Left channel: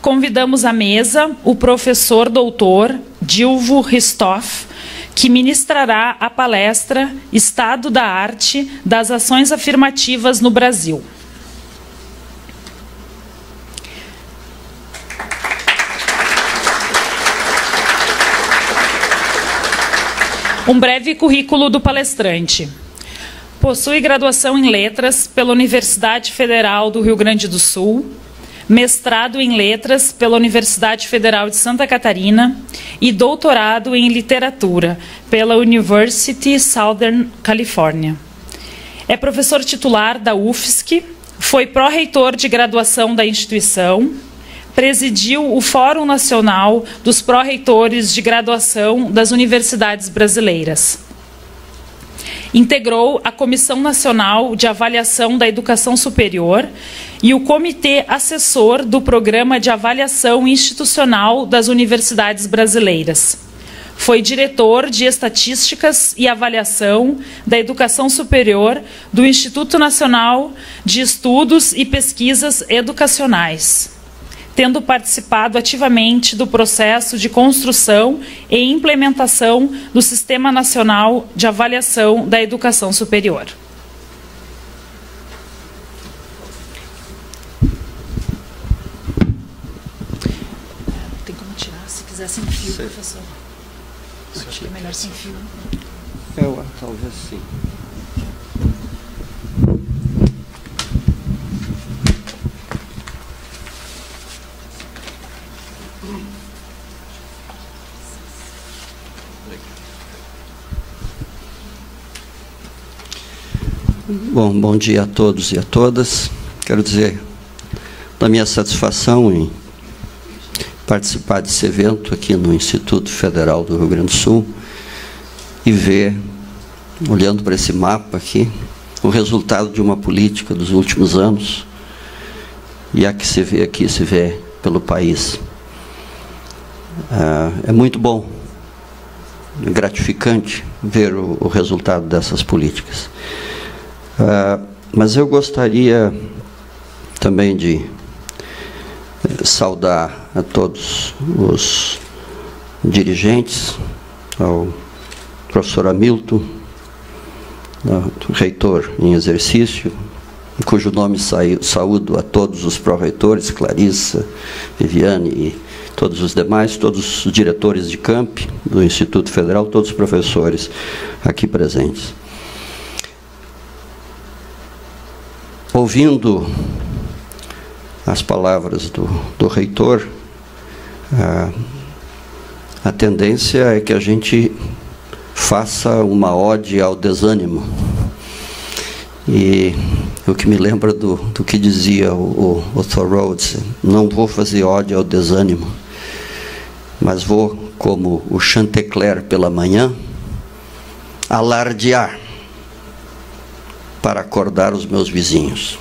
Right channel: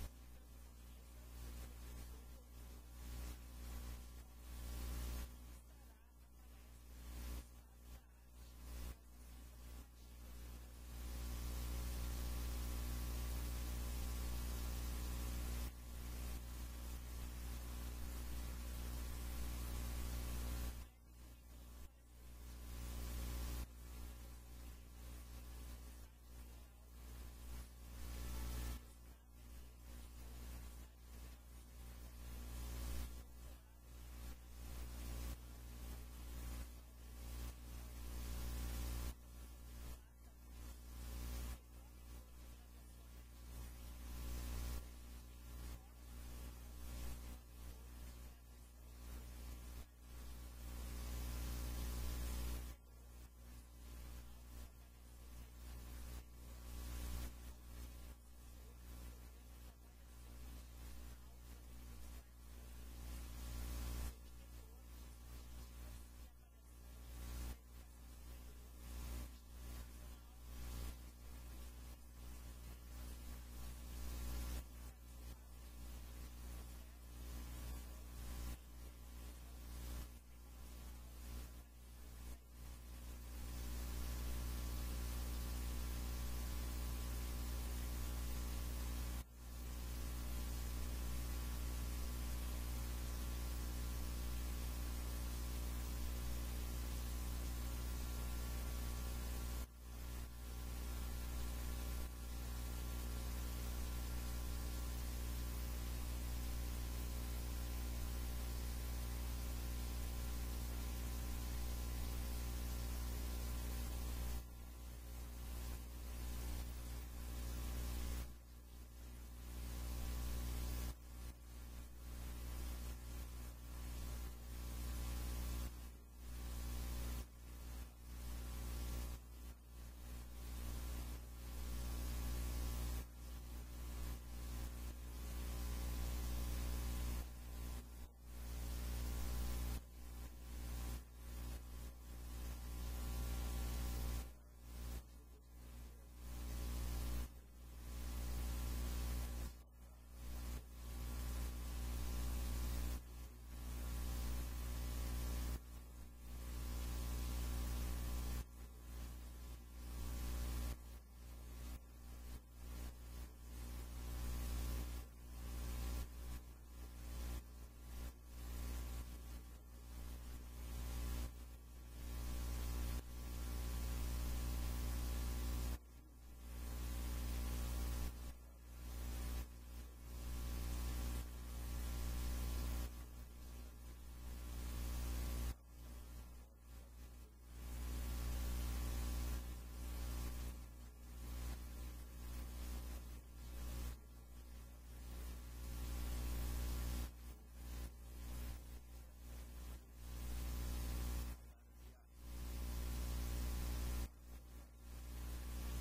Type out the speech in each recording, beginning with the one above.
convidamos à mesa o professor doutor Dilvo Ristoff, que ministrará a palestra Estado da Arte das Ações Afirmativas no Brasil. Um breve currículo do palestrante. Possui graduação em Letras pela Universidade Federal do Rio Grande do Sul, mestrado em Letras pela Universidade Federal de Santa Catarina e doutorado em Literatura pela University Southern California. É professor titular da UFSC, foi pró-reitor de graduação da instituição, presidiu o Fórum Nacional dos Pró-Reitores de Graduação das Universidades Brasileiras. Integrou a Comissão Nacional de Avaliação da Educação Superior e o Comitê Assessor do Programa de Avaliação Institucional das Universidades Brasileiras. Foi diretor de Estatísticas e Avaliação da Educação Superior do Instituto Nacional de Estudos e Pesquisas Educacionais, tendo participado ativamente do processo de construção e implementação do Sistema Nacional de Avaliação da Educação Superior. Tem como tirar, se quiser, sem fio, professor. Acho que é melhor sem fio. Talvez sim. Bom dia a todos e a todas. Quero dizer da minha satisfação em participar desse evento aqui no Instituto Federal do Rio Grande do Sul e ver, olhando para esse mapa aqui, o resultado de uma política dos últimos anos, e a que se vê aqui, se vê pelo país. É muito bom, é gratificante ver o resultado dessas políticas. Mas eu gostaria também de saudar a todos os dirigentes, ao professor Hamilton, reitor em exercício, cujo nome saúdo a todos os pró-reitores, Clarissa, Viviane e todos os demais, todos os diretores de campi do Instituto Federal, todos os professores aqui presentes. Ouvindo as palavras do reitor, a tendência é que a gente faça uma ode ao desânimo. E o que me lembra do que dizia o Thoreau, não vou fazer ode ao desânimo, mas vou, como o Chantecler pela manhã, alardear para acordar os meus vizinhos.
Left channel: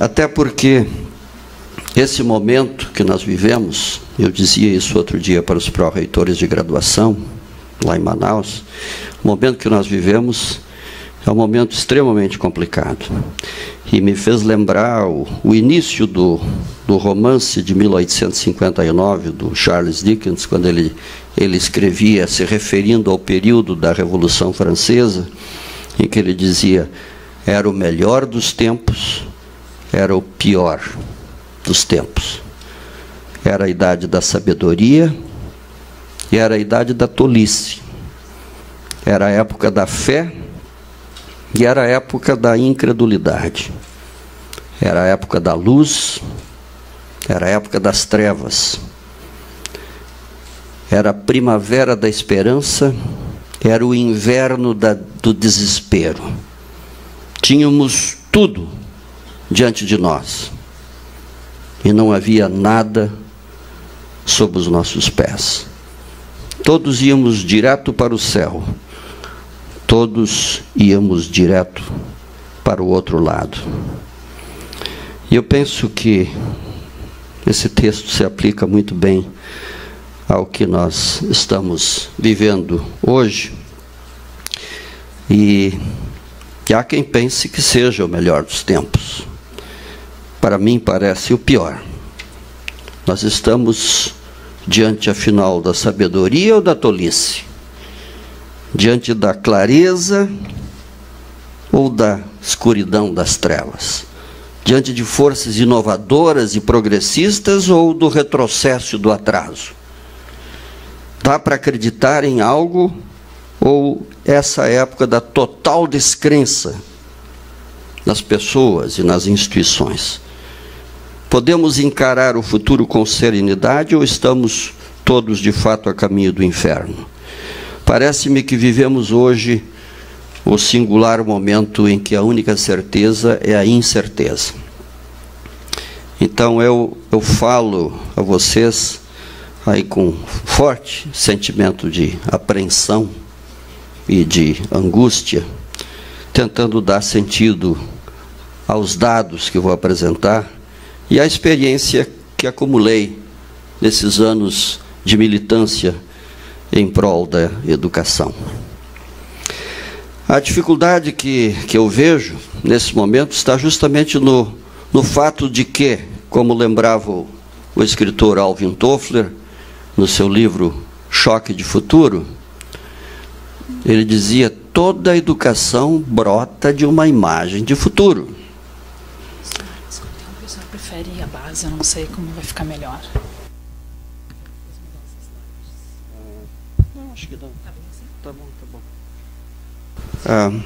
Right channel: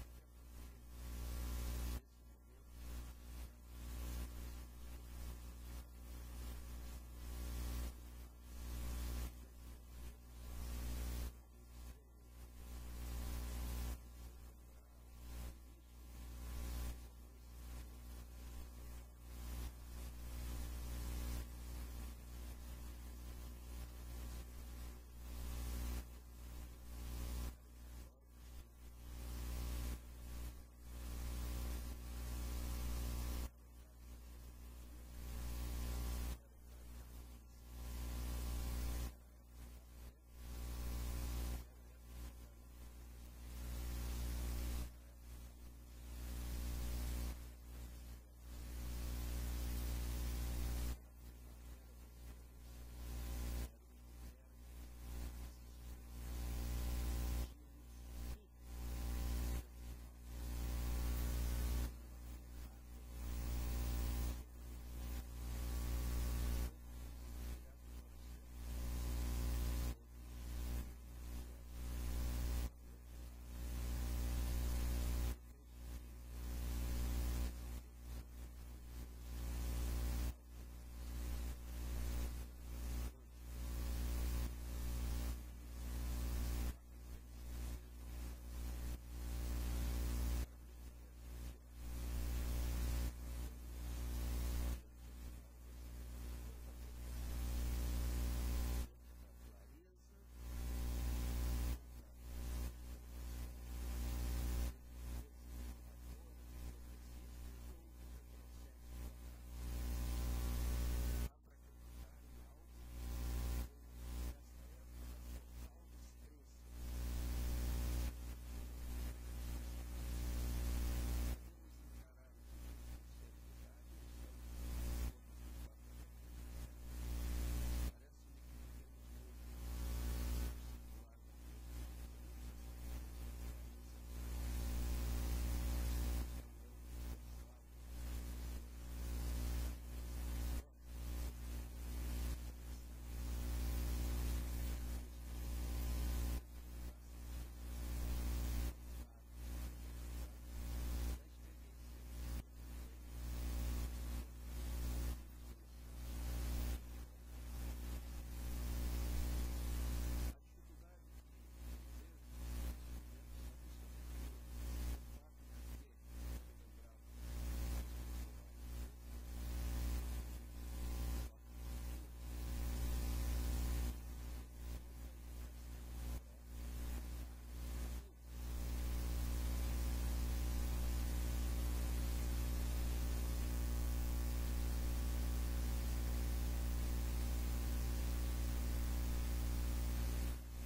Até porque esse momento que nós vivemos, eu dizia isso outro dia para os pró-reitores de graduação, lá em Manaus, o momento que nós vivemos é um momento extremamente complicado. E me fez lembrar o início do romance de 1859, do Charles Dickens, quando ele escrevia, se referindo ao período da Revolução Francesa, em que ele dizia: era o melhor dos tempos, era o pior dos tempos. Era a idade da sabedoria e era a idade da tolice. Era a época da fé e era a época da incredulidade. Era a época da luz, era a época das trevas. Era a primavera da esperança, era o inverno do desespero. Tínhamos tudo diante de nós e não havia nada sob os nossos pés. Todos íamos direto para o céu, todos íamos direto para o outro lado. E eu penso que esse texto se aplica muito bem ao que nós estamos vivendo hoje. E há quem pense que seja o melhor dos tempos. para mim, parece o pior. Nós estamos diante, afinal, da sabedoria ou da tolice? Diante da clareza ou da escuridão das trevas? Diante de forças inovadoras e progressistas ou do retrocesso e do atraso? Dá para acreditar em algo ou essa época da total descrença nas pessoas e nas instituições? Podemos encarar o futuro com serenidade ou estamos todos, de fato, a caminho do inferno? Parece-me que vivemos hoje o singular momento em que a única certeza é a incerteza. Então eu falo a vocês aí com forte sentimento de apreensão e de angústia, tentando dar sentido aos dados que vou apresentar e à experiência que acumulei nesses anos de militância em prol da educação. A dificuldade que eu vejo nesse momento está justamente no fato de que, como lembrava o escritor Alvin Toffler, no seu livro Choque de Futuro, ele dizia: toda a educação brota de uma imagem de futuro. O senhor prefere a base? Eu não sei como vai ficar melhor. Não, acho que não. Tá bom.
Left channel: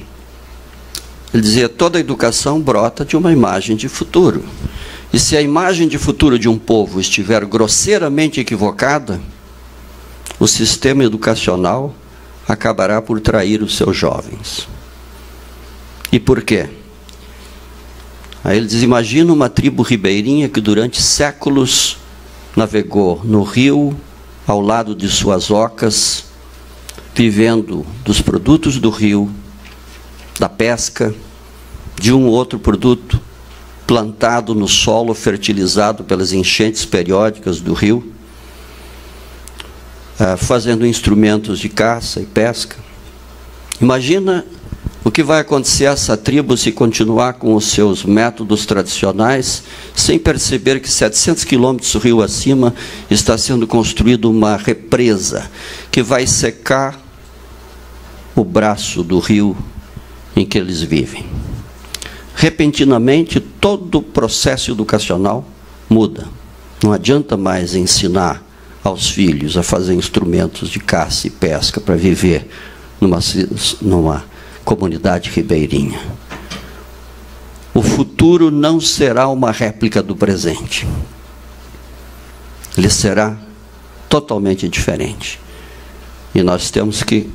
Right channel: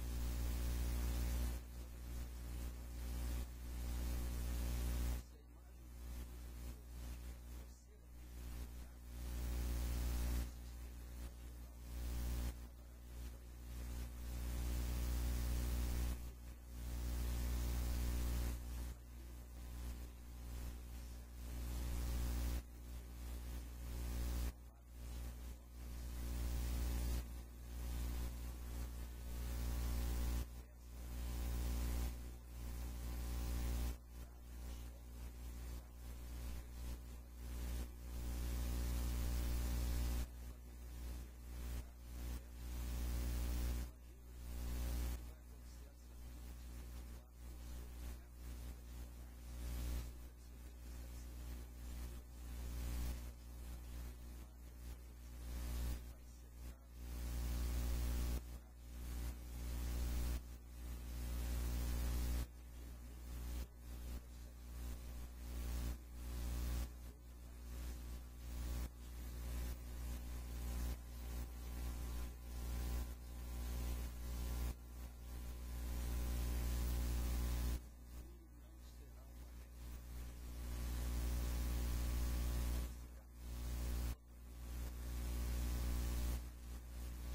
Ele dizia: toda a educação brota de uma imagem de futuro. E se a imagem de futuro de um povo estiver grosseiramente equivocada, o sistema educacional acabará por trair os seus jovens. E por quê? Aí ele diz: imagina uma tribo ribeirinha que durante séculos navegou no rio, ao lado de suas ocas, vivendo dos produtos do rio, da pesca, de um ou outro produto plantado no solo, fertilizado pelas enchentes periódicas do rio, fazendo instrumentos de caça e pesca. Imagina o que vai acontecer a essa tribo se continuar com os seus métodos tradicionais, sem perceber que 700 quilômetros rio acima está sendo construída uma represa que vai secar o braço do rio em que eles vivem. Repentinamente, todo o processo educacional muda. Não adianta mais ensinar aos filhos a fazer instrumentos de caça e pesca para viver numa comunidade ribeirinha. O futuro não será uma réplica do presente. Ele será totalmente diferente. E nós temos que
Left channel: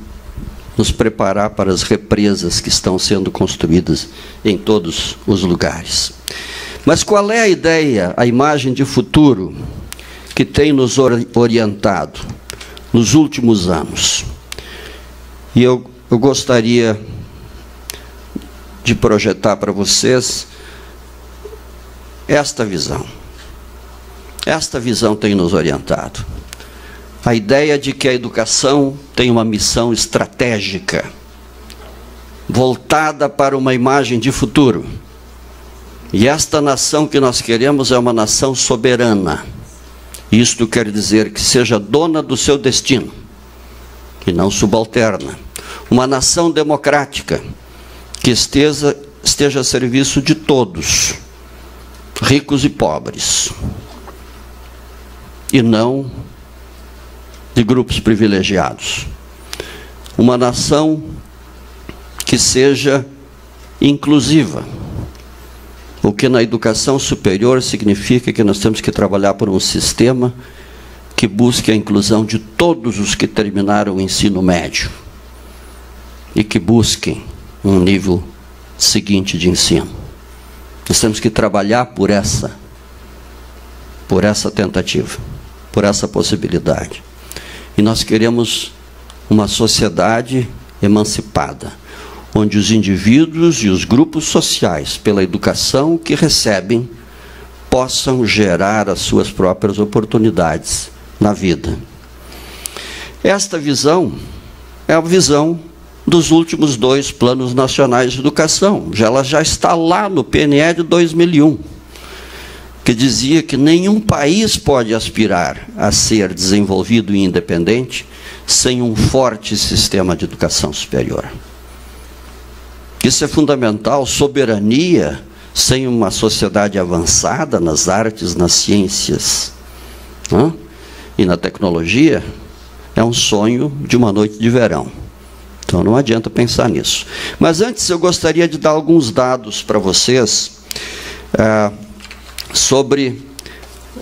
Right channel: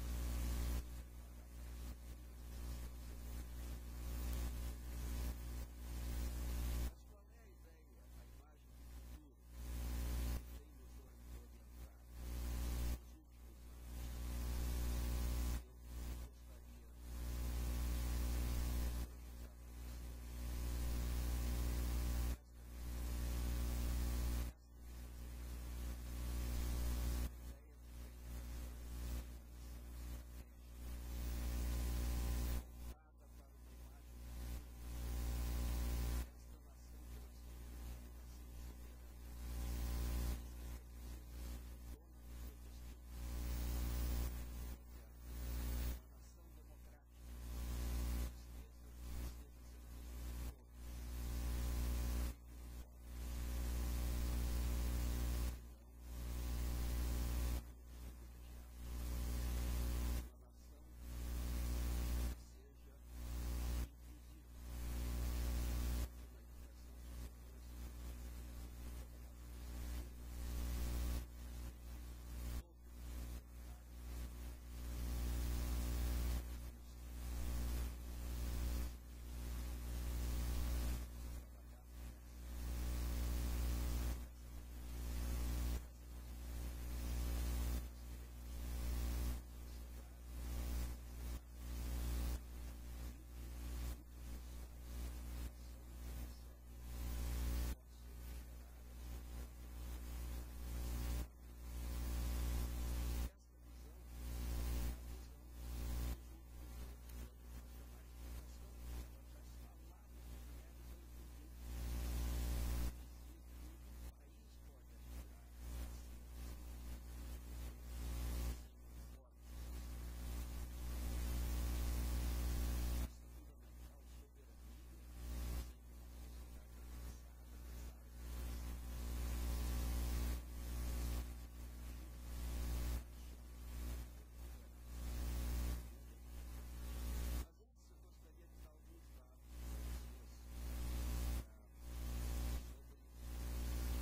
nos preparar para as represas que estão sendo construídas em todos os lugares. Mas qual é a ideia, a imagem de futuro que tem nos orientado nos últimos anos? E eu gostaria de projetar para vocês esta visão. Esta visão tem nos orientado. A ideia de que a educação tem uma missão estratégica, voltada para uma imagem de futuro. E esta nação que nós queremos é uma nação soberana. Isto quer dizer que seja dona do seu destino, e não subalterna. Uma nação democrática, que esteja a serviço de todos, ricos e pobres, e não de grupos privilegiados. Uma nação que seja inclusiva, o que na educação superior significa que nós temos que trabalhar por um sistema que busque a inclusão de todos os que terminaram o ensino médio e que busquem um nível seguinte de ensino. Nós temos que trabalhar por essa tentativa, por essa possibilidade. E nós queremos uma sociedade emancipada, onde os indivíduos e os grupos sociais, pela educação que recebem, possam gerar as suas próprias oportunidades na vida. Esta visão é a visão dos últimos 2 planos nacionais de educação. Ela já está lá no PNE de 2001. que dizia que nenhum país pode aspirar a ser desenvolvido e independente sem um forte sistema de educação superior. Isso é fundamental. Soberania sem uma sociedade avançada nas artes, nas ciências, e na tecnologia é um sonho de uma noite de verão. Então não adianta pensar nisso. Mas antes eu gostaria de dar alguns dados para vocês sobre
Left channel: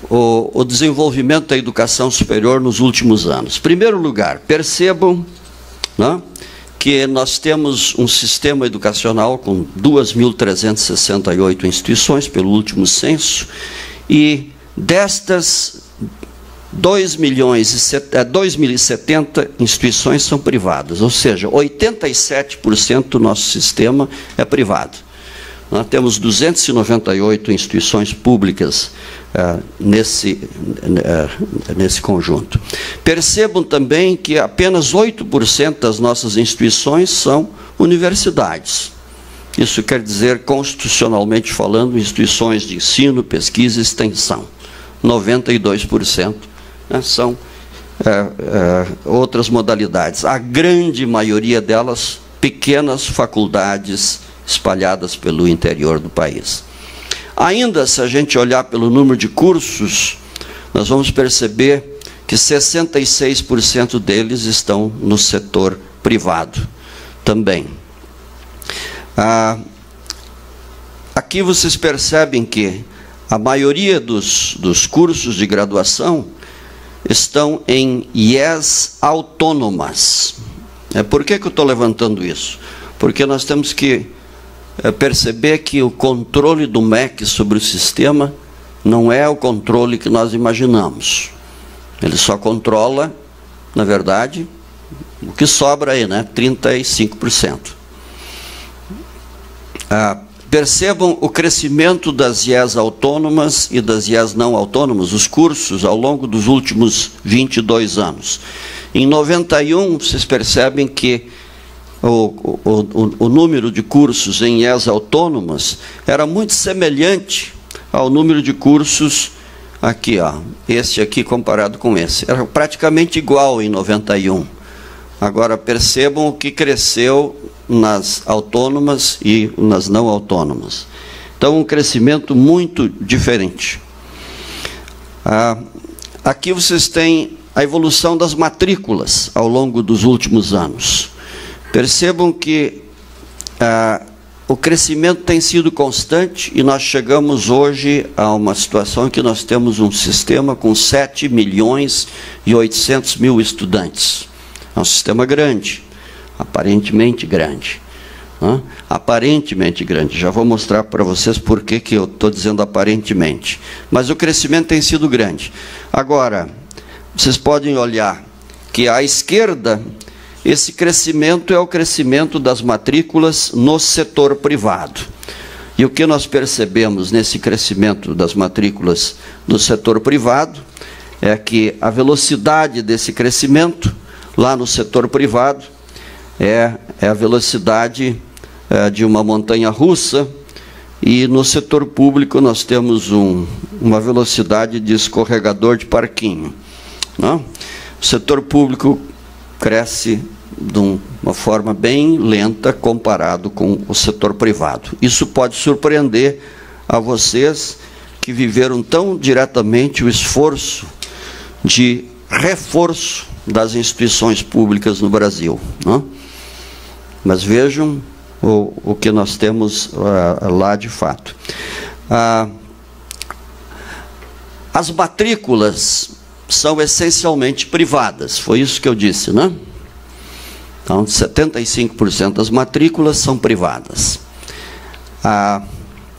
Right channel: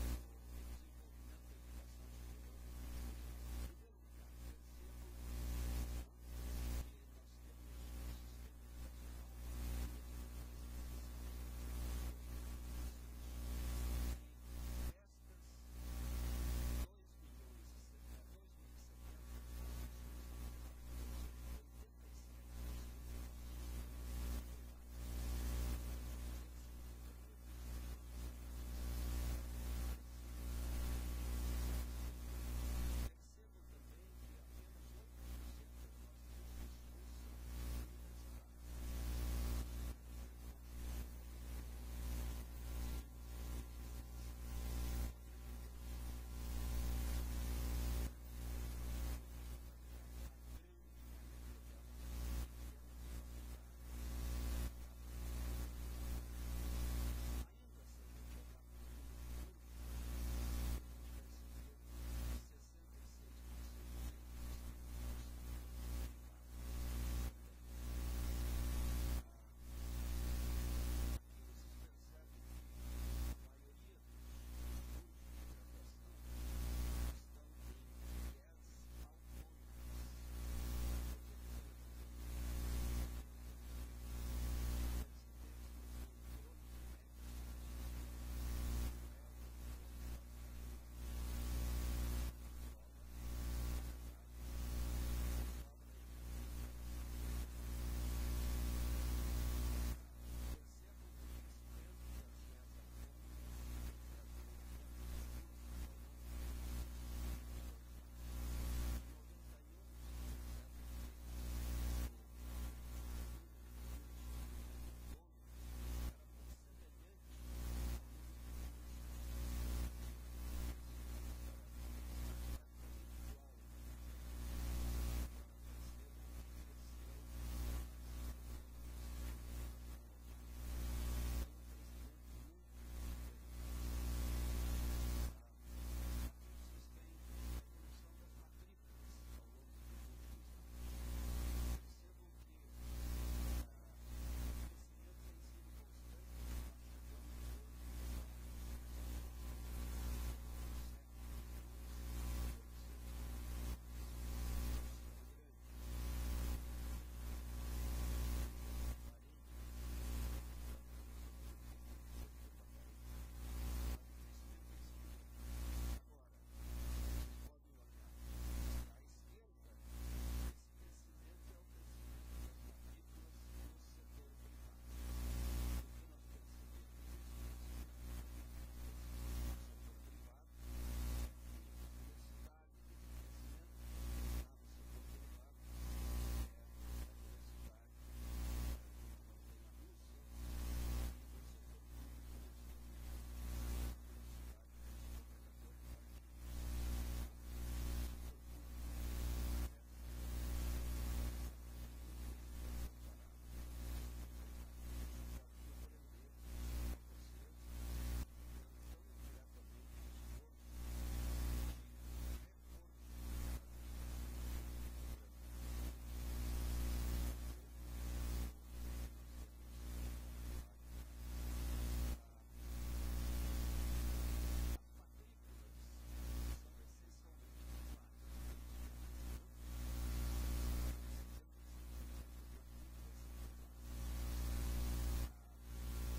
o desenvolvimento da educação superior nos últimos anos. Em primeiro lugar, percebam, que nós temos um sistema educacional com 2.368 instituições, pelo último censo, e destas 2.070 instituições são privadas, ou seja, 87% do nosso sistema é privado. Nós temos 298 instituições públicas nesse conjunto. Percebam também que apenas 8% das nossas instituições são universidades. Isso quer dizer, constitucionalmente falando, instituições de ensino, pesquisa e extensão. 92% são outras modalidades. A grande maioria delas, pequenas faculdades espalhadas pelo interior do país. Ainda, se a gente olhar pelo número de cursos, nós vamos perceber que 66% deles estão no setor privado também. Aqui vocês percebem que a maioria dos cursos de graduação estão em IES autônomas. Por que eu estou levantando isso? Porque nós temos que perceber que o controle do MEC sobre o sistema não é o controle que nós imaginamos. Ele só controla, na verdade, o que sobra aí, 35%. Percebam o crescimento das IES autônomas e das IES não autônomas, os cursos, ao longo dos últimos 22 anos. Em 91, vocês percebem que o número de cursos em IES autônomas era muito semelhante ao número de cursos aqui, este aqui comparado com esse. Era praticamente igual em 91. Agora percebam o que cresceu nas autônomas e nas não autônomas. Então, um crescimento muito diferente. Aqui vocês têm a evolução das matrículas ao longo dos últimos anos. Percebam que o crescimento tem sido constante e nós chegamos hoje a uma situação em que nós temos um sistema com 7.800.000 estudantes. É um sistema grande, aparentemente grande. Aparentemente grande. Já vou mostrar para vocês por que eu estou dizendo aparentemente. Mas o crescimento tem sido grande. Agora, vocês podem olhar que à esquerda, esse crescimento é o crescimento das matrículas no setor privado. E o que nós percebemos nesse crescimento das matrículas no setor privado é que a velocidade desse crescimento lá no setor privado é a velocidade de uma montanha-russa, e no setor público nós temos uma velocidade de escorregador de parquinho. O setor público cresce de uma forma bem lenta comparado com o setor privado. Isso pode surpreender a vocês que viveram tão diretamente o esforço de reforço das instituições públicas no Brasil. Mas vejam o que nós temos lá de fato. As matrículas são essencialmente privadas, foi isso que eu disse, Então, 75% das matrículas são privadas.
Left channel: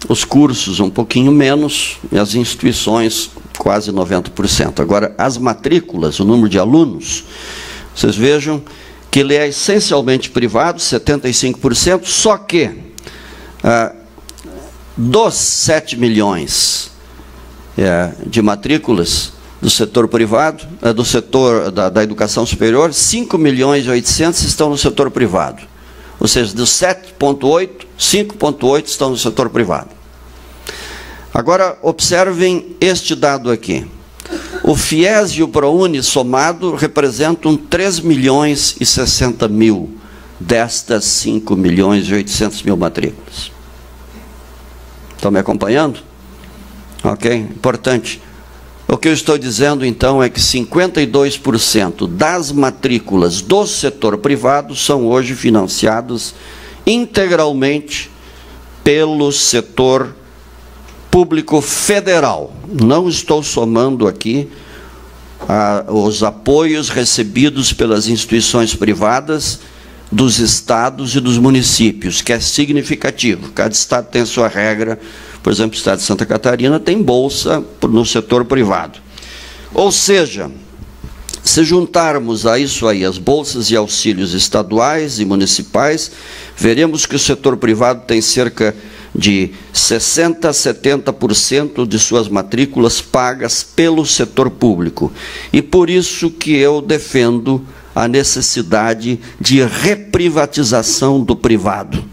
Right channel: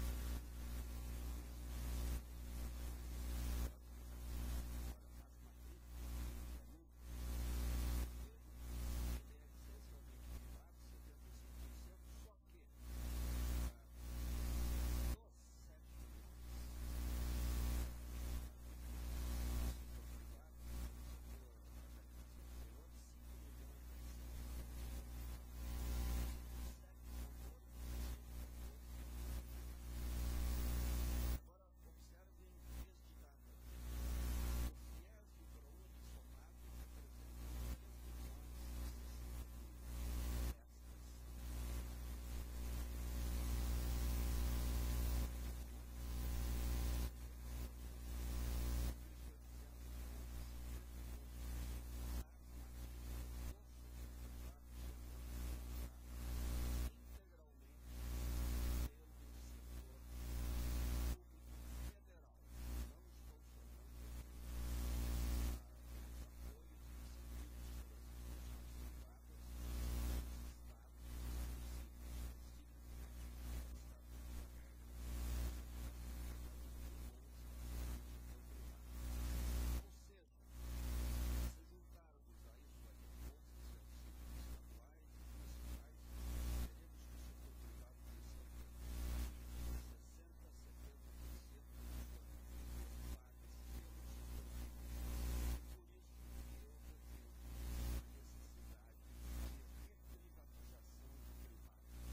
Os cursos um pouquinho menos, e as instituições quase 90%. Agora, as matrículas, o número de alunos, vocês vejam que ele é essencialmente privado, 75%, só que dos 7 milhões de matrículas do setor privado, do setor da educação superior, 5.800.000 estão no setor privado. Ou seja, dos 7,8, 5,8 estão no setor privado. Agora, observem este dado aqui. O FIES e o ProUni somado representam 3.060.000 destas 5.800.000 matrículas. Estão me acompanhando? Ok? Importante. O que eu estou dizendo, então, é que 52% das matrículas do setor privado são hoje financiadas integralmente pelo setor público federal. Não estou somando aqui os apoios recebidos pelas instituições privadas dos estados e dos municípios, que é significativo. Cada estado tem a sua regra. Por exemplo, o estado de Santa Catarina tem bolsa no setor privado. Ou seja, se juntarmos a isso aí as bolsas e auxílios estaduais e municipais, veremos que o setor privado tem cerca de 60% a 70% de suas matrículas pagas pelo setor público. E por isso que eu defendo a necessidade de reprivatização do privado,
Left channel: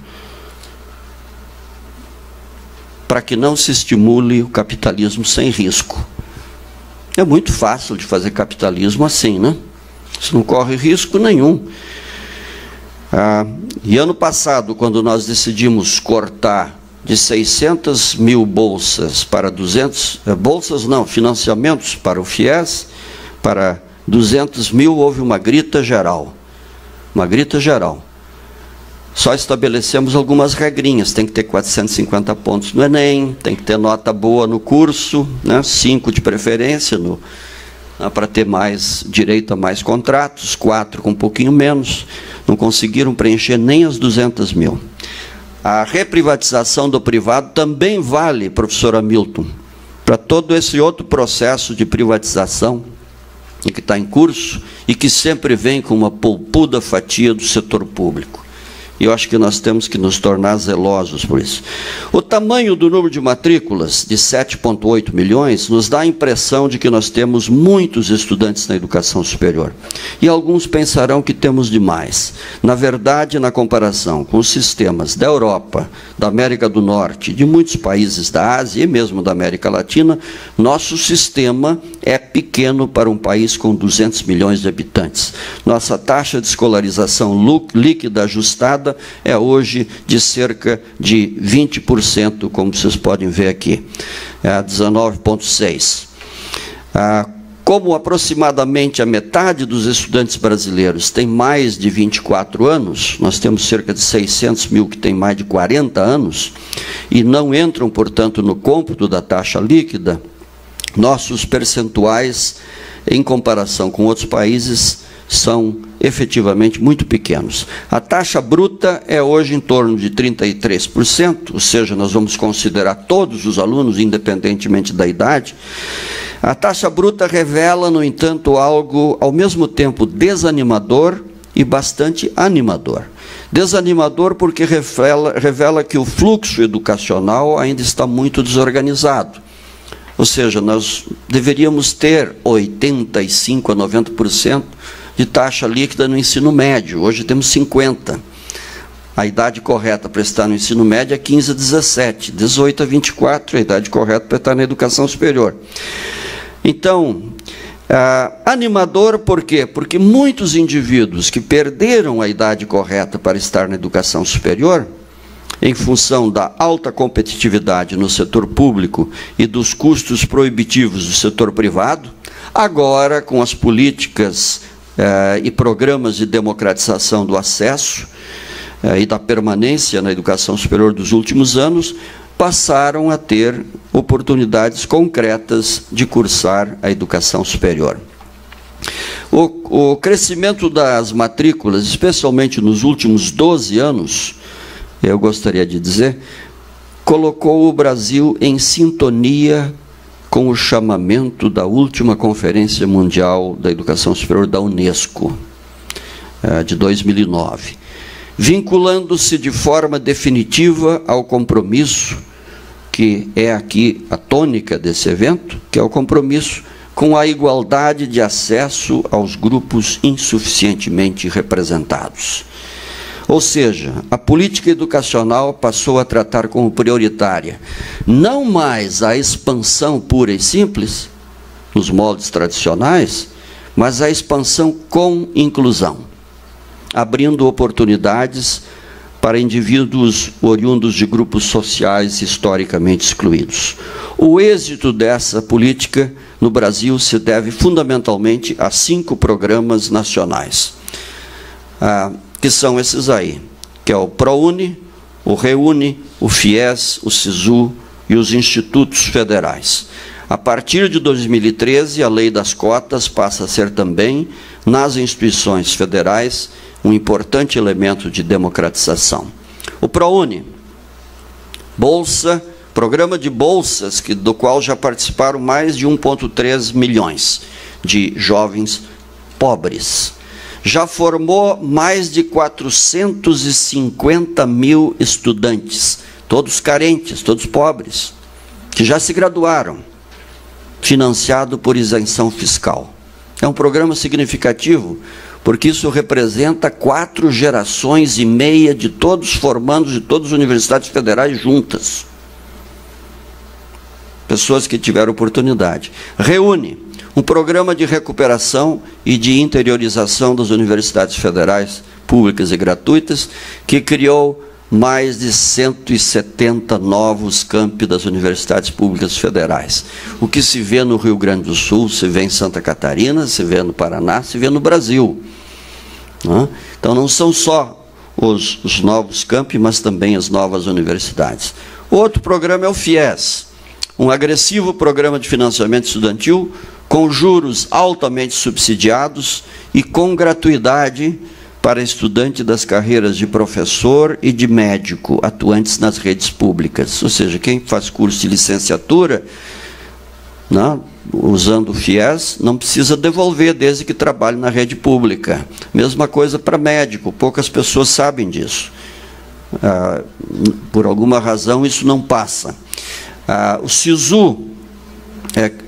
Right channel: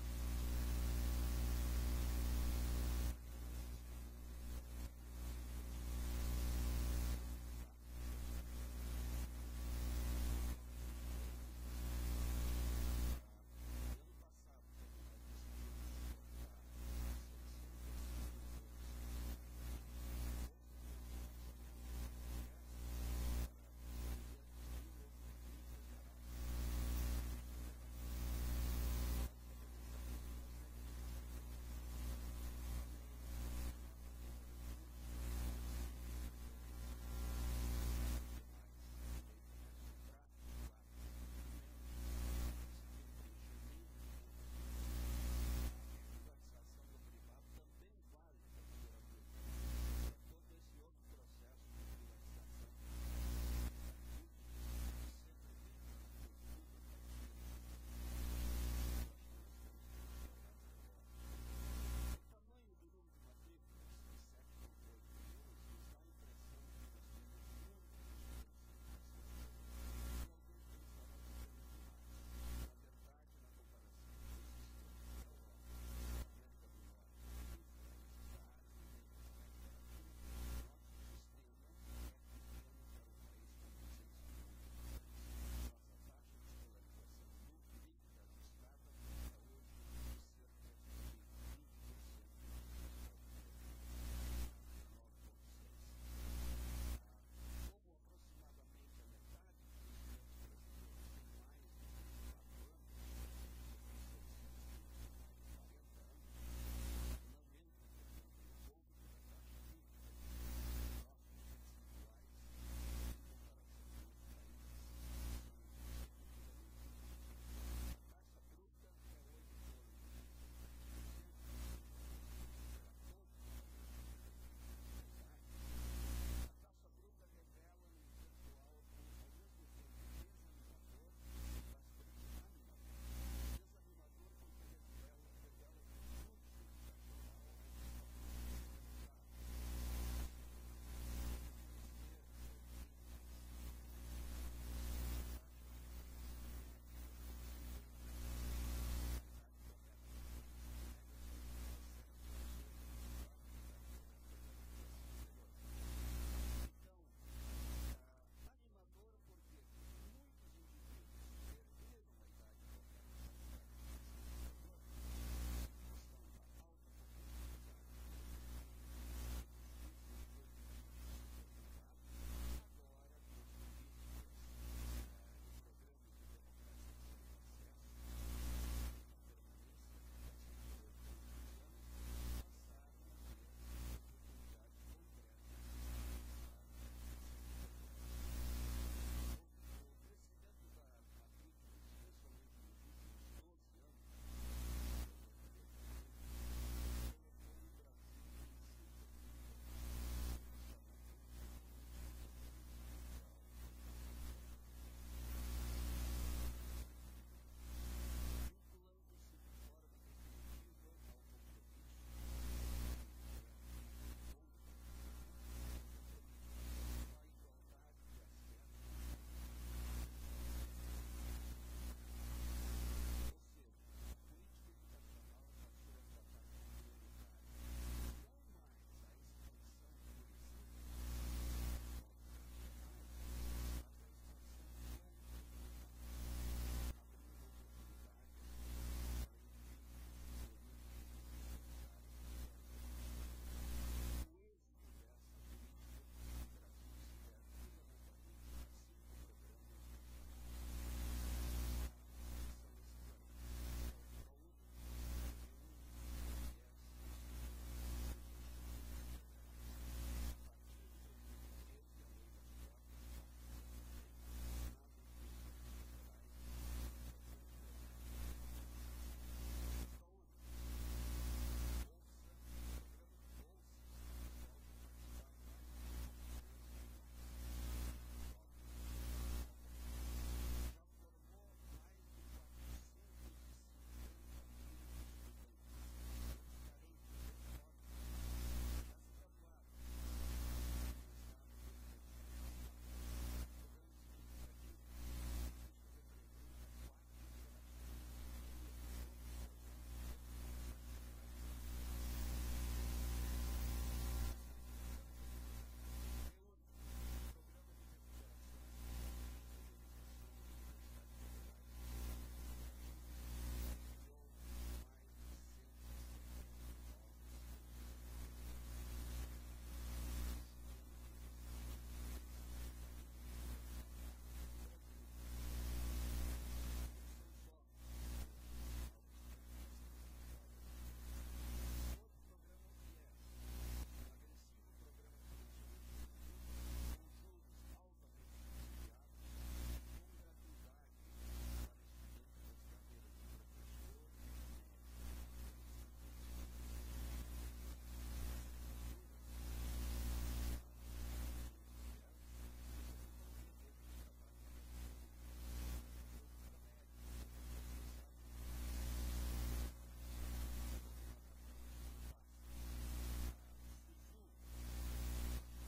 para que não se estimule o capitalismo sem risco. É muito fácil de fazer capitalismo assim, né? Você não corre risco nenhum. E ano passado, quando nós decidimos cortar de 600.000 bolsas para 200... bolsas não, financiamentos para o FIES, para 200.000, houve uma grita geral. Uma grita geral. Só estabelecemos algumas regrinhas. Tem que ter 450 pontos no Enem, tem que ter nota boa no curso, né? 5 de preferência, para ter mais direito a mais contratos, 4 com um pouquinho menos. Não conseguiram preencher nem as 200.000. A reprivatização do privado também vale, professor Hamilton, para todo esse outro processo de privatização que está em curso e que sempre vem com uma polpuda fatia do setor público. E eu acho que nós temos que nos tornar zelosos por isso. O tamanho do número de matrículas, de 7,8 milhões, nos dá a impressão de que nós temos muitos estudantes na educação superior. E alguns pensarão que temos demais. Na verdade, na comparação com os sistemas da Europa, da América do Norte, de muitos países da Ásia e mesmo da América Latina, nosso sistema é pequeno para um país com 200 milhões de habitantes. Nossa taxa de escolarização líquida ajustada é hoje de cerca de 20%, como vocês podem ver aqui, 19,6%. Como aproximadamente a metade dos estudantes brasileiros tem mais de 24 anos, nós temos cerca de 600.000 que têm mais de 40 anos, e não entram, portanto, no cômputo da taxa líquida, nossos percentuais, em comparação com outros países, são efetivamente muito pequenos. A taxa bruta é hoje em torno de 33%, ou seja, nós vamos considerar todos os alunos, independentemente da idade. A taxa bruta revela, no entanto, algo ao mesmo tempo desanimador e bastante animador. Desanimador porque revela que o fluxo educacional ainda está muito desorganizado. Ou seja, nós deveríamos ter 85% a 90% de taxa líquida no ensino médio. Hoje temos 50%. A idade correta para estar no ensino médio é 15 a 17, 18 a 24, a idade correta para estar na educação superior. Então, animador por quê? Porque muitos indivíduos que perderam a idade correta para estar na educação superior, em função da alta competitividade no setor público e dos custos proibitivos do setor privado, agora, com as políticas e programas de democratização do acesso e da permanência na educação superior dos últimos anos, passaram a ter oportunidades concretas de cursar a educação superior. O crescimento das matrículas, especialmente nos últimos 12 anos, eu gostaria de dizer, colocou o Brasil em sintonia com o chamamento da última Conferência Mundial da Educação Superior da Unesco, de 2009, vinculando-se de forma definitiva ao compromisso, que é aqui a tônica desse evento, que é o compromisso com a igualdade de acesso aos grupos insuficientemente representados. Ou seja, a política educacional passou a tratar como prioritária não mais a expansão pura e simples, nos moldes tradicionais, mas a expansão com inclusão, abrindo oportunidades para indivíduos oriundos de grupos sociais historicamente excluídos. O êxito dessa política no Brasil se deve fundamentalmente a 5 programas nacionais, que são esses aí, que é o ProUni, o REUNI, o FIES, o SISU e os institutos federais. A partir de 2013, a lei das cotas passa a ser também, nas instituições federais, um importante elemento de democratização. O ProUni, bolsa, programa de bolsas, do qual já participaram mais de 1,3 milhões de jovens pobres. Já formou mais de 450 mil estudantes, todos carentes, todos pobres, que já se graduaram, financiado por isenção fiscal. É um programa significativo, porque isso representa 4 gerações e meia de todos formandos de todas as universidades federais juntas. Pessoas que tiveram oportunidade. REUNI, um programa de recuperação e de interiorização das universidades federais públicas e gratuitas, que criou mais de 170 novos campi das universidades públicas federais. O que se vê no Rio Grande do Sul, se vê em Santa Catarina, se vê no Paraná, se vê no Brasil. Então, não são só os novos campi, mas também as novas universidades. Outro programa é o FIES, um agressivo programa de financiamento estudantil com juros altamente subsidiados e com gratuidade para estudante das carreiras de professor e de médico atuantes nas redes públicas. Ou seja, quem faz curso de licenciatura, usando o FIES, não precisa devolver desde que trabalhe na rede pública. Mesma coisa para médico, poucas pessoas sabem disso. Por alguma razão, isso não passa. O SISU,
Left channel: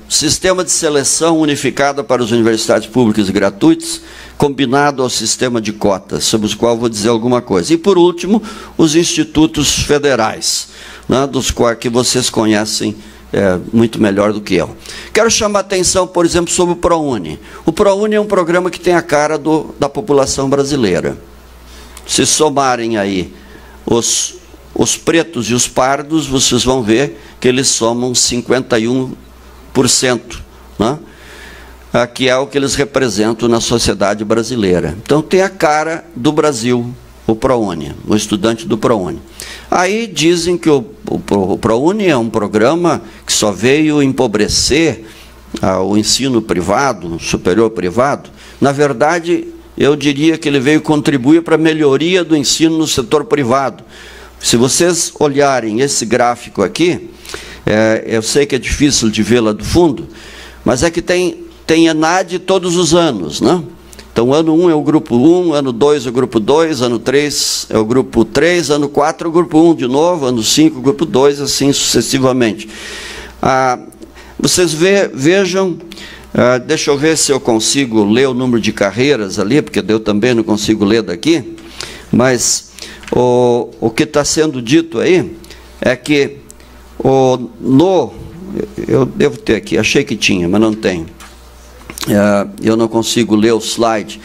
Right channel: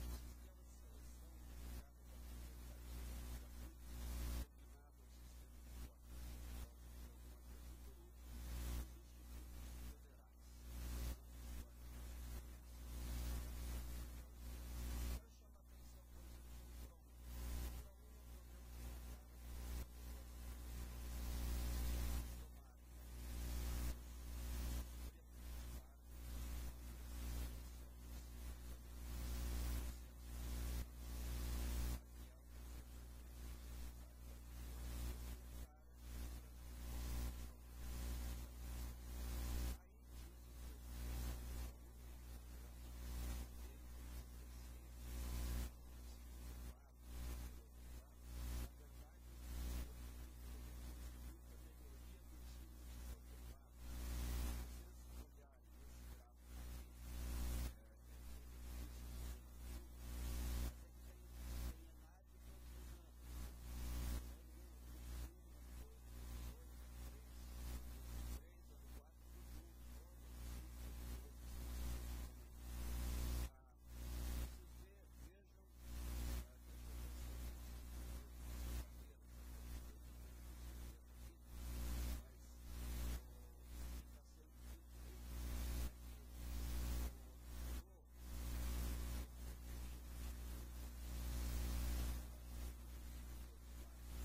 Sistema de Seleção Unificada para as Universidades Públicas e Gratuitas, combinado ao sistema de cotas, sobre os quais vou dizer alguma coisa. E, por último, os institutos federais, dos quais que vocês conhecem muito melhor do que eu. Quero chamar a atenção, por exemplo, sobre o ProUni. O ProUni é um programa que tem a cara da população brasileira. Se somarem aí os pretos e os pardos, vocês vão ver que eles somam 51%, que é o que eles representam na sociedade brasileira. Então, tem a cara do Brasil, o ProUni, o estudante do ProUni. Aí dizem que o ProUni é um programa que só veio empobrecer o ensino privado, superior privado. Na verdade, eu diria que ele veio contribuir para a melhoria do ensino no setor privado. Se vocês olharem esse gráfico aqui, eu sei que é difícil de ver lá do fundo, mas é que tem ENAD todos os anos, Então, ano 1 é o grupo 1, ano 2 é o grupo 2, ano 3 é o grupo 3, ano 4 é o grupo 1 de novo, ano 5 é o grupo 2, assim sucessivamente. Vocês vejam, deixa eu ver se eu consigo ler o número de carreiras ali, porque eu também não consigo ler daqui, mas o que está sendo dito aí é que eu devo ter aqui, achei que tinha, mas não tenho. Eu não consigo ler o slide.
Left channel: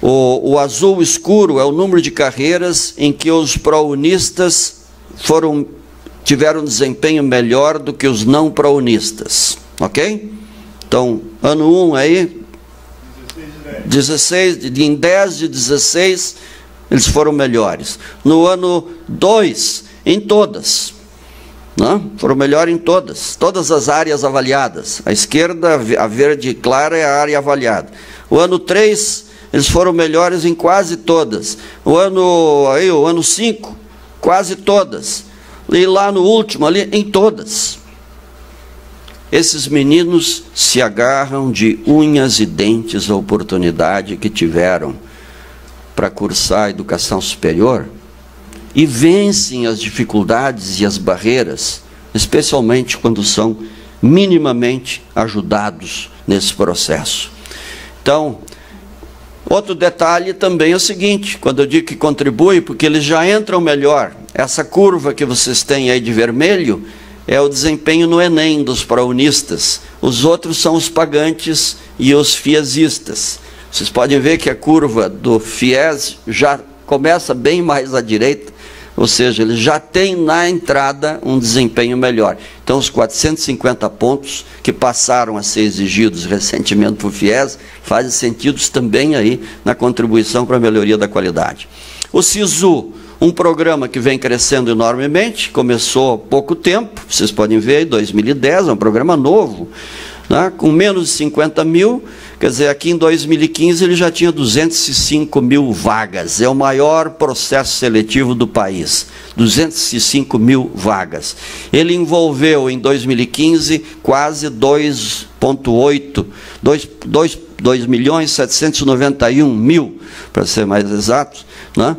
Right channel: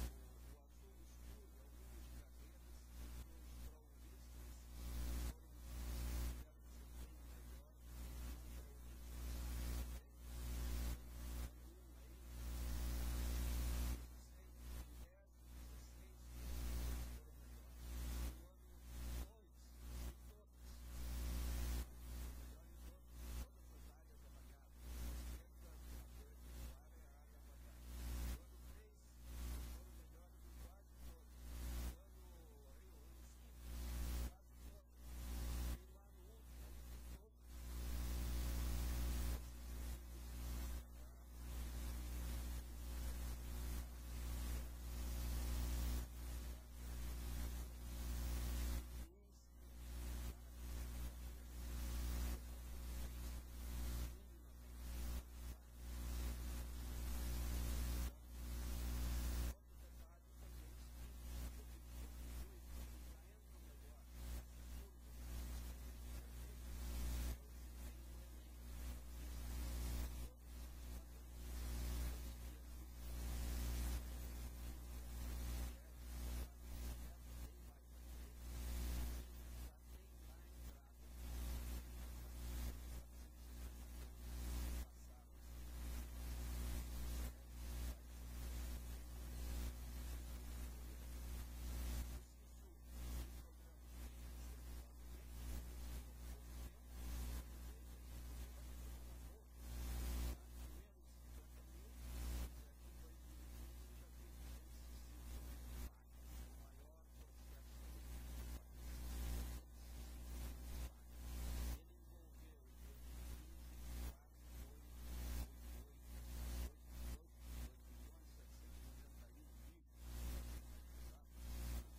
O azul escuro é o número de carreiras em que os prounistas tiveram desempenho melhor do que os não prounistas, ok? Então, ano 1 aí, 16, em 10 de 16, eles foram melhores. No ano 2, em todas. Foram melhores em todas as áreas avaliadas. A esquerda, a verde clara, é a área avaliada. O ano 3, eles foram melhores em quase todas. O ano 5, quase todas. E lá no último, ali, em todas. Esses meninos se agarram de unhas e dentes à oportunidade que tiveram para cursar a educação superior, e vencem as dificuldades e as barreiras, especialmente quando são minimamente ajudados nesse processo. Então, Outro detalhe também é o seguinte, quando eu digo que contribui, porque eles já entram melhor. Essa curva que vocês têm aí de vermelho é o desempenho no Enem dos praunistas. Os outros são os pagantes e os fiesistas. Vocês podem ver que a curva do FIES já começa bem mais à direita, ou seja, ele já tem na entrada um desempenho melhor. Então, os 450 pontos que passaram a ser exigidos recentemente por FIES fazem sentido também aí na contribuição para a melhoria da qualidade. O SISU, um programa que vem crescendo enormemente, começou há pouco tempo, vocês podem ver, em 2010, é um programa novo, né, com menos de 50 mil, quer dizer, aqui em 2015 ele já tinha 205 mil vagas, é o maior processo seletivo do país, 205 mil vagas. Ele envolveu em 2015 quase 2.791.000, para ser mais exato, né,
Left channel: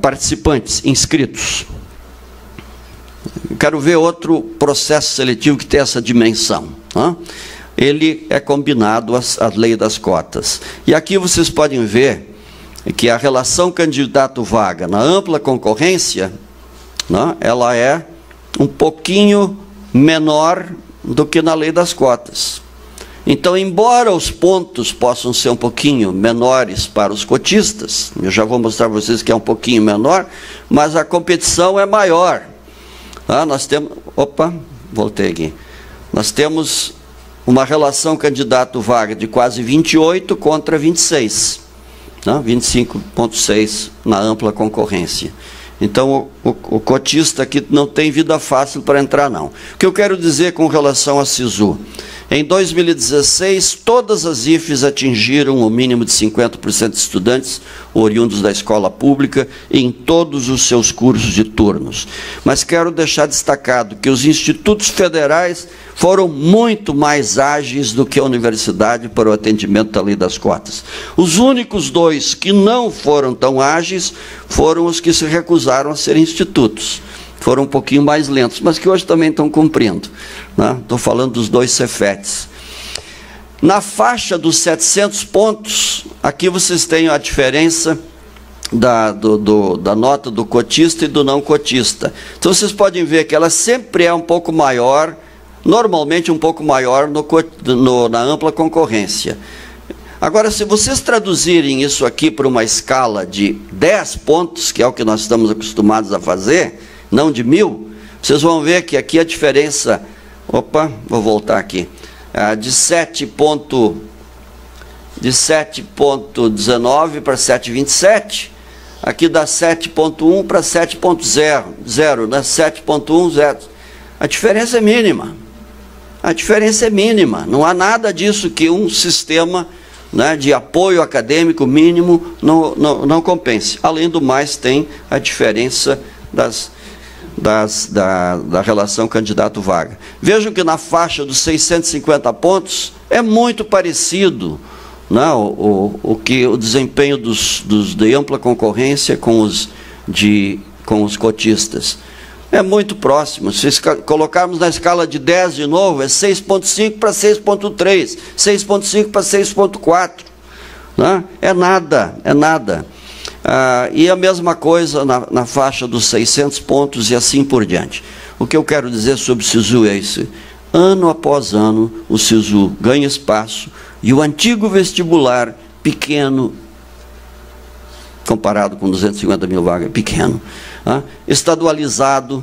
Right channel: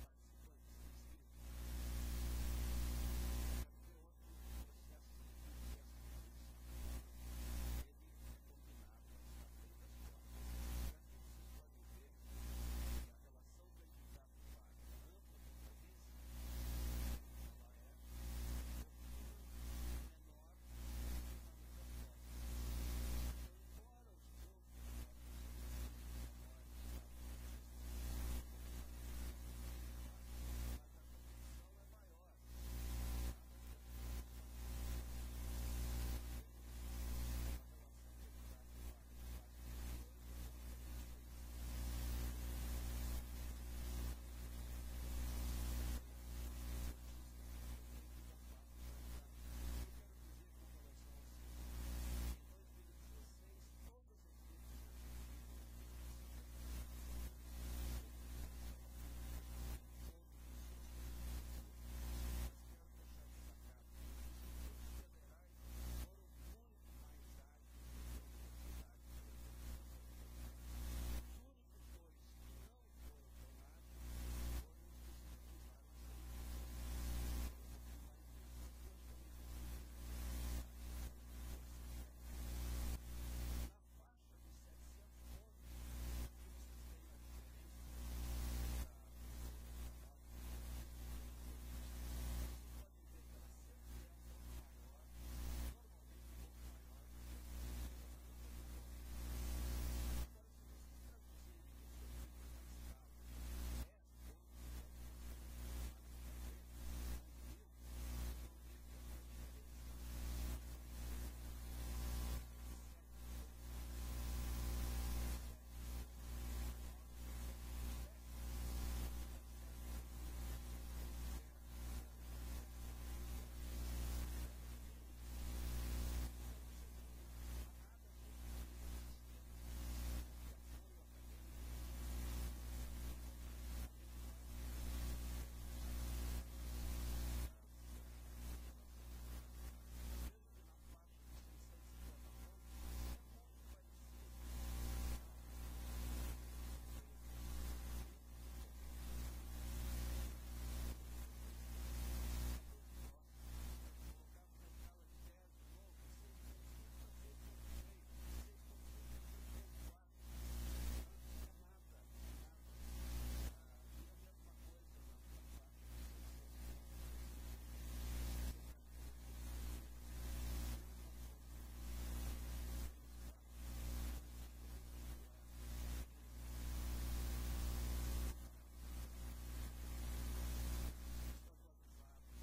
participantes, inscritos. Quero ver outro processo seletivo que tem essa dimensão, né? Ele é combinado à lei das cotas. E aqui vocês podem ver que a relação candidato-vaga na ampla concorrência, né, ela é um pouquinho menor do que na lei das cotas. Então, embora os pontos possam ser um pouquinho menores para os cotistas, eu já vou mostrar para vocês que é um pouquinho menor, mas a competição é maior. Nós temos... Opa, voltei aqui. Nós temos uma relação candidato-vaga de quase 28 contra 26. 25,6 na ampla concorrência. Então, o cotista aqui não tem vida fácil para entrar, não. O que eu quero dizer com relação a SISU? Em 2016, todas as IFES atingiram o mínimo de 50% de estudantes oriundos da escola pública em todos os seus cursos e turnos. Mas quero deixar destacado que os institutos federais foram muito mais ágeis do que a universidade para o atendimento da lei das cotas. Os únicos dois que não foram tão ágeis foram os que se recusaram a ser institutos. Foram um pouquinho mais lentos, mas que hoje também estão cumprindo. Estou falando dos dois Cefetes. Na faixa dos 700 pontos, aqui vocês têm a diferença da nota do cotista e do não cotista. Então, vocês podem ver que ela sempre é um pouco maior, normalmente um pouco maior na ampla concorrência. Agora, se vocês traduzirem isso aqui para uma escala de 10 pontos, que é o que nós estamos acostumados a fazer, não de 1000, vocês vão ver que aqui a diferença... Opa, vou voltar aqui. De 7,19 para 7,27, aqui dá 7,1 para 7,0, né? 7,10. A diferença é mínima. A diferença é mínima. Não há nada disso que um sistema, né, de apoio acadêmico mínimo não compense. Além do mais, tem a diferença da relação candidato-vaga. Vejam que na faixa dos 650 pontos é muito parecido, né, o desempenho de ampla concorrência com os cotistas. É muito próximo. Se colocarmos na escala de 10 de novo, é 6,5 para 6,3, 6,5 para 6,4. Né? É nada, é nada. E a mesma coisa na faixa dos 600 pontos e assim por diante. O que eu quero dizer sobre o SISU é isso. Ano após ano, o SISU ganha espaço e o antigo vestibular, pequeno, comparado com 250 mil vagas, pequeno, estadualizado,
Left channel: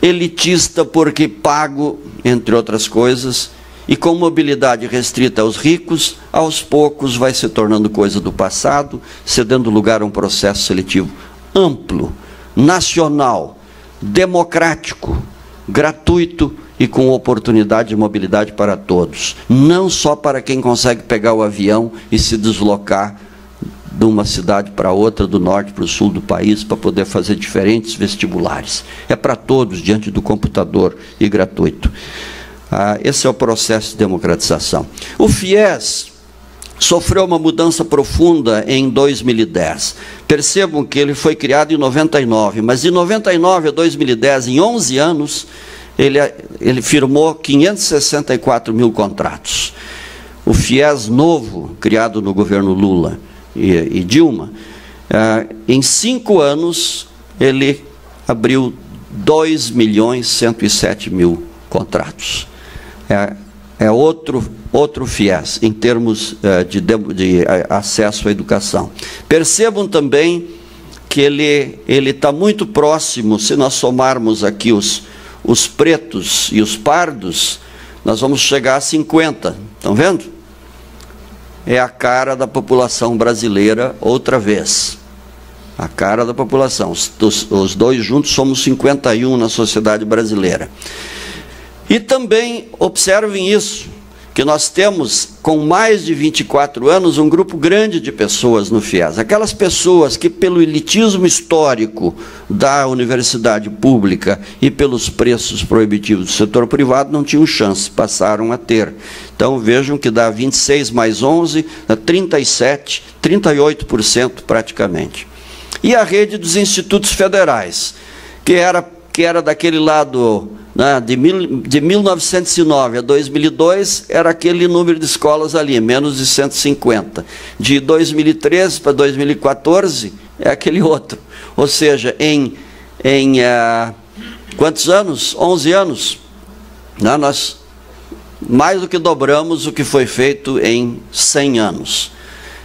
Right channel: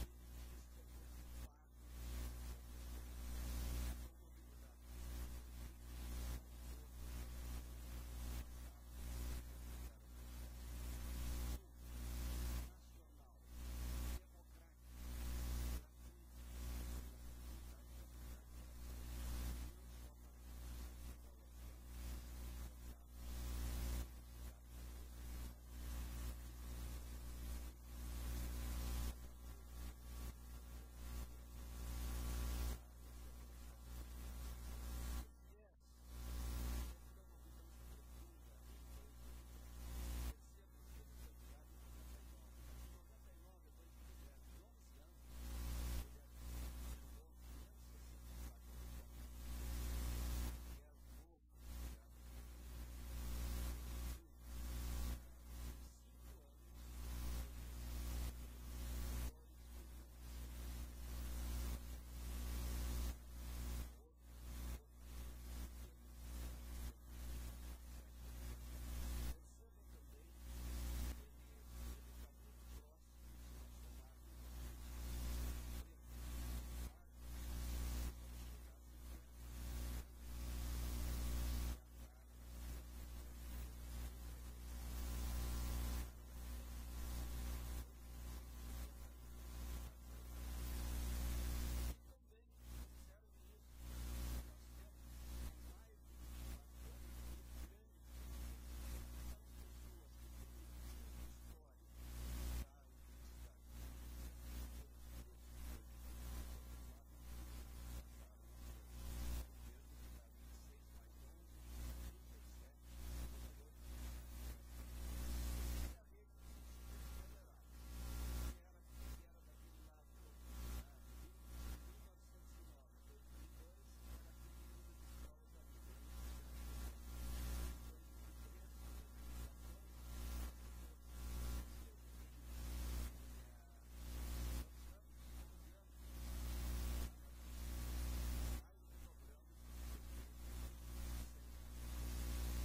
elitista porque pago, entre outras coisas, e com mobilidade restrita aos ricos, aos poucos vai se tornando coisa do passado, cedendo lugar a um processo seletivo amplo, nacional, democrático, gratuito e com oportunidade de mobilidade para todos. Não só para quem consegue pegar o avião e se deslocar de uma cidade para outra, do norte para o sul do país, para poder fazer diferentes vestibulares. É para todos, diante do computador e gratuito. Esse é o processo de democratização. O FIES sofreu uma mudança profunda em 2010. Percebam que ele foi criado em 99, mas de 99 a 2010, em 11 anos, ele firmou 564 mil contratos. o FIES novo, criado no governo Lula e Dilma, em 5 anos ele abriu 2.107.000 contratos. É outro FIES, em termos de acesso à educação. Percebam também que ele está muito próximo, se nós somarmos aqui os pretos e os pardos, nós vamos chegar a 50, estão vendo? É a cara da população brasileira outra vez. A cara da população. Os dois juntos somos 51 na sociedade brasileira. E também observem isso, que nós temos, com mais de 24 anos, um grupo grande de pessoas no FIES. Aquelas pessoas que, pelo elitismo histórico da universidade pública e pelos preços proibitivos do setor privado, não tinham chance, passaram a ter. Então, vejam que dá 26 mais 11, dá 37, 38% praticamente. E a rede dos institutos federais, que era daquele lado, né, de 1909 a 2002, era aquele número de escolas ali, menos de 150. De 2013 para 2014, é aquele outro. Ou seja, em quantos anos? 11 anos, né, nós mais do que dobramos o que foi feito em 100 anos.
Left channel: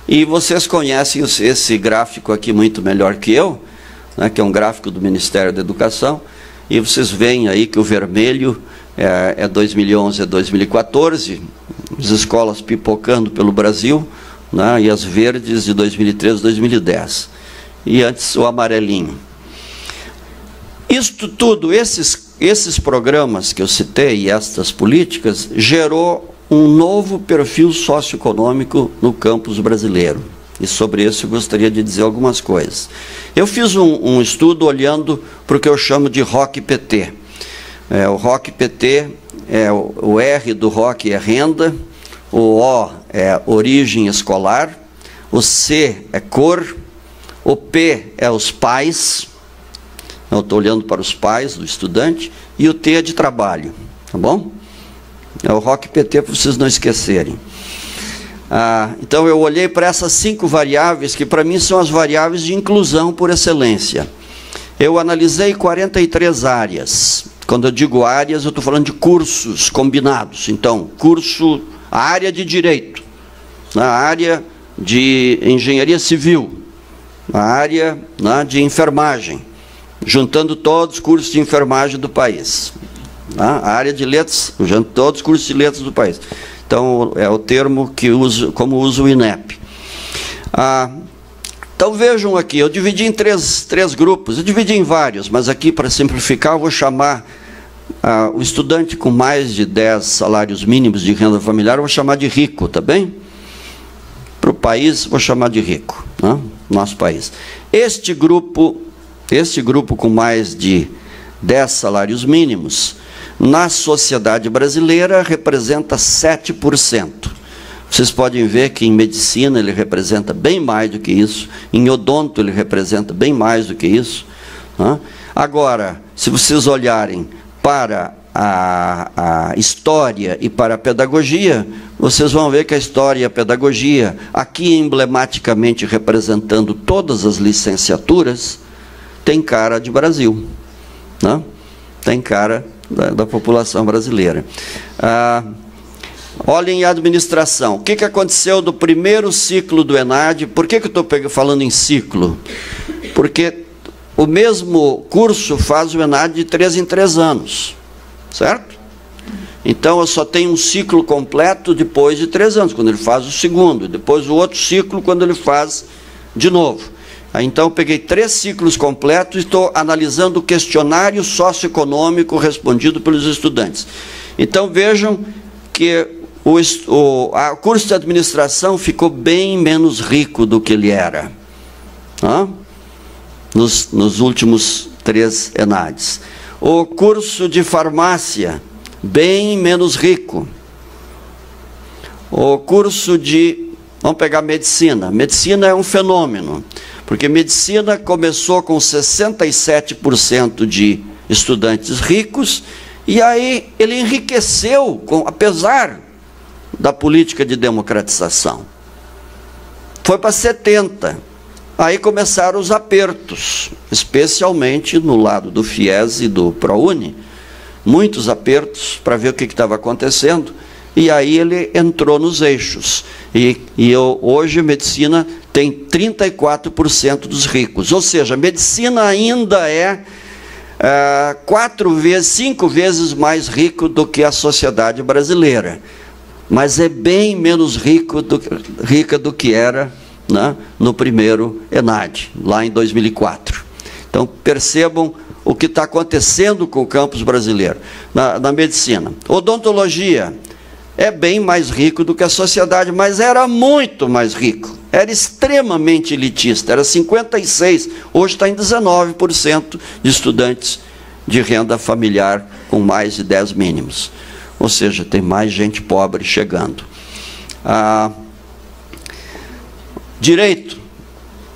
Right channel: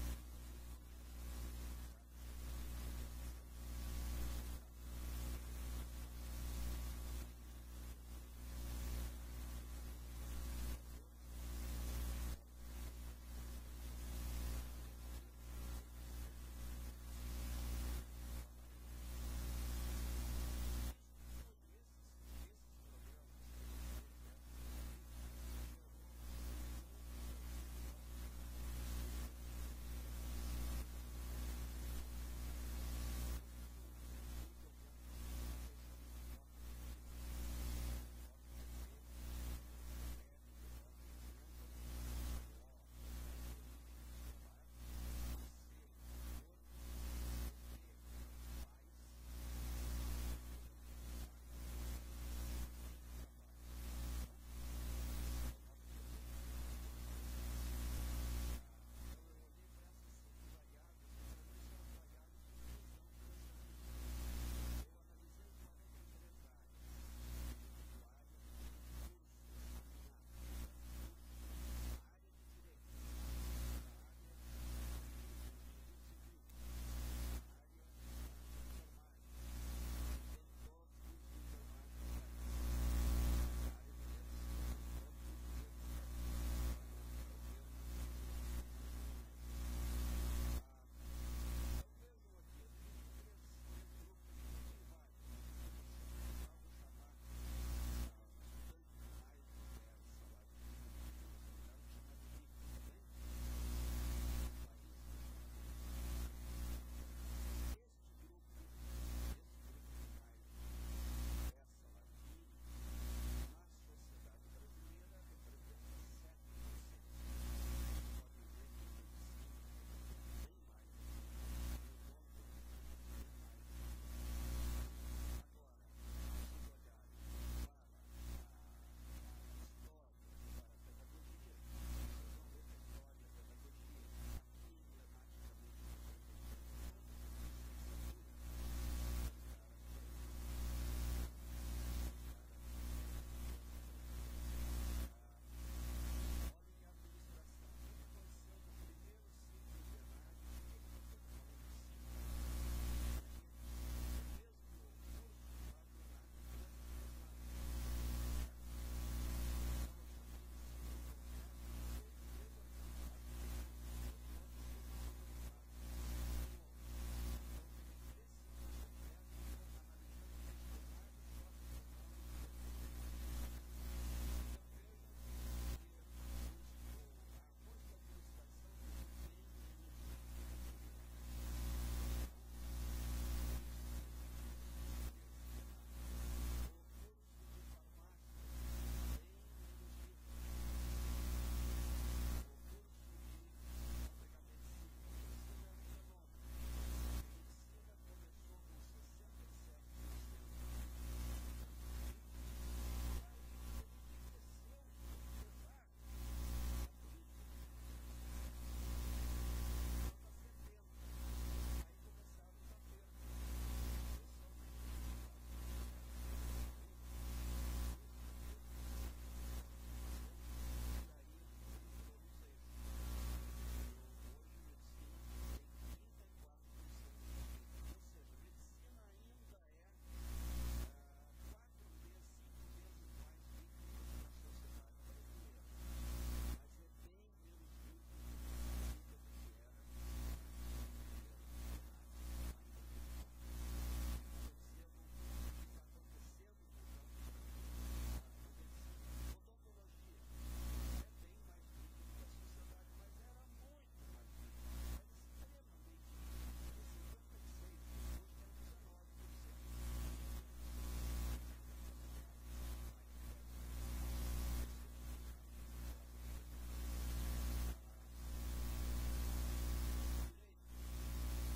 E vocês conhecem esse gráfico aqui muito melhor que eu, né, que é um gráfico do Ministério da Educação, e vocês veem aí que o vermelho é 2011 a 2014, as escolas pipocando pelo Brasil, né, e as verdes de 2013 a 2010. E antes o amarelinho. Isto tudo, esses programas que eu citei e estas políticas, gerou um novo perfil socioeconômico no campus brasileiro. E sobre isso eu gostaria de dizer algumas coisas. Eu fiz um estudo olhando para o que eu chamo de ROC-PT. O ROC-PT, o R do ROC é renda, o O é origem escolar, o C é cor, o P é os pais, eu estou olhando para os pais do estudante, e o T é de trabalho, tá bom? É o ROC-PT para vocês não esquecerem. Então eu olhei para essas 5 variáveis, que para mim são as variáveis de inclusão por excelência. Eu analisei 43 áreas. Quando eu digo áreas, eu estou falando de cursos combinados. Então, a área de direito, a área de engenharia civil, a área, né, de enfermagem, juntando todos os cursos de enfermagem do país. A área de letras, juntando todos os cursos de letras do país. Então, é o termo que uso, como usa o INEP. Então, vejam aqui, eu dividi em três grupos, eu dividi em vários, mas aqui, para simplificar, eu vou chamar o estudante com mais de 10 salários mínimos de renda familiar, eu vou chamar de rico, tá bem? Para o país, vou chamar de rico, né? Nosso país. Este grupo com mais de 10 salários mínimos, na sociedade brasileira, representa 7%. Vocês podem ver que em medicina ele representa bem mais do que isso, em odonto ele representa bem mais do que isso, né? Agora, se vocês olharem para a história e para a pedagogia, vocês vão ver que a história e a pedagogia, aqui emblematicamente representando todas as licenciaturas, tem cara de Brasil, né? Tem cara da população brasileira. Olhem a administração. O que aconteceu do primeiro ciclo do ENAD? Por que eu estou falando em ciclo? Porque o mesmo curso faz o ENAD de 3 em 3 anos, certo? Então, eu só tenho um ciclo completo depois de 3 anos, quando ele faz o segundo, depois o outro ciclo, quando ele faz de novo. Então, eu peguei 3 ciclos completos e estou analisando o questionário socioeconômico respondido pelos estudantes. Então, vejam que o curso de administração ficou bem menos rico do que ele era, tá? Nos últimos 3 ENADs. O curso de farmácia, bem menos rico. O curso de... Vamos pegar medicina. Medicina é um fenômeno, porque medicina começou com 67% de estudantes ricos, e aí ele enriqueceu, apesar da política de democratização. Foi para 70%. Aí começaram os apertos, especialmente no lado do FIES e do ProUni, muitos apertos para ver o que estava acontecendo, e aí ele entrou nos eixos. Hoje a medicina tem 34% dos ricos, ou seja, a medicina ainda é 5 vezes mais rico do que a sociedade brasileira, mas é bem menos rica do que era, né, no primeiro ENAD, lá em 2004. Então, percebam o que está acontecendo com o campus brasileiro na medicina. Odontologia é bem mais rico do que a sociedade, mas era muito mais rico. Era extremamente elitista, era 56%, hoje está em 19% de estudantes de renda familiar com mais de 10 mínimos. Ou seja, tem mais gente pobre chegando. Direito,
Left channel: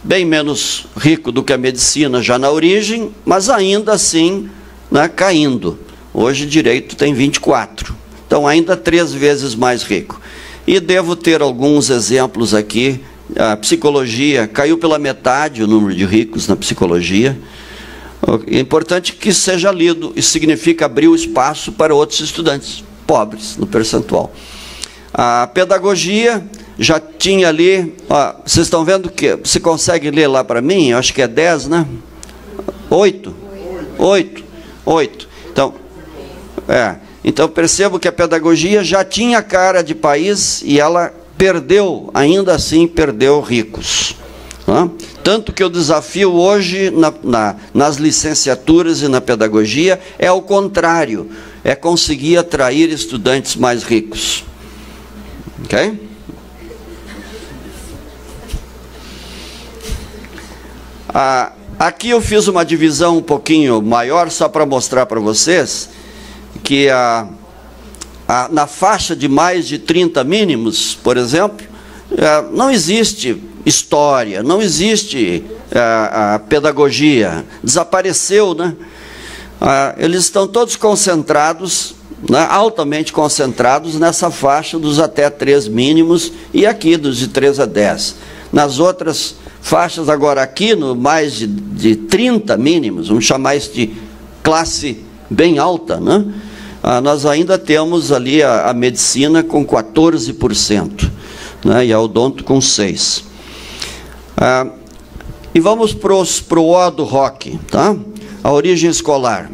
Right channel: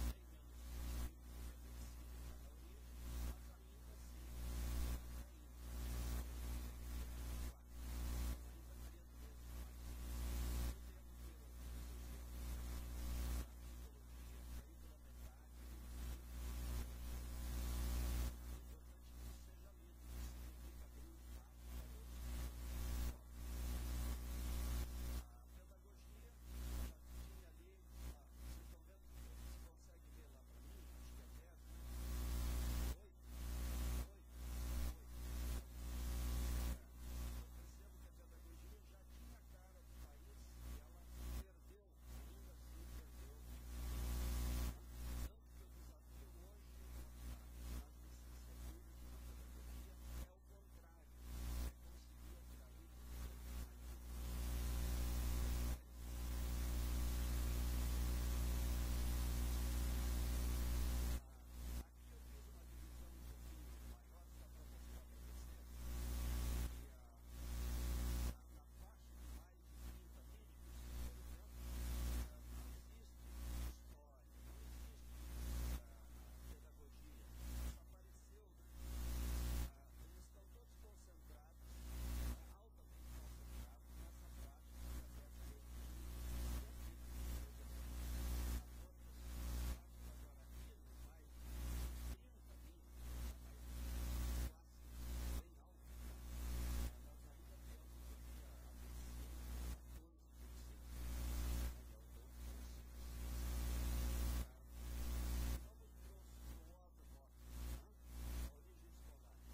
bem menos rico do que a medicina já na origem, mas ainda assim, né, caindo. Hoje direito tem 24%, então ainda 3 vezes mais rico. E devo ter alguns exemplos aqui. A psicologia, caiu pela metade o número de ricos na psicologia. É importante que seja lido, isso significa abrir o espaço para outros estudantes pobres no percentual. A pedagogia já tinha ali, ó, vocês estão vendo que, você consegue ler lá para mim? Eu acho que é 10, né? 8. Então percebo que a pedagogia já tinha cara de país e ela perdeu, ainda assim perdeu ricos. Né? Tanto que o desafio hoje nas licenciaturas e na pedagogia é o contrário, é conseguir atrair estudantes mais ricos. Ok? Aqui eu fiz uma divisão um pouquinho maior, só para mostrar para vocês que na faixa de mais de 30 mínimos, por exemplo, não existe história, não existe a pedagogia, desapareceu, né? Eles estão todos concentrados, né, altamente concentrados nessa faixa dos até 3 mínimos e aqui dos de 3 a 10. Nas outras faixas, agora aqui no mais de 30 mínimos, vamos chamar isso de classe bem alta, né? Nós ainda temos ali a medicina com 14%, né, e a odonto com 6%. E vamos para o O do ROC, tá? A origem escolar.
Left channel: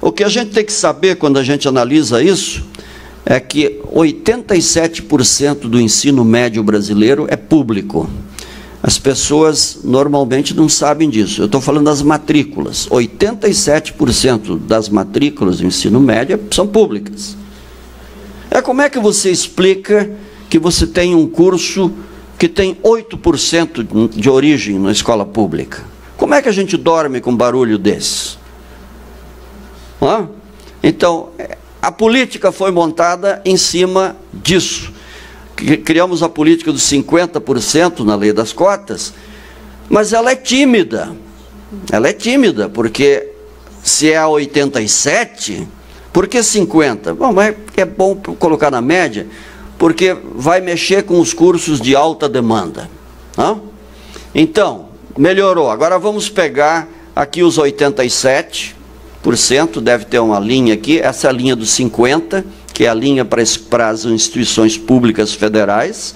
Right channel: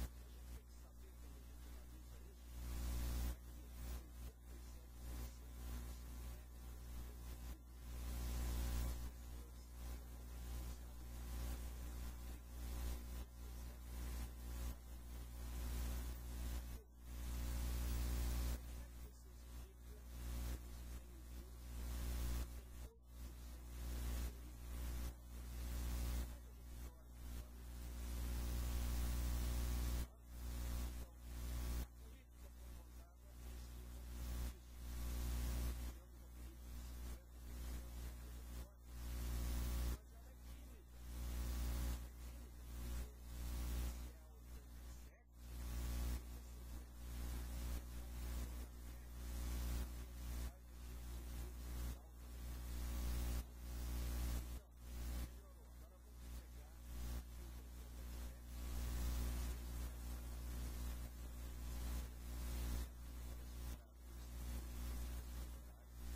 O que a gente tem que saber quando a gente analisa isso é que 87% do ensino médio brasileiro é público. As pessoas normalmente não sabem disso. Eu estou falando das matrículas. 87% das matrículas do ensino médio são públicas. Como é que você explica que você tem um curso que tem 8% de origem na escola pública? Como é que a gente dorme com um barulho desse? Então, a política foi montada em cima disso. Criamos a política dos 50% na lei das cotas, mas ela é tímida. Ela é tímida, porque se é a 87%, por que 50%? Bom, mas é bom colocar na média, porque vai mexer com os cursos de alta demanda. Então, melhorou. Agora vamos pegar aqui os 87%, deve ter uma linha aqui, essa é a linha dos 50%, que é a linha para as instituições públicas federais,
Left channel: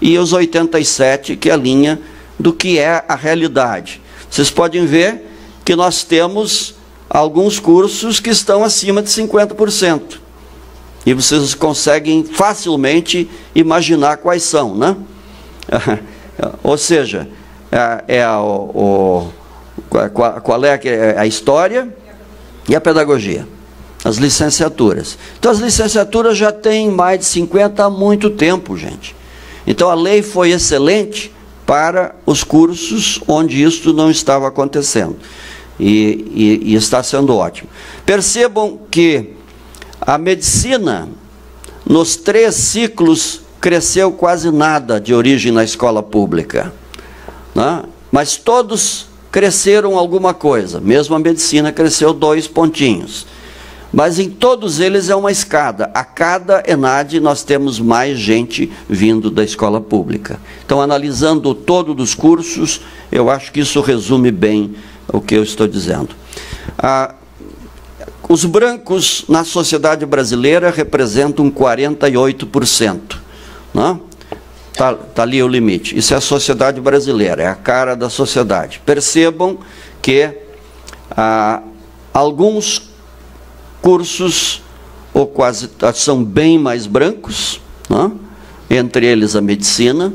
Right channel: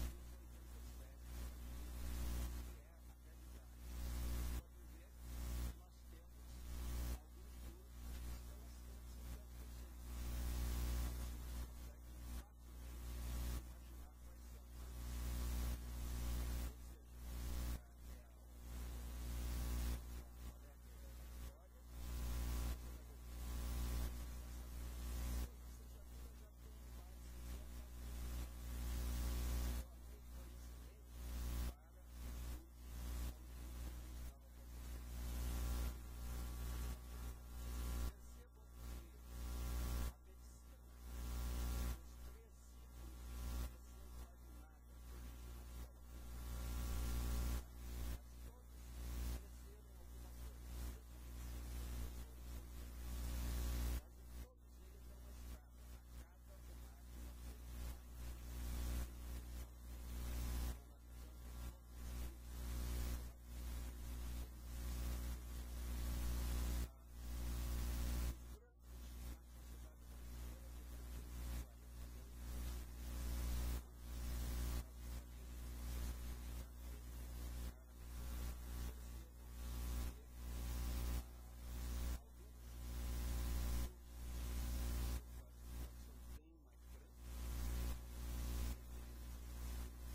e os 87%, que é a linha do que é a realidade. Vocês podem ver que nós temos alguns cursos que estão acima de 50%. E vocês conseguem facilmente imaginar quais são, né? Ou seja, qual é a história e a pedagogia. As licenciaturas. Então, as licenciaturas já têm mais de 50 há muito tempo, gente. Então, a lei foi excelente para os cursos onde isso não estava acontecendo. E está sendo ótimo. Percebam que a medicina, nos 3 ciclos, cresceu quase nada de origem na escola pública, né? Mas todos cresceram alguma coisa. Mesmo a medicina cresceu 2 pontinhos. Mas em todos eles é uma escada. A cada ENAD nós temos mais gente vindo da escola pública. Então, analisando o todo dos cursos, eu acho que isso resume bem o que eu estou dizendo. Os brancos na sociedade brasileira representam 48%. Não? Tá ali o limite. Isso é a sociedade brasileira, é a cara da sociedade. Percebam que alguns cursos, ou quase, são bem mais brancos, não? Entre eles a medicina,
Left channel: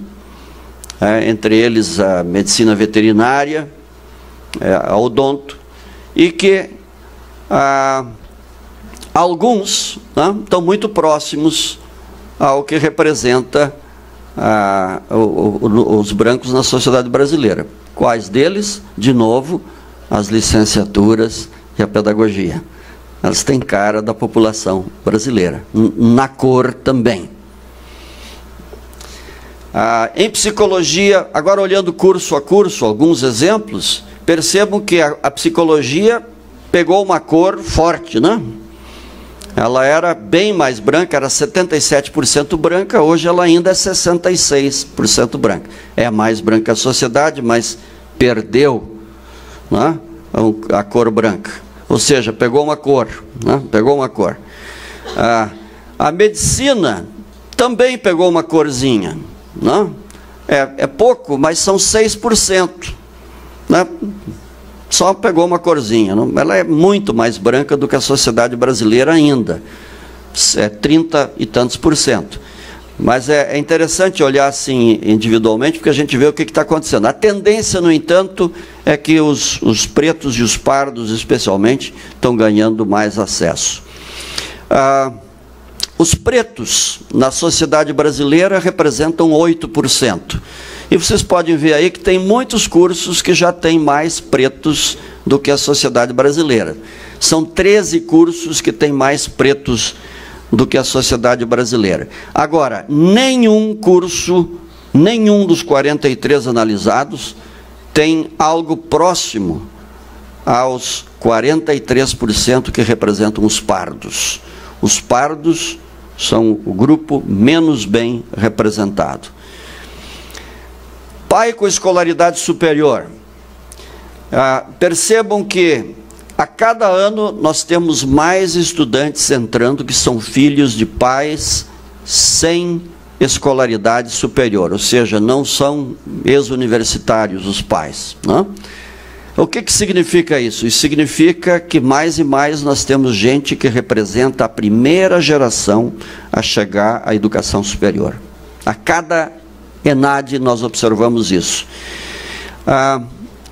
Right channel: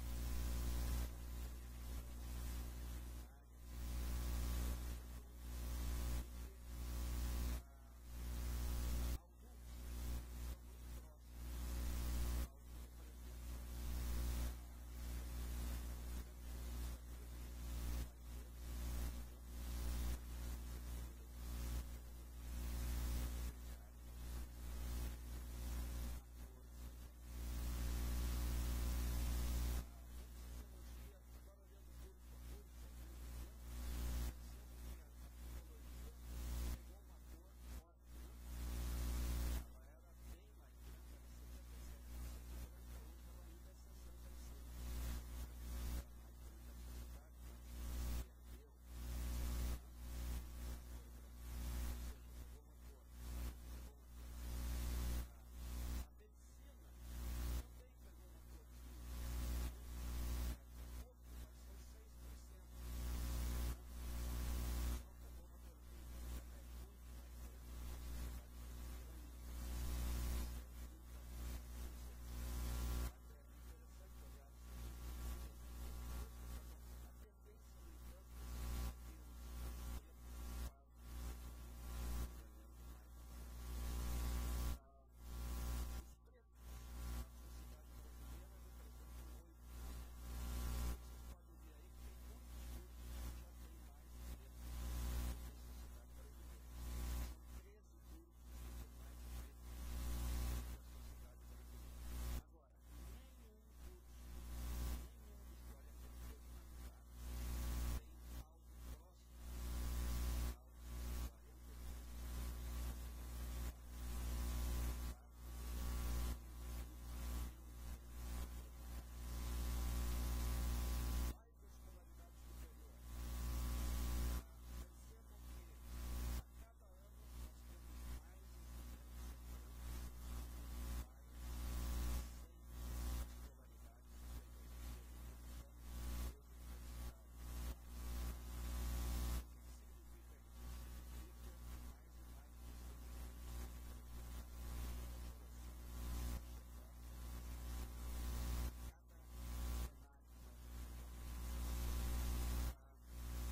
entre eles a medicina veterinária, a odonto, e que alguns, não, estão muito próximos ao que representa os brancos na sociedade brasileira. Quais deles? De novo, as licenciaturas e a pedagogia. Elas têm cara da população brasileira, na cor também. Em psicologia, agora olhando curso a curso, alguns exemplos, percebam que a psicologia pegou uma cor forte, né? Ela era bem mais branca, era 77% branca, hoje ela ainda é 66% branca. É a mais branca a sociedade, mas perdeu, né, a cor branca. Ou seja, pegou uma cor, né? Pegou uma cor. A medicina também pegou uma corzinha, né? É pouco, mas são 6%, né? Só pegou uma corzinha. Não? Ela é muito mais branca do que a sociedade brasileira ainda. É 30 e tantos %. Mas é interessante olhar assim individualmente, porque a gente vê o que está acontecendo. A tendência, no entanto, é que os pretos e os pardos, especialmente, estão ganhando mais acesso. Os pretos, na sociedade brasileira, representam 8%. E vocês podem ver aí que tem muitos cursos que já têm mais pretos do que a sociedade brasileira. São 13 cursos que têm mais pretos do que a sociedade brasileira. Agora, nenhum curso, nenhum dos 43 analisados, tem algo próximo aos 43% que representam os pardos. Os pardos são o grupo menos bem representado. Pai com escolaridade superior. Percebam que a cada ano nós temos mais estudantes entrando que são filhos de pais sem escolaridade superior, ou seja, não são ex-universitários os pais, não? O que significa isso? Isso significa que mais e mais nós temos gente que representa a primeira geração a chegar à educação superior. A cada ENAD nós observamos isso.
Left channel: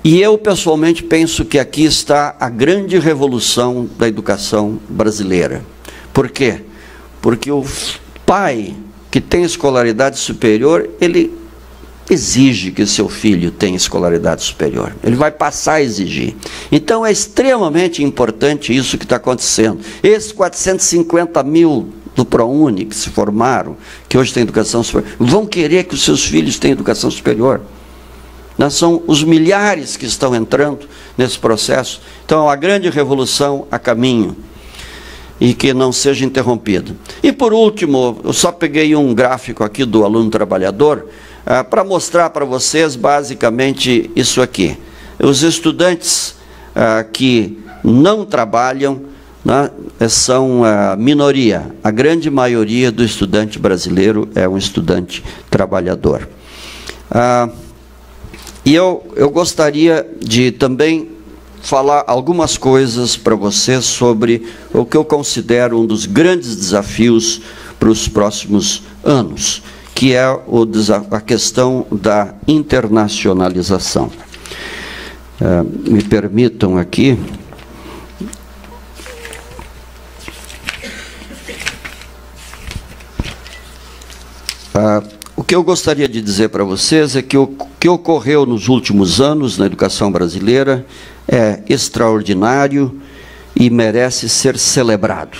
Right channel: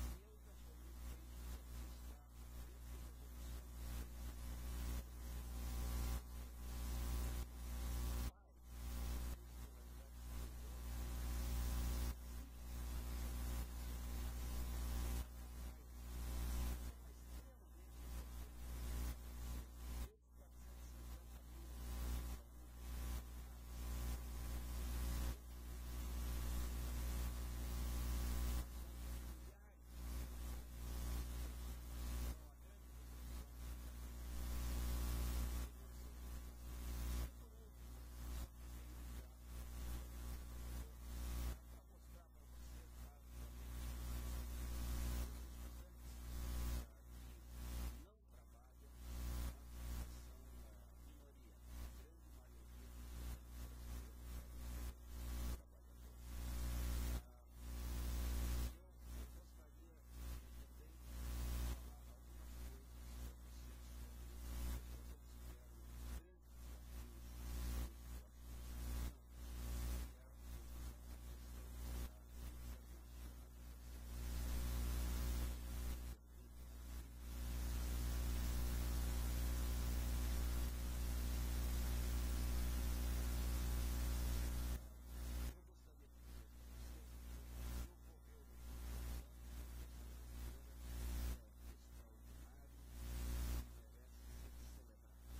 E eu, pessoalmente, penso que aqui está a grande revolução da educação brasileira. Por quê? Porque o pai que tem escolaridade superior, ele exige que seu filho tenha escolaridade superior. Ele vai passar a exigir. Então, é extremamente importante isso que está acontecendo. Esses 450 mil do ProUni que se formaram, que hoje têm educação superior, vão querer que os seus filhos tenham educação superior. São os milhares que estão entrando nesse processo. Então, é uma grande revolução a caminho e que não seja interrompida. E, por último, eu só peguei um gráfico aqui do aluno trabalhador para mostrar para vocês, basicamente, isso aqui. Os estudantes que não trabalham, né, são a minoria. A grande maioria do estudante brasileiro é um estudante trabalhador. E eu gostaria de também falar algumas coisas para vocês sobre o que eu considero um dos grandes desafios para os próximos anos, que é a questão da internacionalização. Me permitam aqui. O que eu gostaria de dizer para vocês é que o que ocorreu nos últimos anos na educação brasileira é extraordinário e merece ser celebrado.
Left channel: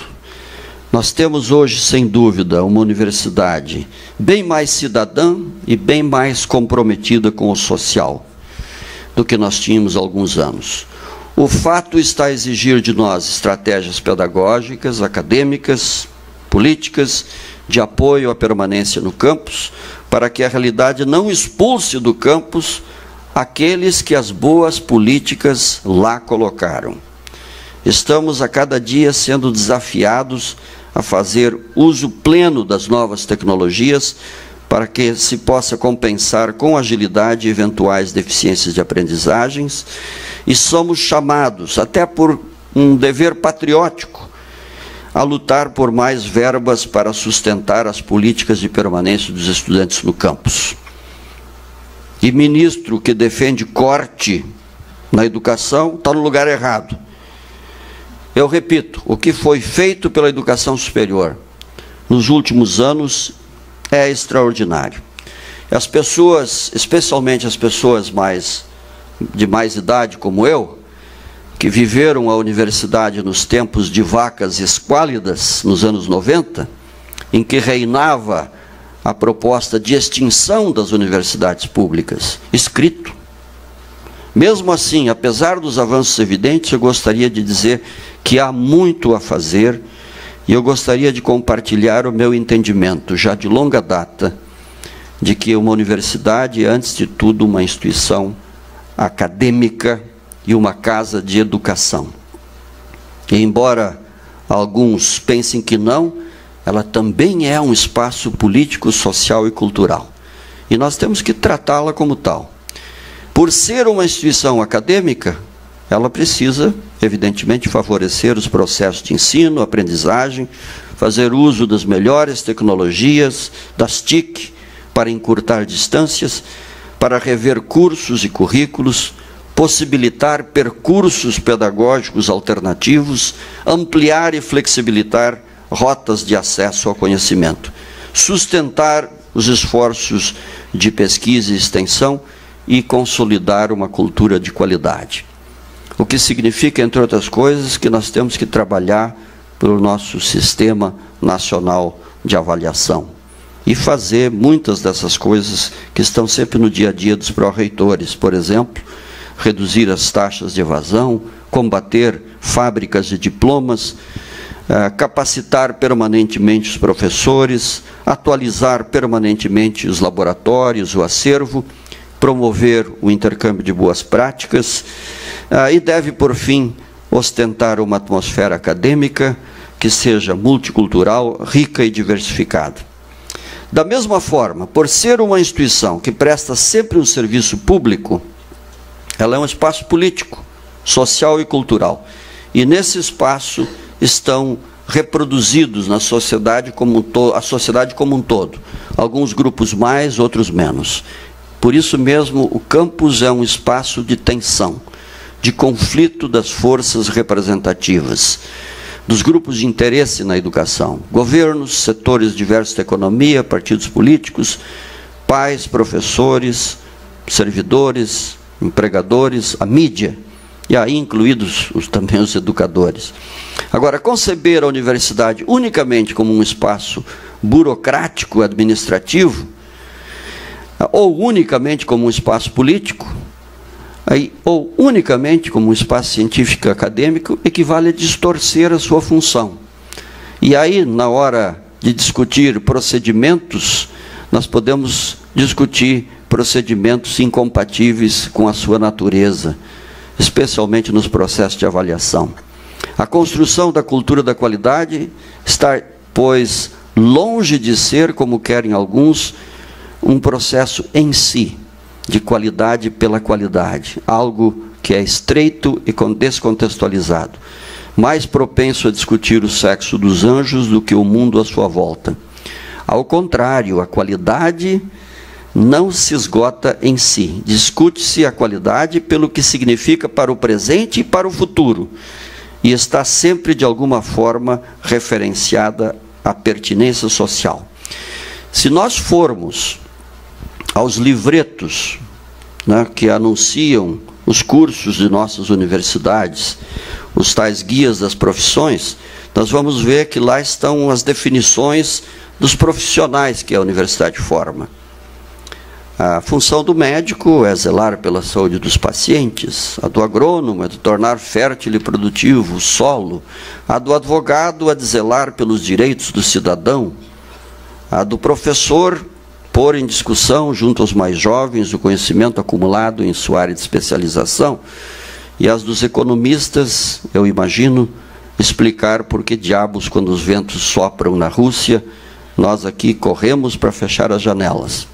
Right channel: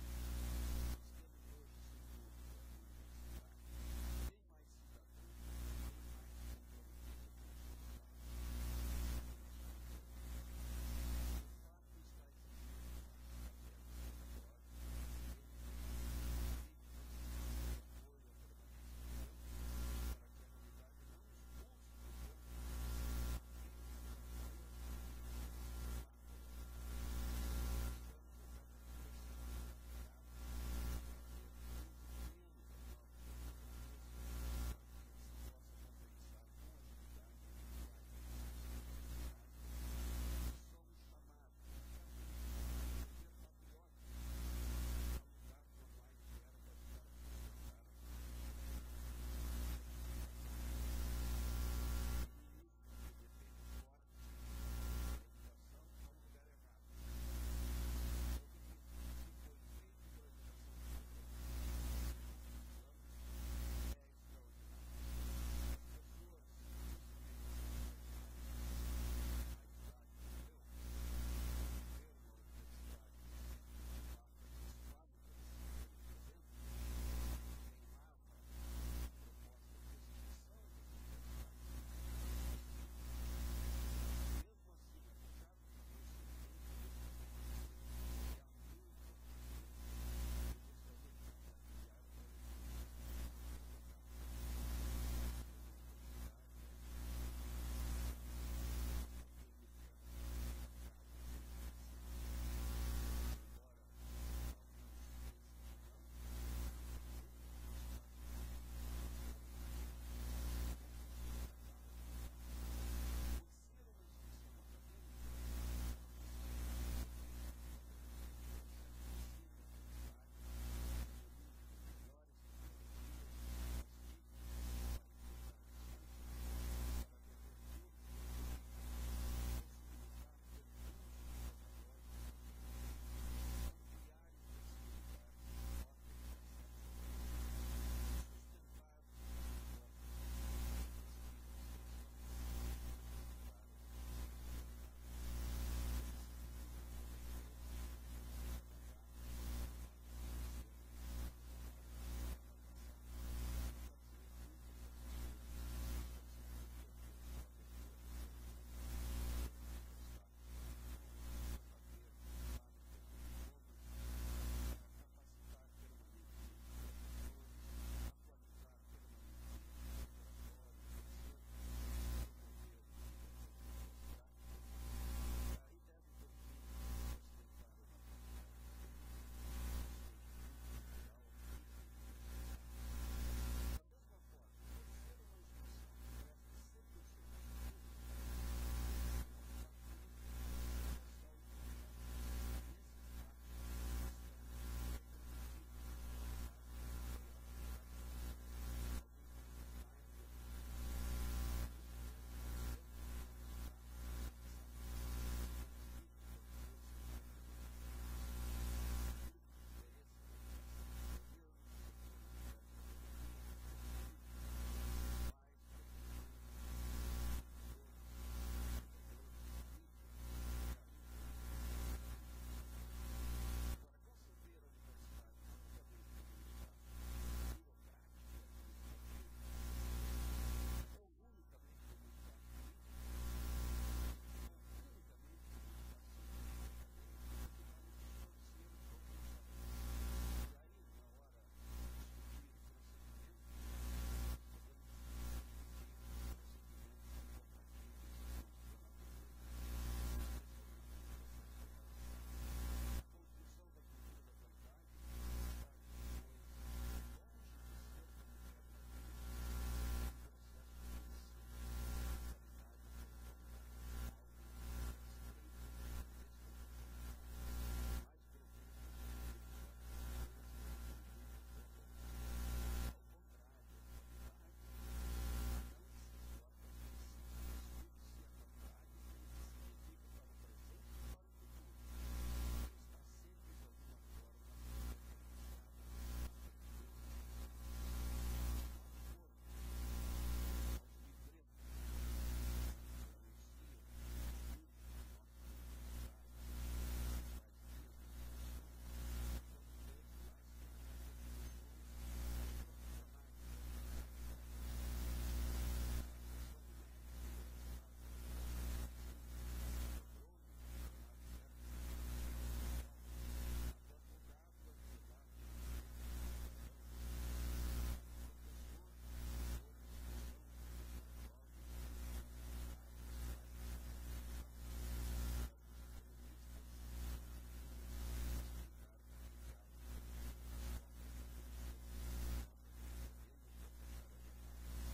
Nós temos hoje, sem dúvida, uma universidade bem mais cidadã e bem mais comprometida com o social do que nós tínhamos há alguns anos. O fato está a exigir de nós estratégias pedagógicas, acadêmicas, políticas, de apoio à permanência no campus, para que a realidade não expulse do campus aqueles que as boas políticas lá colocaram. Estamos a cada dia sendo desafiados a fazer uso pleno das novas tecnologias para que se possa compensar com agilidade eventuais deficiências de aprendizagens, e somos chamados, até por um dever patriótico, a lutar por mais verbas para sustentar as políticas de permanência dos estudantes no campus. E ministro que defende corte na educação está no lugar errado. Eu repito, o que foi feito pela educação superior nos últimos anos é extraordinário. As pessoas, especialmente as pessoas de mais idade como eu, que viveram a universidade nos tempos de vacas esquálidas, nos anos 90, em que reinava a proposta de extinção das universidades públicas, escrito. Mesmo assim, apesar dos avanços evidentes, eu gostaria de dizer que há muito a fazer, e eu gostaria de compartilhar o meu entendimento, já de longa data, de que uma universidade é, antes de tudo, uma instituição acadêmica e uma casa de educação. E embora alguns pensem que não, ela também é um espaço político, social e cultural. E nós temos que tratá-la como tal. Por ser uma instituição acadêmica, ela precisa, evidentemente, favorecer os processos de ensino, aprendizagem, fazer uso das melhores tecnologias, das TIC, para encurtar distâncias, para rever cursos e currículos, possibilitar percursos pedagógicos alternativos, ampliar e flexibilitar rotas de acesso ao conhecimento, sustentar os esforços de pesquisa e extensão e consolidar uma cultura de qualidade. O que significa, entre outras coisas, que nós temos que trabalhar pelo nosso Sistema Nacional de Avaliação e fazer muitas dessas coisas que estão sempre no dia a dia dos pró-reitores. Por exemplo, reduzir as taxas de evasão, combater fábricas de diplomas, capacitar permanentemente os professores, atualizar permanentemente os laboratórios, o acervo, promover o intercâmbio de boas práticas, e deve, por fim, ostentar uma atmosfera acadêmica que seja multicultural, rica e diversificada. Da mesma forma, por ser uma instituição que presta sempre um serviço público, ela é um espaço político, social e cultural. E nesse espaço estão reproduzidos na sociedade como um todo. Alguns grupos mais, outros menos. Por isso mesmo, o campus é um espaço de tensão, de conflito das forças representativas, dos grupos de interesse na educação, governos, setores diversos da economia, partidos políticos, pais, professores, servidores, empregadores, a mídia, e aí incluídos também os educadores. Agora, conceber a universidade unicamente como um espaço burocrático, administrativo, ou unicamente como um espaço político, ou unicamente como um espaço científico e acadêmico, equivale a distorcer a sua função. E aí, na hora de discutir procedimentos, nós podemos discutir procedimentos incompatíveis com a sua natureza, especialmente nos processos de avaliação. A construção da cultura da qualidade está, pois, longe de ser, como querem alguns, um processo em si, de qualidade pela qualidade, algo que é estreito e descontextualizado, mais propenso a discutir o sexo dos anjos do que o mundo à sua volta. Ao contrário, a qualidade não se esgota em si, discute-se a qualidade pelo que significa para o presente e para o futuro, e está sempre, de alguma forma, referenciada à pertinência social. Se nós formos aos livretos, né, que anunciam os cursos de nossas universidades, os tais guias das profissões, nós vamos ver que lá estão as definições dos profissionais que a universidade forma. A função do médico é zelar pela saúde dos pacientes, a do agrônomo é de tornar fértil e produtivo o solo, a do advogado é de zelar pelos direitos do cidadão, a do professor pôr em discussão junto aos mais jovens o conhecimento acumulado em sua área de especialização, e as dos economistas, eu imagino, explicar por que diabos, quando os ventos sopram na Rússia, nós aqui corremos para fechar as janelas.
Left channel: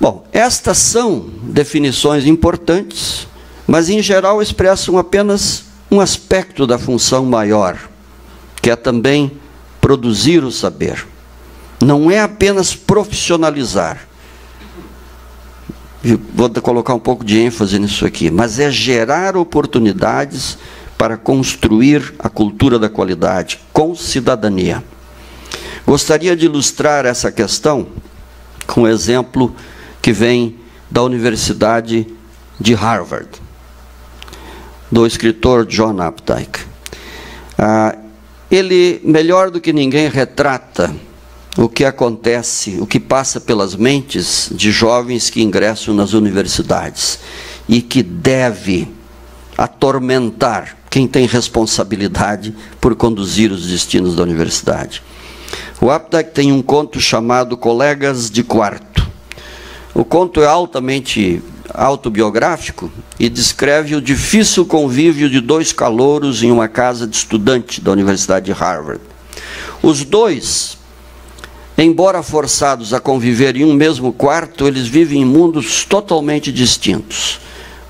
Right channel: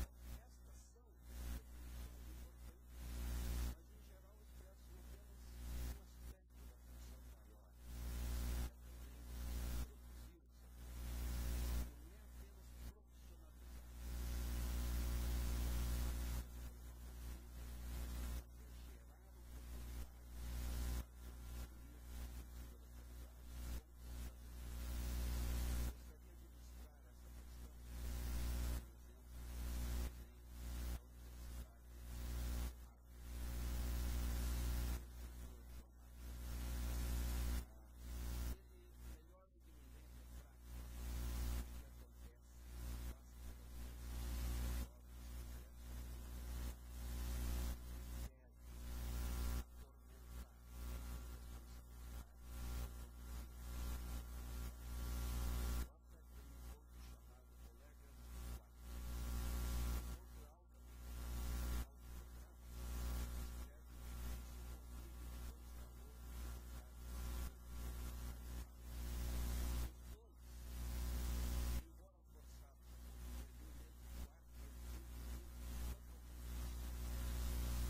Bom, estas são definições importantes, mas em geral expressam apenas um aspecto da função maior, que é também produzir o saber. Não é apenas profissionalizar. Vou colocar um pouco de ênfase nisso aqui, mas é gerar oportunidades para construir a cultura da qualidade com cidadania. Gostaria de ilustrar essa questão com um exemplo que vem da Universidade de Harvard, do escritor John Updike. Ele, melhor do que ninguém, retrata o que acontece, o que passa pelas mentes de jovens que ingressam nas universidades e que deve atormentar quem tem responsabilidade por conduzir os destinos da universidade. O Updike tem um conto chamado Colegas de Quarto. O conto é altamente autobiográfico e descreve o difícil convívio de dois calouros em uma casa de estudante da Universidade de Harvard. Os dois, embora forçados a conviver em um mesmo quarto, eles vivem em mundos totalmente distintos,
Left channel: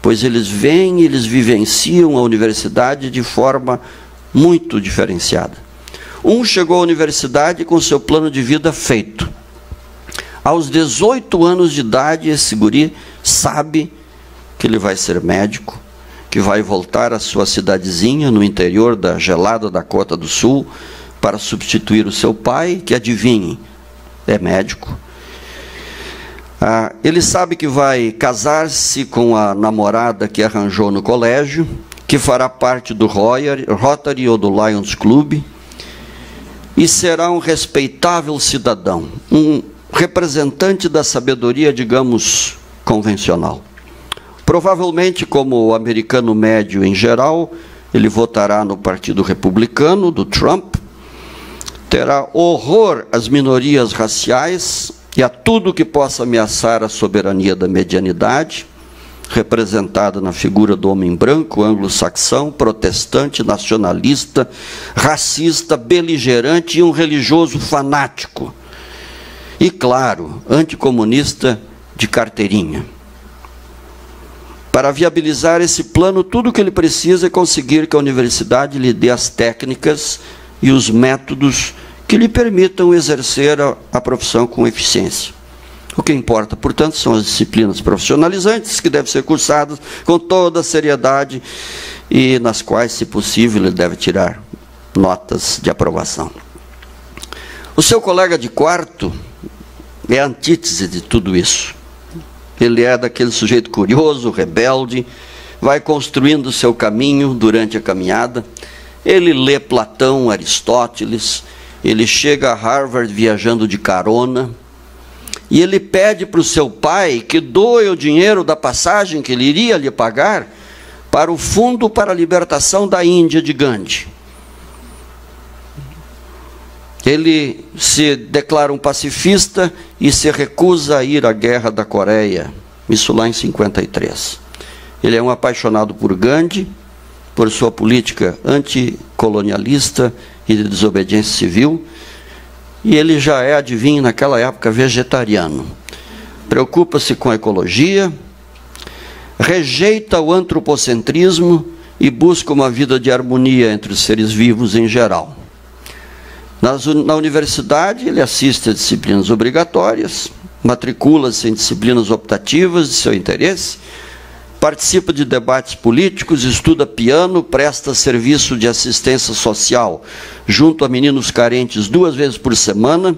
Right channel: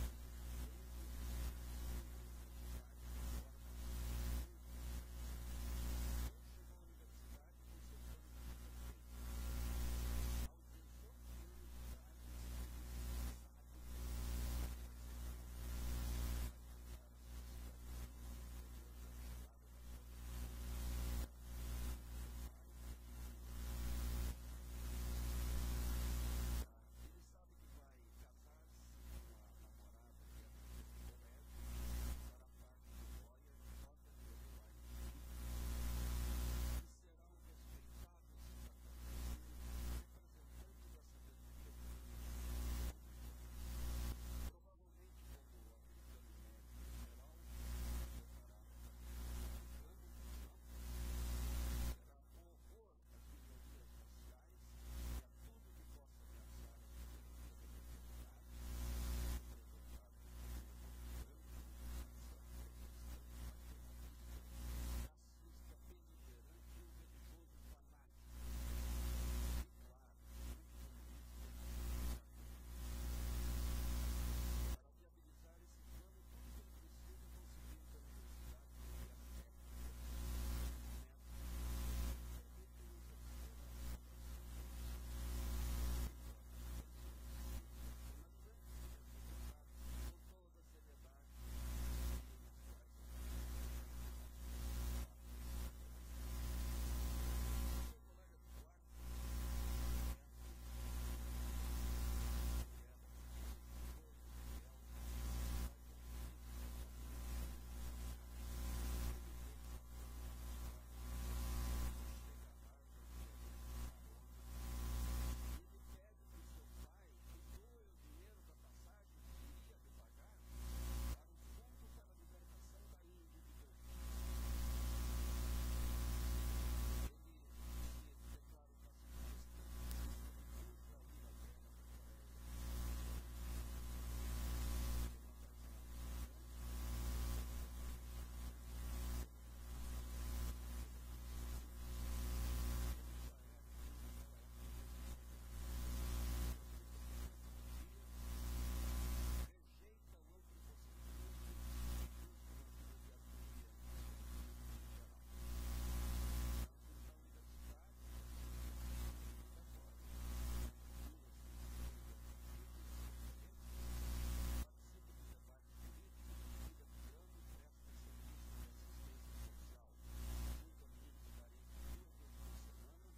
pois eles veem e eles vivenciam a universidade de forma muito diferenciada. Um chegou à universidade com seu plano de vida feito. Aos 18 anos de idade, esse guri sabe que ele vai ser médico, que vai voltar à sua cidadezinha no interior da gelada Dakota do Sul para substituir o seu pai, que, adivinhe, é médico. Ele sabe que vai casar-se com a namorada que arranjou no colégio, que fará parte do Rotary ou do Lions Club, e será um respeitável cidadão, um representante da sabedoria, digamos, convencional. Provavelmente, como o americano médio em geral, ele votará no Partido Republicano, do Trump, terá horror às minorias raciais e a tudo que possa ameaçar a soberania da medianidade, representada na figura do homem branco, anglo-saxão, protestante, nacionalista, racista, beligerante e um religioso fanático. E, claro, anticomunista de carteirinha. Para viabilizar esse plano, tudo o que ele precisa é conseguir que a universidade lhe dê as técnicas e os métodos que lhe permitam exercer a profissão com eficiência. O que importa, portanto, são as disciplinas profissionalizantes, que devem ser cursadas com toda a seriedade e nas quais, se possível, ele deve tirar notas de aprovação. O seu colega de quarto é a antítese de tudo isso. Ele é daquele sujeito curioso, rebelde, vai construindo o seu caminho durante a caminhada. Ele lê Platão, Aristóteles, ele chega a Harvard viajando de carona, e ele pede para o seu pai que doe o dinheiro da passagem que ele iria lhe pagar para o Fundo para a Libertação da Índia de Gandhi. Ele se declara um pacifista e se recusa a ir à Guerra da Coreia, isso lá em 53. Ele é um apaixonado por Gandhi, por sua política anticolonialista e de desobediência civil, e ele já é, adivinha, naquela época, vegetariano. Preocupa-se com a ecologia, rejeita o antropocentrismo e busca uma vida de harmonia entre os seres vivos em geral. Na universidade, ele assiste a disciplinas obrigatórias, matricula-se em disciplinas optativas de seu interesse, participa de debates políticos, estuda piano, presta serviço de assistência social junto a meninos carentes 2 vezes por semana,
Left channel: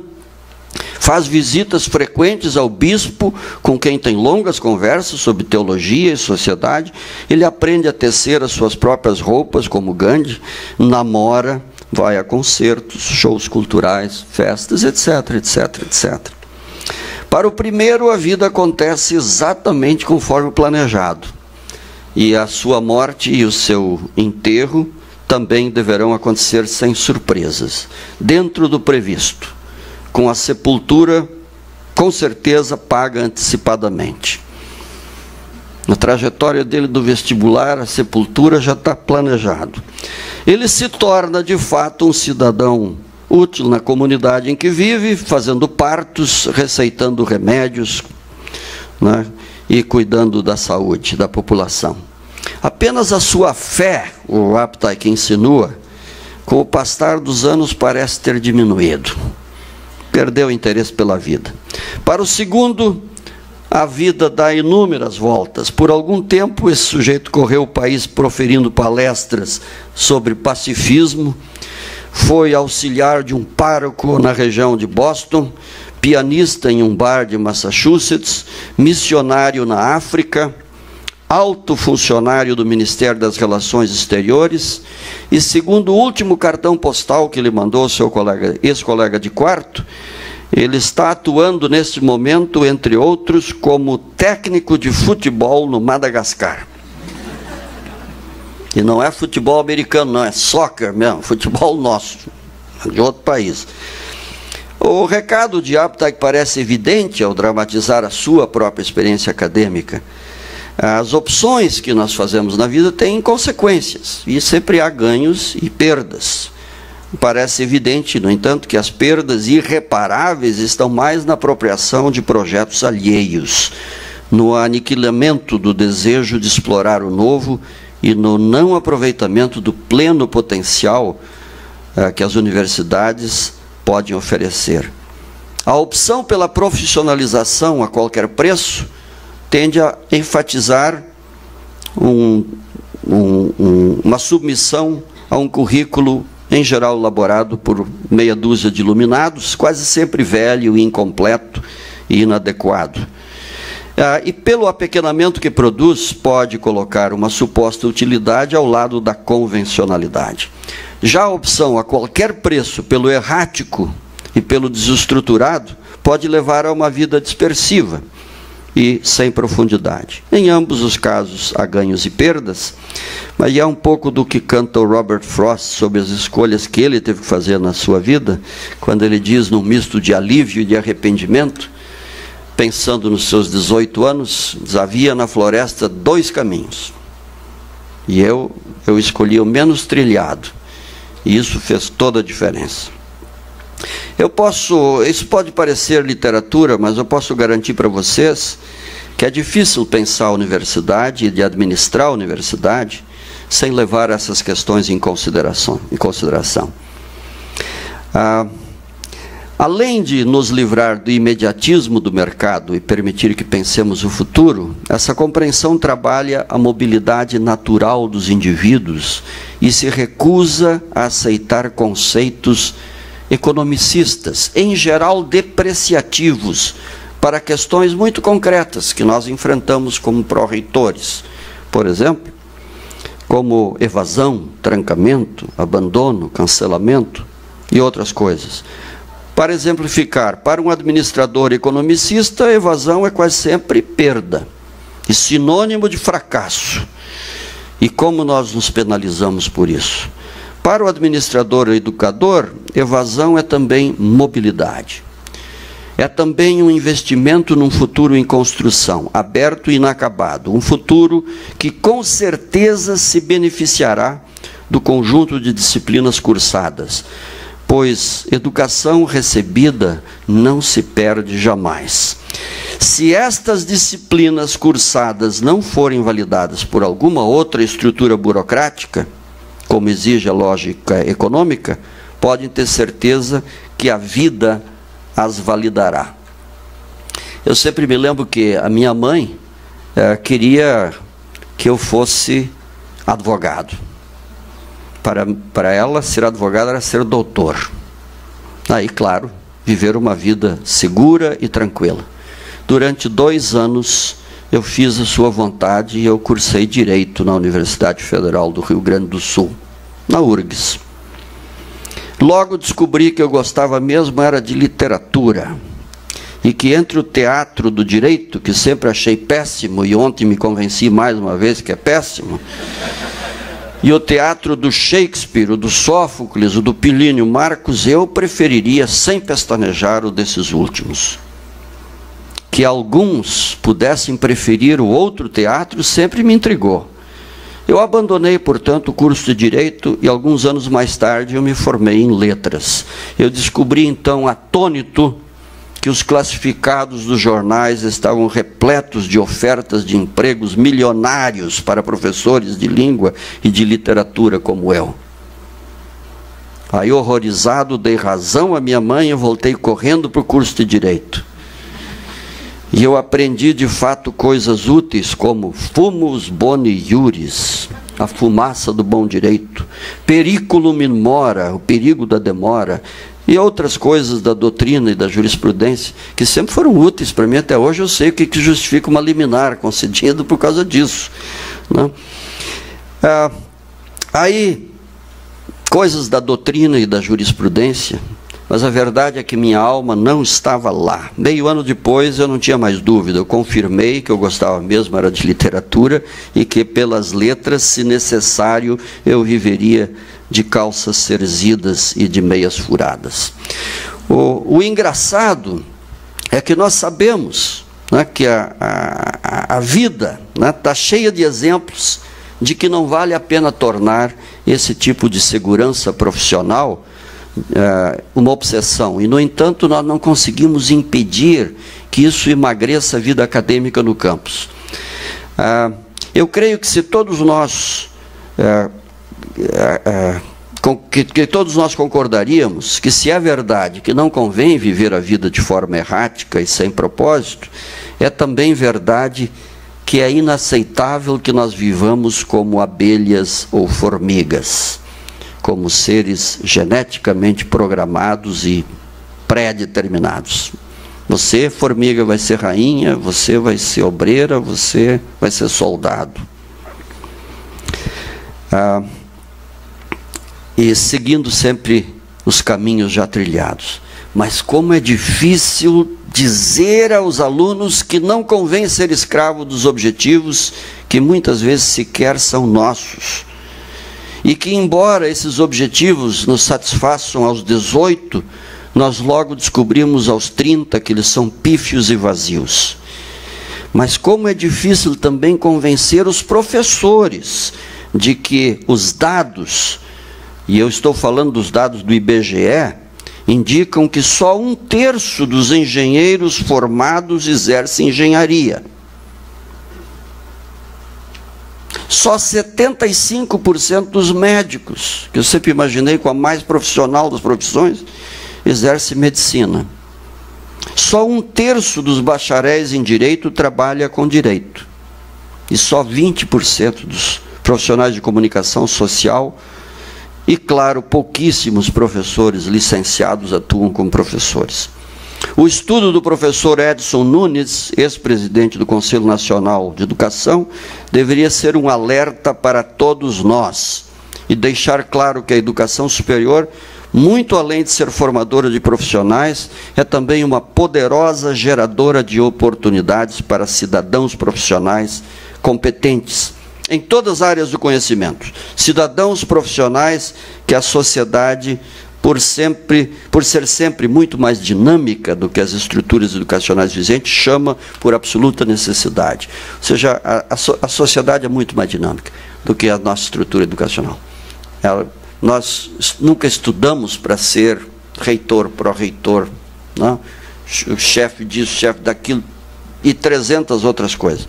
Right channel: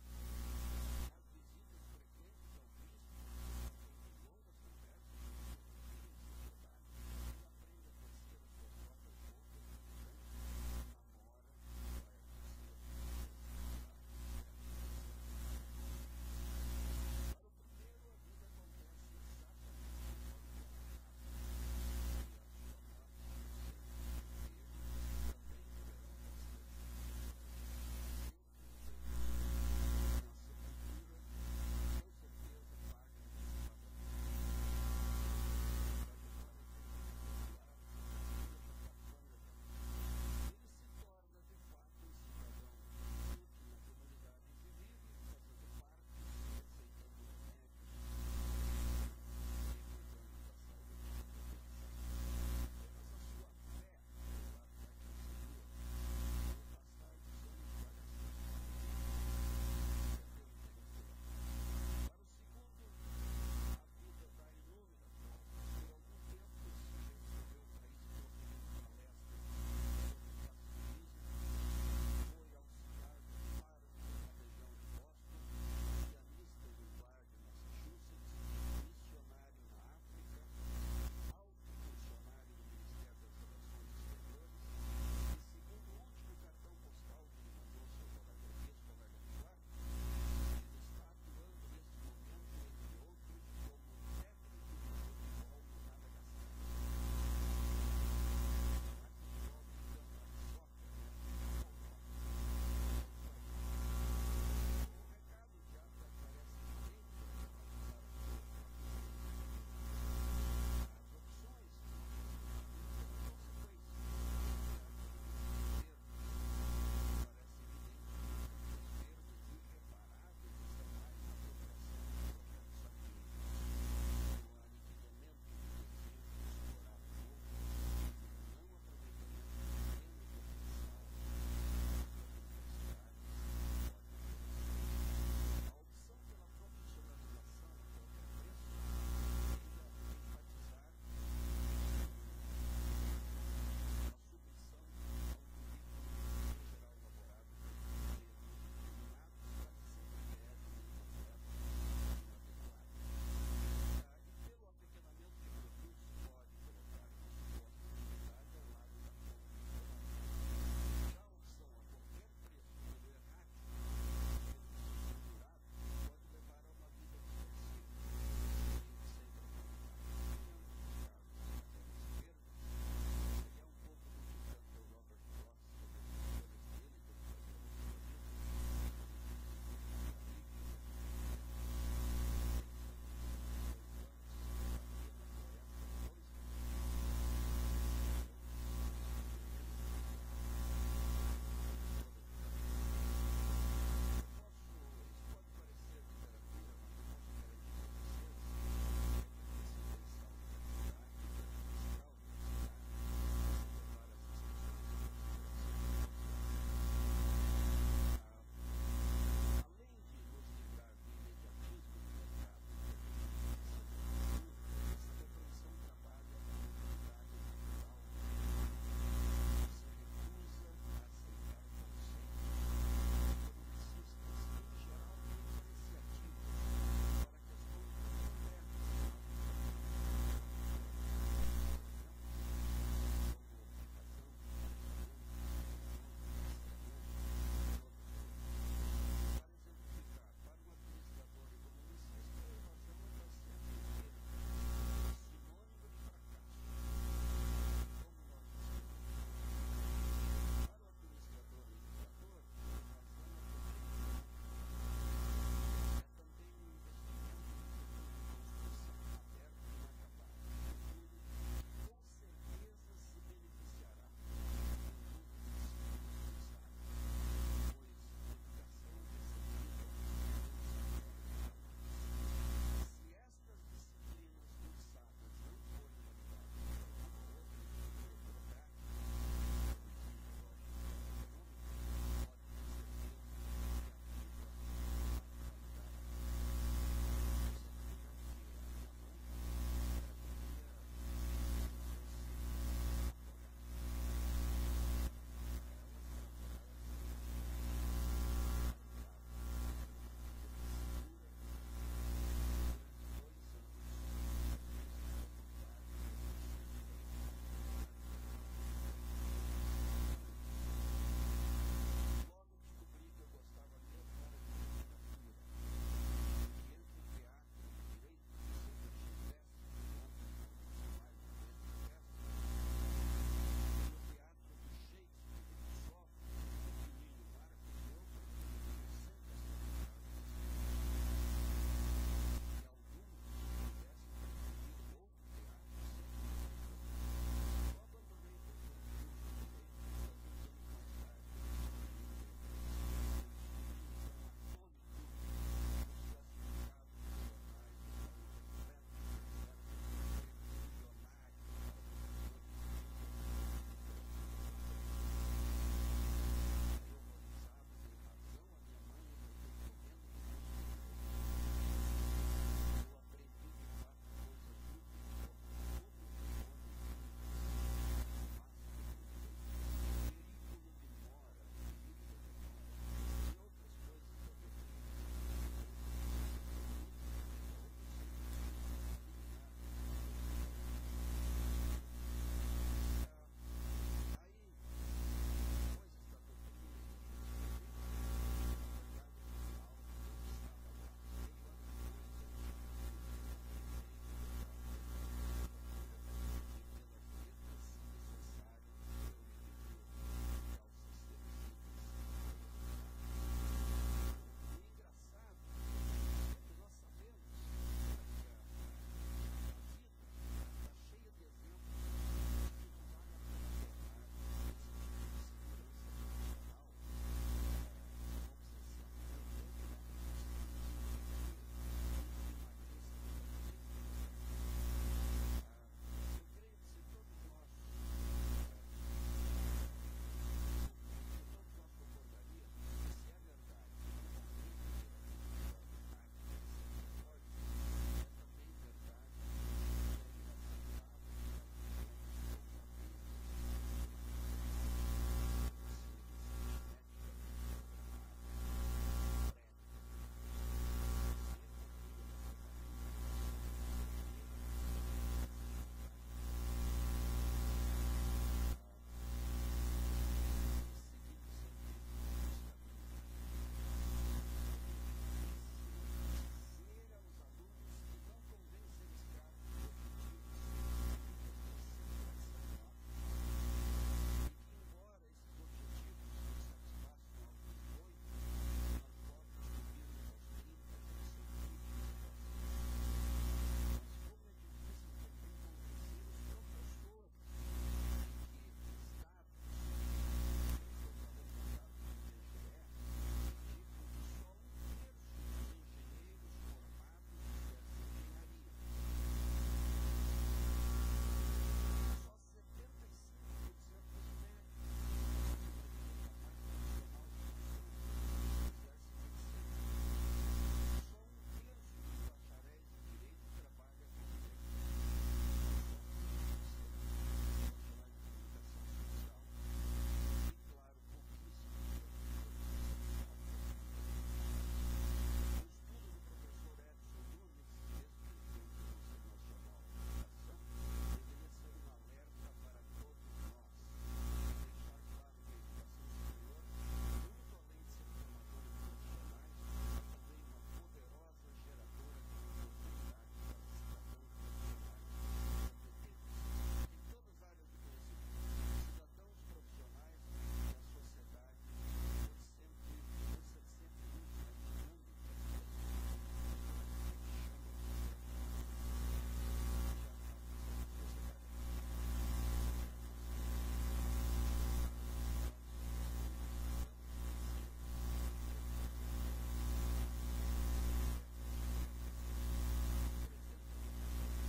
faz visitas frequentes ao bispo, com quem tem longas conversas sobre teologia e sociedade. Ele aprende a tecer as suas próprias roupas, como Gandhi, namora, vai a concertos, shows culturais, festas, etc, etc, etc. Para o primeiro, a vida acontece exatamente conforme planejado. E a sua morte e o seu enterro também deverão acontecer sem surpresas, dentro do previsto, com a sepultura, com certeza, paga antecipadamente. Na trajetória dele do vestibular, a sepultura já está planejado. Ele se torna, de fato, um cidadão útil na comunidade em que vive, fazendo partos, receitando remédios, né, e cuidando da saúde da população. Apenas a sua fé, o Updike insinua, com o passar dos anos parece ter diminuído. Perdeu o interesse pela vida. Para o segundo, a vida dá inúmeras voltas. Por algum tempo, esse sujeito correu o país proferindo palestras sobre pacifismo, foi auxiliar de um pároco na região de Boston, pianista em um bar de Massachusetts, missionário na África, alto funcionário do Ministério das Relações Exteriores, e segundo o último cartão postal que ele mandou ao seu ex-colega de quarto, ele está atuando neste momento, entre outros, como técnico de futebol no Madagascar. E não é futebol americano, não, é soccer mesmo, futebol nosso, de outro país. O recado de Updike parece evidente ao dramatizar a sua própria experiência acadêmica. As opções que nós fazemos na vida têm consequências, e sempre há ganhos e perdas. Parece evidente, no entanto, que as perdas irreparáveis estão mais na apropriação de projetos alheios, no aniquilamento do desejo de explorar o novo e no não aproveitamento do pleno potencial que as universidades podem oferecer. A opção pela profissionalização a qualquer preço tende a enfatizar uma submissão a um currículo, em geral elaborado por meia dúzia de iluminados, quase sempre velho, incompleto e inadequado. E pelo apequenamento que produz, pode colocar uma suposta utilidade ao lado da convencionalidade. Já a opção a qualquer preço pelo errático e pelo desestruturado pode levar a uma vida dispersiva e sem profundidade. Em ambos os casos há ganhos e perdas, mas é um pouco do que canta o Robert Frost sobre as escolhas que ele teve que fazer na sua vida, quando ele diz, num misto de alívio e de arrependimento, pensando nos seus 18 anos, havia na floresta 2 caminhos. E eu escolhi o menos trilhado. E isso fez toda a diferença. Isso pode parecer literatura, mas eu posso garantir para vocês que é difícil pensar a universidade e de administrar a universidade sem levar essas questões em consideração. Além de nos livrar do imediatismo do mercado e permitir que pensemos o futuro, essa compreensão trabalha a mobilidade natural dos indivíduos e se recusa a aceitar conceitos economicistas, em geral depreciativos, para questões muito concretas que nós enfrentamos como pró-reitores. Por exemplo, como evasão, trancamento, abandono, cancelamento e outras coisas. Para exemplificar, para um administrador economicista, a evasão é quase sempre perda, e sinônimo de fracasso. E como nós nos penalizamos por isso? Para o administrador ou educador, evasão é também mobilidade. É também um investimento num futuro em construção, aberto e inacabado. Um futuro que com certeza se beneficiará do conjunto de disciplinas cursadas, pois educação recebida não se perde jamais. Se estas disciplinas cursadas não forem validadas por alguma outra estrutura burocrática, como exige a lógica econômica, podem ter certeza que a vida as validará. Eu sempre me lembro que a minha mãe queria que eu fosse advogado. Para ela, ser advogado era ser doutor. Aí, claro, viver uma vida segura e tranquila. Durante 2 anos, eu fiz a sua vontade e eu cursei Direito na Universidade Federal do Rio Grande do Sul, na URGS. Logo descobri que eu gostava mesmo era de literatura. e que entre o teatro do direito, que sempre achei péssimo, e ontem me convenci mais uma vez que é péssimo, e o teatro do Shakespeare, o do Sófocles, o do Plínio Marcos, eu preferiria, sem pestanejar, o desses últimos. Que alguns pudessem preferir o outro teatro sempre me intrigou. Eu abandonei, portanto, o curso de Direito e alguns anos mais tarde eu me formei em Letras. Eu descobri então, atônito, que os classificados dos jornais estavam repletos de ofertas de empregos milionários para professores de língua e de literatura como eu. Aí, horrorizado, dei razão à minha mãe e voltei correndo para o curso de Direito. E eu aprendi, de fato, coisas úteis como fumus boni iuris, a fumaça do bom direito, periculum in mora, o perigo da demora, e outras coisas da doutrina e da jurisprudência, que sempre foram úteis para mim. Até hoje eu sei o que justifica uma liminar concedida por causa disso, né? Aí, coisas da doutrina e da jurisprudência, mas a verdade é que minha alma não estava lá. Meio ano depois eu não tinha mais dúvida, eu confirmei que eu gostava mesmo era de literatura e que pelas letras, se necessário, eu viveria de calças cerzidas e de meias furadas. O engraçado é que nós sabemos, né, que a vida está cheia de exemplos de que não vale a pena tornar esse tipo de segurança profissional uma obsessão. E, no entanto, nós não conseguimos impedir que isso emagreça a vida acadêmica no campus. Eu creio que se todos nós... que todos nós concordaríamos que, se é verdade que não convém viver a vida de forma errática e sem propósito, é também verdade que é inaceitável que nós vivamos como abelhas ou formigas, como seres geneticamente programados e pré-determinados. Você, formiga, vai ser rainha, você vai ser obreira, você vai ser soldado. E seguindo sempre os caminhos já trilhados. Mas como é difícil dizer aos alunos que não convém ser escravo dos objetivos que muitas vezes sequer são nossos. E que, embora esses objetivos nos satisfaçam aos 18, nós logo descobrimos aos 30 que eles são pífios e vazios. Mas como é difícil também convencer os professores de que os dados, e eu estou falando dos dados do IBGE, indicam que só 1/3 dos engenheiros formados exerce engenharia. Só 75% dos médicos, que eu sempre imaginei com a mais profissional das profissões, exerce medicina. Só 1/3 dos bacharéis em direito trabalha com direito. E só 20% dos profissionais de comunicação social e, claro, pouquíssimos professores licenciados atuam como professores. O estudo do professor Edson Nunes, ex-presidente do Conselho Nacional de Educação, deveria ser um alerta para todos nós e deixar claro que a educação superior, muito além de ser formadora de profissionais, é também uma poderosa geradora de oportunidades para cidadãos profissionais competentes em todas as áreas do conhecimento. Cidadãos profissionais que a sociedade, por ser sempre muito mais dinâmica do que as estruturas educacionais vigentes, chama por absoluta necessidade. Ou seja, a sociedade é muito mais dinâmica do que a nossa estrutura educacional. Nós nunca estudamos para ser reitor, pró-reitor, não? Chefe disso, chefe daquilo, e 300 outras coisas.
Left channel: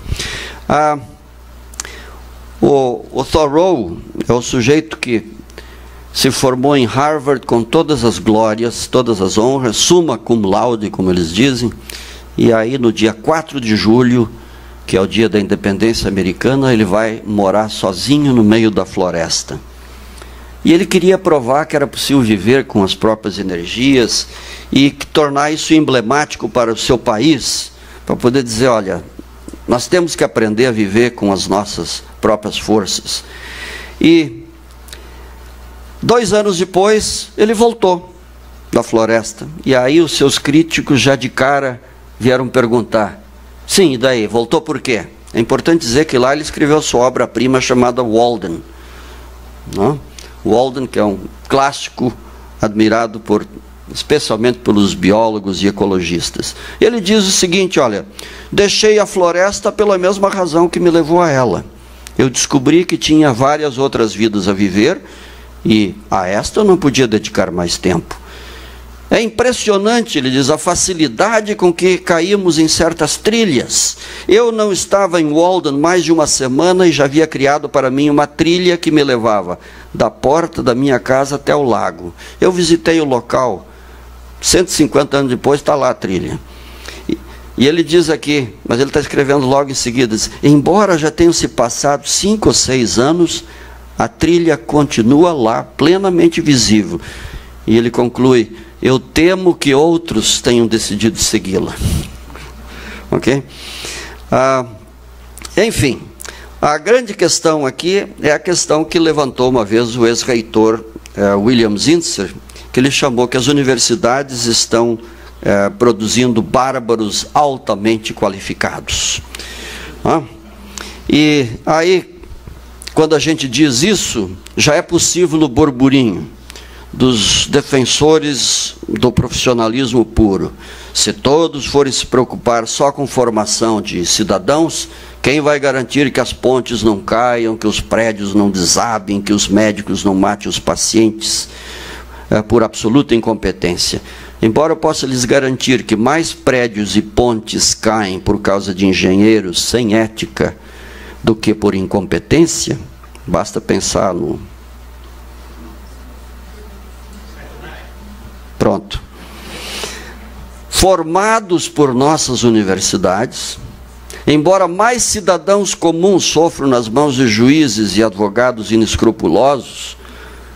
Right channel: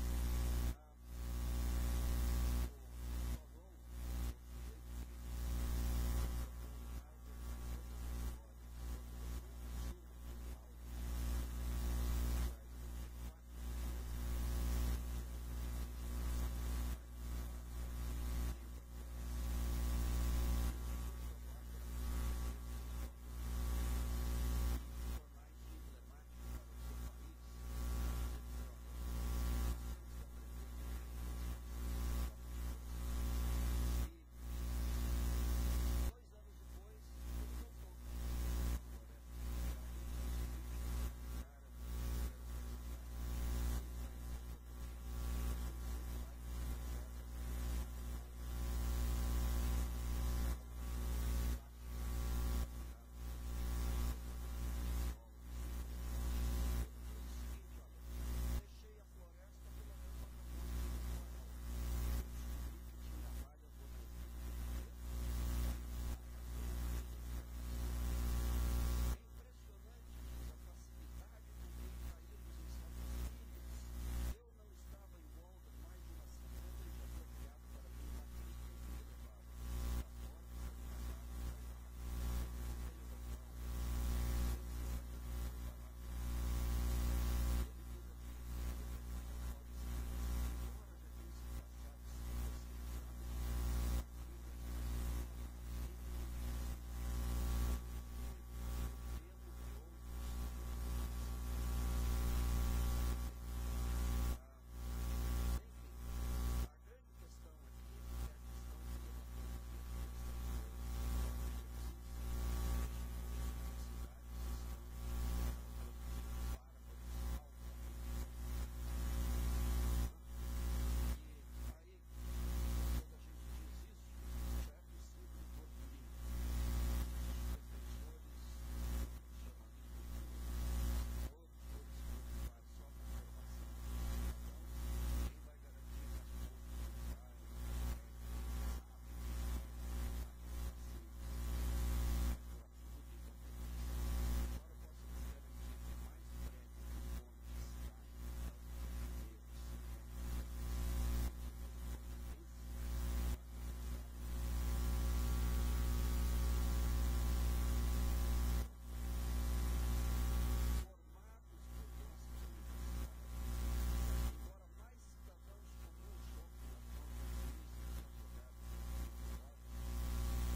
O Thoreau é o sujeito que se formou em Harvard com todas as glórias, todas as honras, summa cum laude, como eles dizem, e aí no dia 4 de julho, que é o dia da independência americana, ele vai morar sozinho no meio da floresta. E ele queria provar que era possível viver com as próprias energias e tornar isso emblemático para o seu país, para poder dizer, olha, nós temos que aprender a viver com as nossas próprias forças. E 2 anos depois, ele voltou da floresta. E aí os seus críticos já de cara vieram perguntar, sim, e daí? Voltou por quê? É importante dizer que lá ele escreveu sua obra-prima chamada Walden. Não? Walden, que é um clássico admirado especialmente pelos biólogos e ecologistas. Ele diz o seguinte, olha, deixei a floresta pela mesma razão que me levou a ela. Eu descobri que tinha várias outras vidas a viver e a esta eu não podia dedicar mais tempo. É impressionante, ele diz, a facilidade com que caímos em certas trilhas. Eu não estava em Walden mais de uma semana e já havia criado para mim uma trilha que me levava da porta da minha casa até o lago. Eu visitei o local, 150 anos depois está lá a trilha. E ele diz aqui, mas ele está escrevendo logo em seguida, diz, embora já tenham se passado 5 ou 6 anos, a trilha continua lá, plenamente visível. E ele conclui, eu temo que outros tenham decidido segui-la. Ok? Enfim, a grande questão aqui é a questão que levantou uma vez o ex-reitor William Zinsser, que ele chamou que as universidades estão produzindo bárbaros altamente qualificados. E aí, quando a gente diz isso, já é possível o burburinho dos defensores do profissionalismo puro. Se todos forem se preocupar só com formação de cidadãos, quem vai garantir que as pontes não caiam, que os prédios não desabem, que os médicos não matem os pacientes por absoluta incompetência? Embora eu possa lhes garantir que mais prédios e pontes caem por causa de engenheiros sem ética do que por incompetência, basta pensar no... Pronto. Formados por nossas universidades, embora mais cidadãos comuns sofram nas mãos de juízes e advogados inescrupulosos,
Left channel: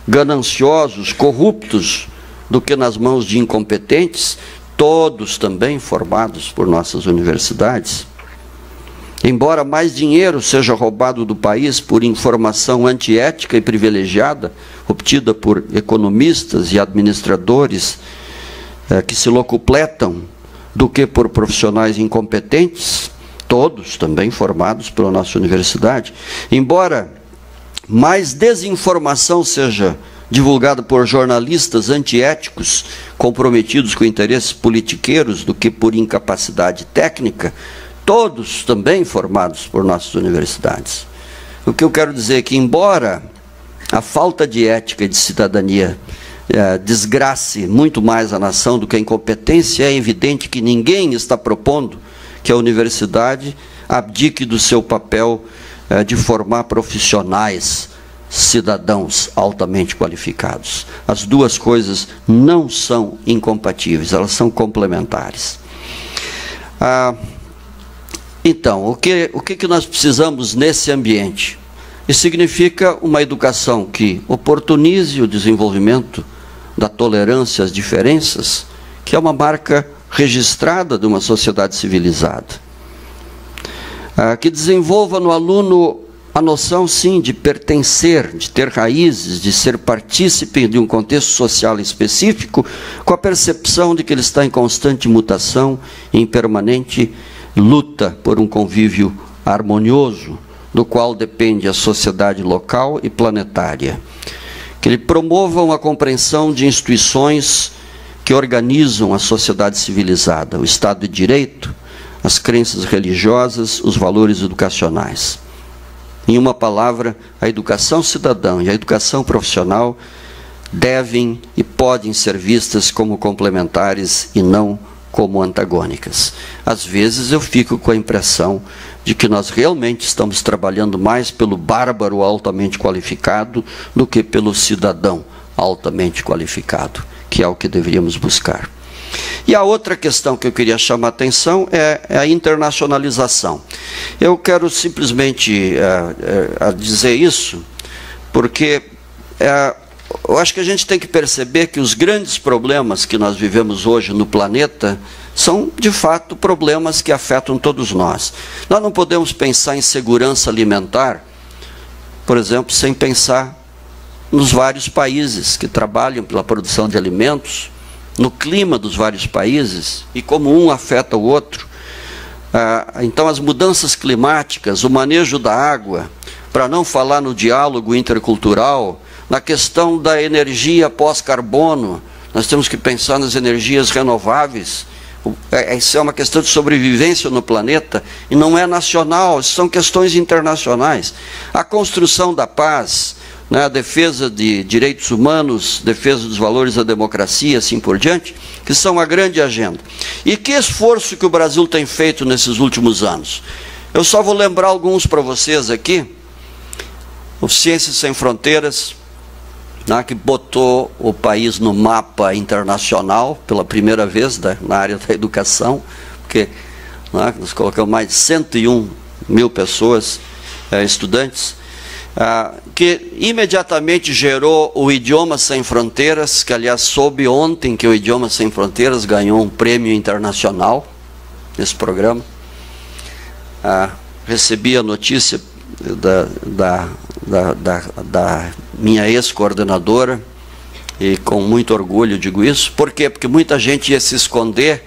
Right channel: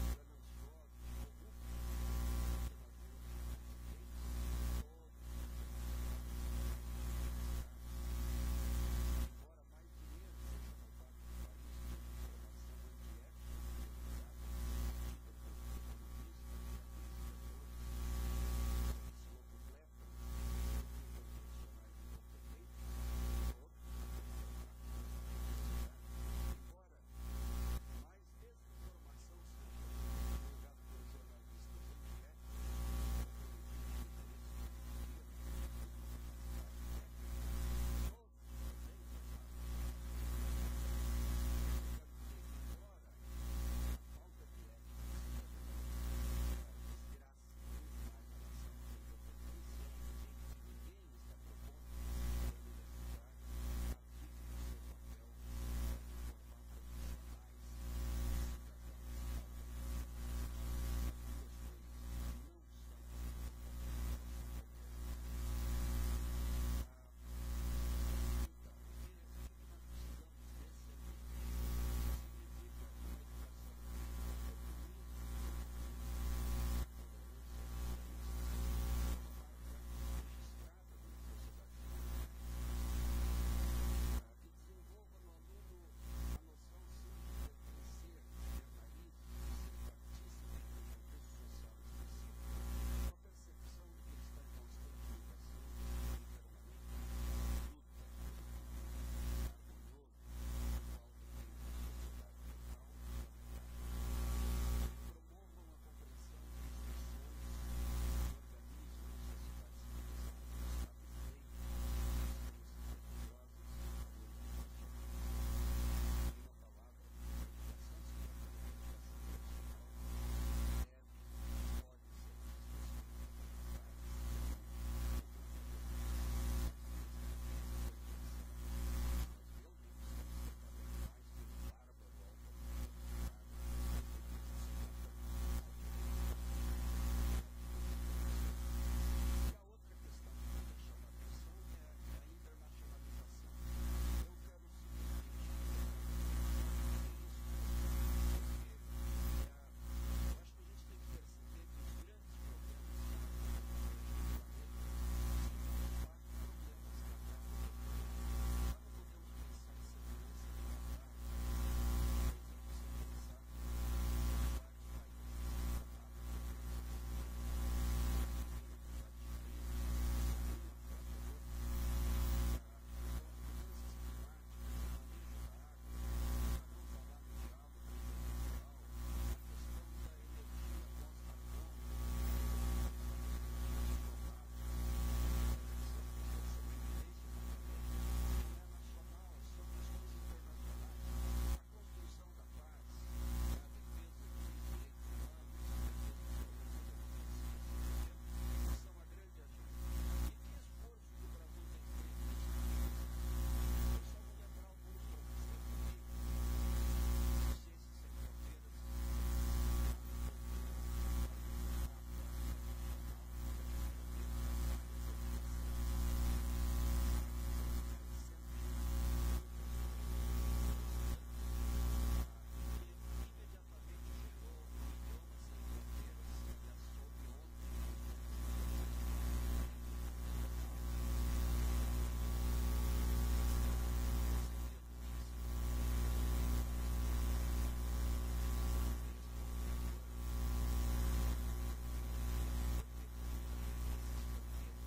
gananciosos, corruptos, do que nas mãos de incompetentes, todos também formados por nossas universidades. Embora mais dinheiro seja roubado do país por informação antiética e privilegiada, obtida por economistas e administradores que se locupletam, do que por profissionais incompetentes, todos também formados pela nossa universidade. Embora mais desinformação seja divulgada por jornalistas antiéticos, comprometidos com interesses politiqueiros, do que por incapacidade técnica, todos também formados por nossas universidades. O que eu quero dizer é que, embora a falta de ética e de cidadania desgrace muito mais a nação do que a incompetência, é evidente que ninguém está propondo que a universidade abdique do seu papel de formar profissionais, cidadãos altamente qualificados. As duas coisas não são incompatíveis, elas são complementares. Então, o que nós precisamos nesse ambiente? Isso significa uma educação que oportunize o desenvolvimento da tolerância às diferenças, que é uma marca registrada de uma sociedade civilizada. Que desenvolva no aluno a noção, sim, de pertencer, de ter raízes, de ser partícipe de um contexto social específico, com a percepção de que ele está em constante mutação e em permanente luta por um convívio harmonioso, do qual depende a sociedade local e planetária. Que ele promova uma compreensão de instituições que organizam a sociedade civilizada, o Estado de Direito, as crenças religiosas, os valores educacionais. Em uma palavra, a educação cidadã e a educação profissional devem e podem ser vistas como complementares e não como antagônicas. Às vezes eu fico com a impressão de que nós realmente estamos trabalhando mais pelo bárbaro altamente qualificado do que pelo cidadão altamente qualificado, que é o que deveríamos buscar. E a outra questão que eu queria chamar a atenção é a internacionalização. Eu quero simplesmente dizer isso, porque eu acho que a gente tem que perceber que os grandes problemas que nós vivemos hoje no planeta são, de fato, problemas que afetam todos nós. Nós não podemos pensar em segurança alimentar, por exemplo, sem pensar nos vários países que trabalham pela produção de alimentos no clima dos vários países e como um afeta o outro. Então, as mudanças climáticas, o manejo da água, para não falar no diálogo intercultural, na questão da energia pós-carbono, nós temos que pensar nas energias renováveis. Isso é uma questão de sobrevivência no planeta e não é nacional, são questões internacionais. A construção da paz, né, a defesa de direitos humanos, defesa dos valores da democracia, assim por diante, que são a grande agenda. E que esforço que o Brasil tem feito nesses últimos anos? Eu só vou lembrar alguns para vocês aqui. O Ciências Sem Fronteiras, né, que botou o país no mapa internacional pela primeira vez na área da educação, porque nós colocamos mais de 101 mil pessoas, estudantes, que imediatamente gerou o Idiomas Sem Fronteiras, que aliás soube ontem que o Idiomas Sem Fronteiras ganhou um prêmio internacional nesse programa. Recebi a notícia da minha ex-coordenadora, e com muito orgulho digo isso. Por quê? Porque muita gente ia se esconder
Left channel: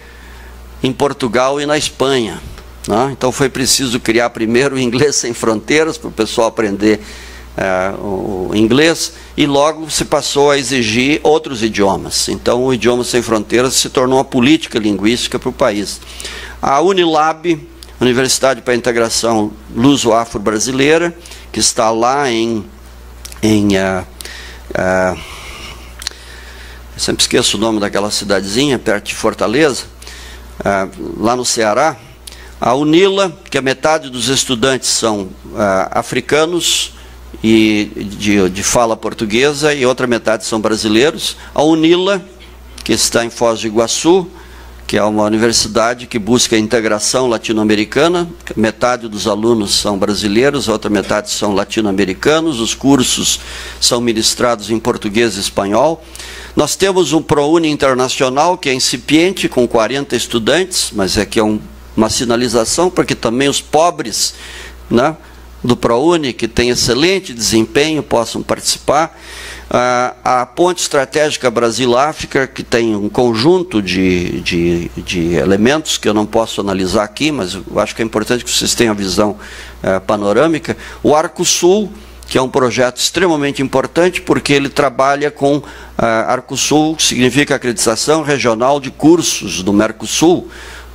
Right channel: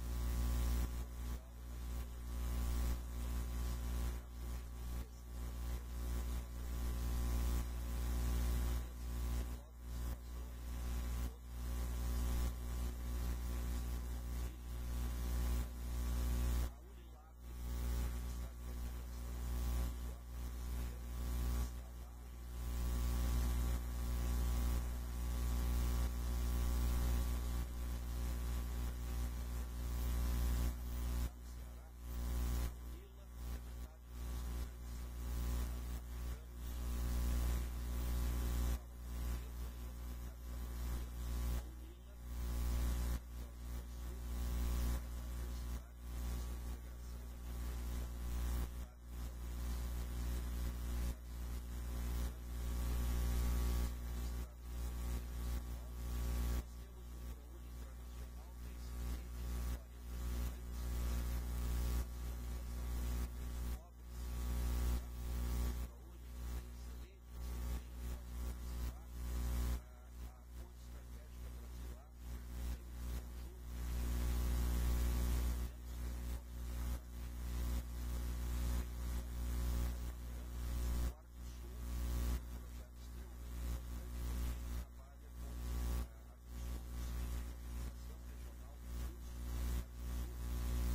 em Portugal e na Espanha, né? Então foi preciso criar primeiro o Inglês Sem Fronteiras, para o pessoal aprender o inglês, e logo se passou a exigir outros idiomas. Então o Idiomas Sem Fronteiras se tornou uma política linguística para o país. A Unilab, Universidade para a Integração Luso-Afro-Brasileira, que está lá sempre esqueço o nome daquela cidadezinha, perto de Fortaleza, lá no Ceará. A UNILA, que a metade dos estudantes são africanos e de fala portuguesa, e outra metade são brasileiros. A UNILA, que está em Foz do Iguaçu, que é uma universidade que busca a integração latino-americana. Metade dos alunos são brasileiros, a outra metade são latino-americanos. Os cursos são ministrados em português e espanhol. Nós temos um ProUni internacional, que é incipiente, com 40 estudantes, mas que é uma sinalização para que também os pobres, né, do ProUni, que tem excelente desempenho, possam participar. A Ponte Estratégica Brasil-África, que tem um conjunto de elementos que eu não posso analisar aqui, mas eu acho que é importante que vocês tenham a visão panorâmica. O Arcosul, que é um projeto extremamente importante, porque ele trabalha com Arcosul, que significa acreditação regional de cursos do Mercosul,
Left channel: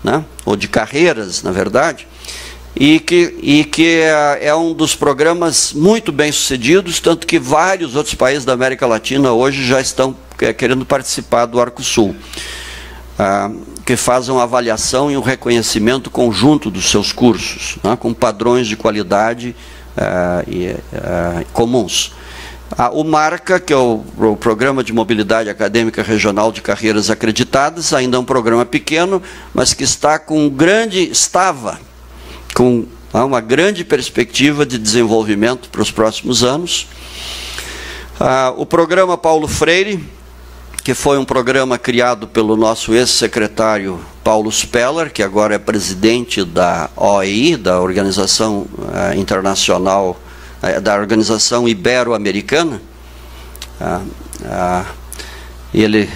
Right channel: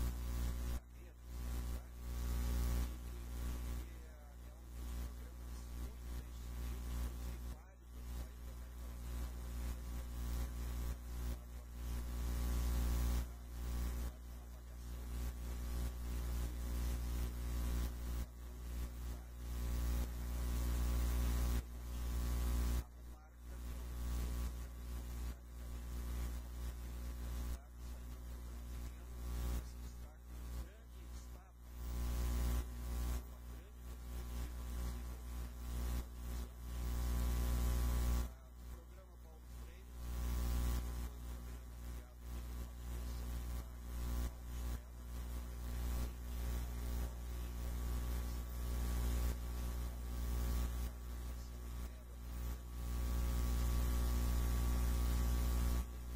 né, ou de carreiras, na verdade. E que é um dos programas muito bem sucedidos, tanto que vários outros países da América Latina hoje já estão querendo participar do Arcosul, que faz uma avaliação e um reconhecimento conjunto dos seus cursos, né, com padrões de qualidade comuns. O MARCA, que é o Programa de Mobilidade Acadêmica Regional de Carreiras Acreditadas, ainda é um programa pequeno, mas que estava com uma grande perspectiva de desenvolvimento para os próximos anos. O programa Paulo Freire, que foi um programa criado pelo nosso ex-secretário Paulo Speller, que agora é presidente da OEI, da Organização Internacional, da Organização Ibero-Americana. Ele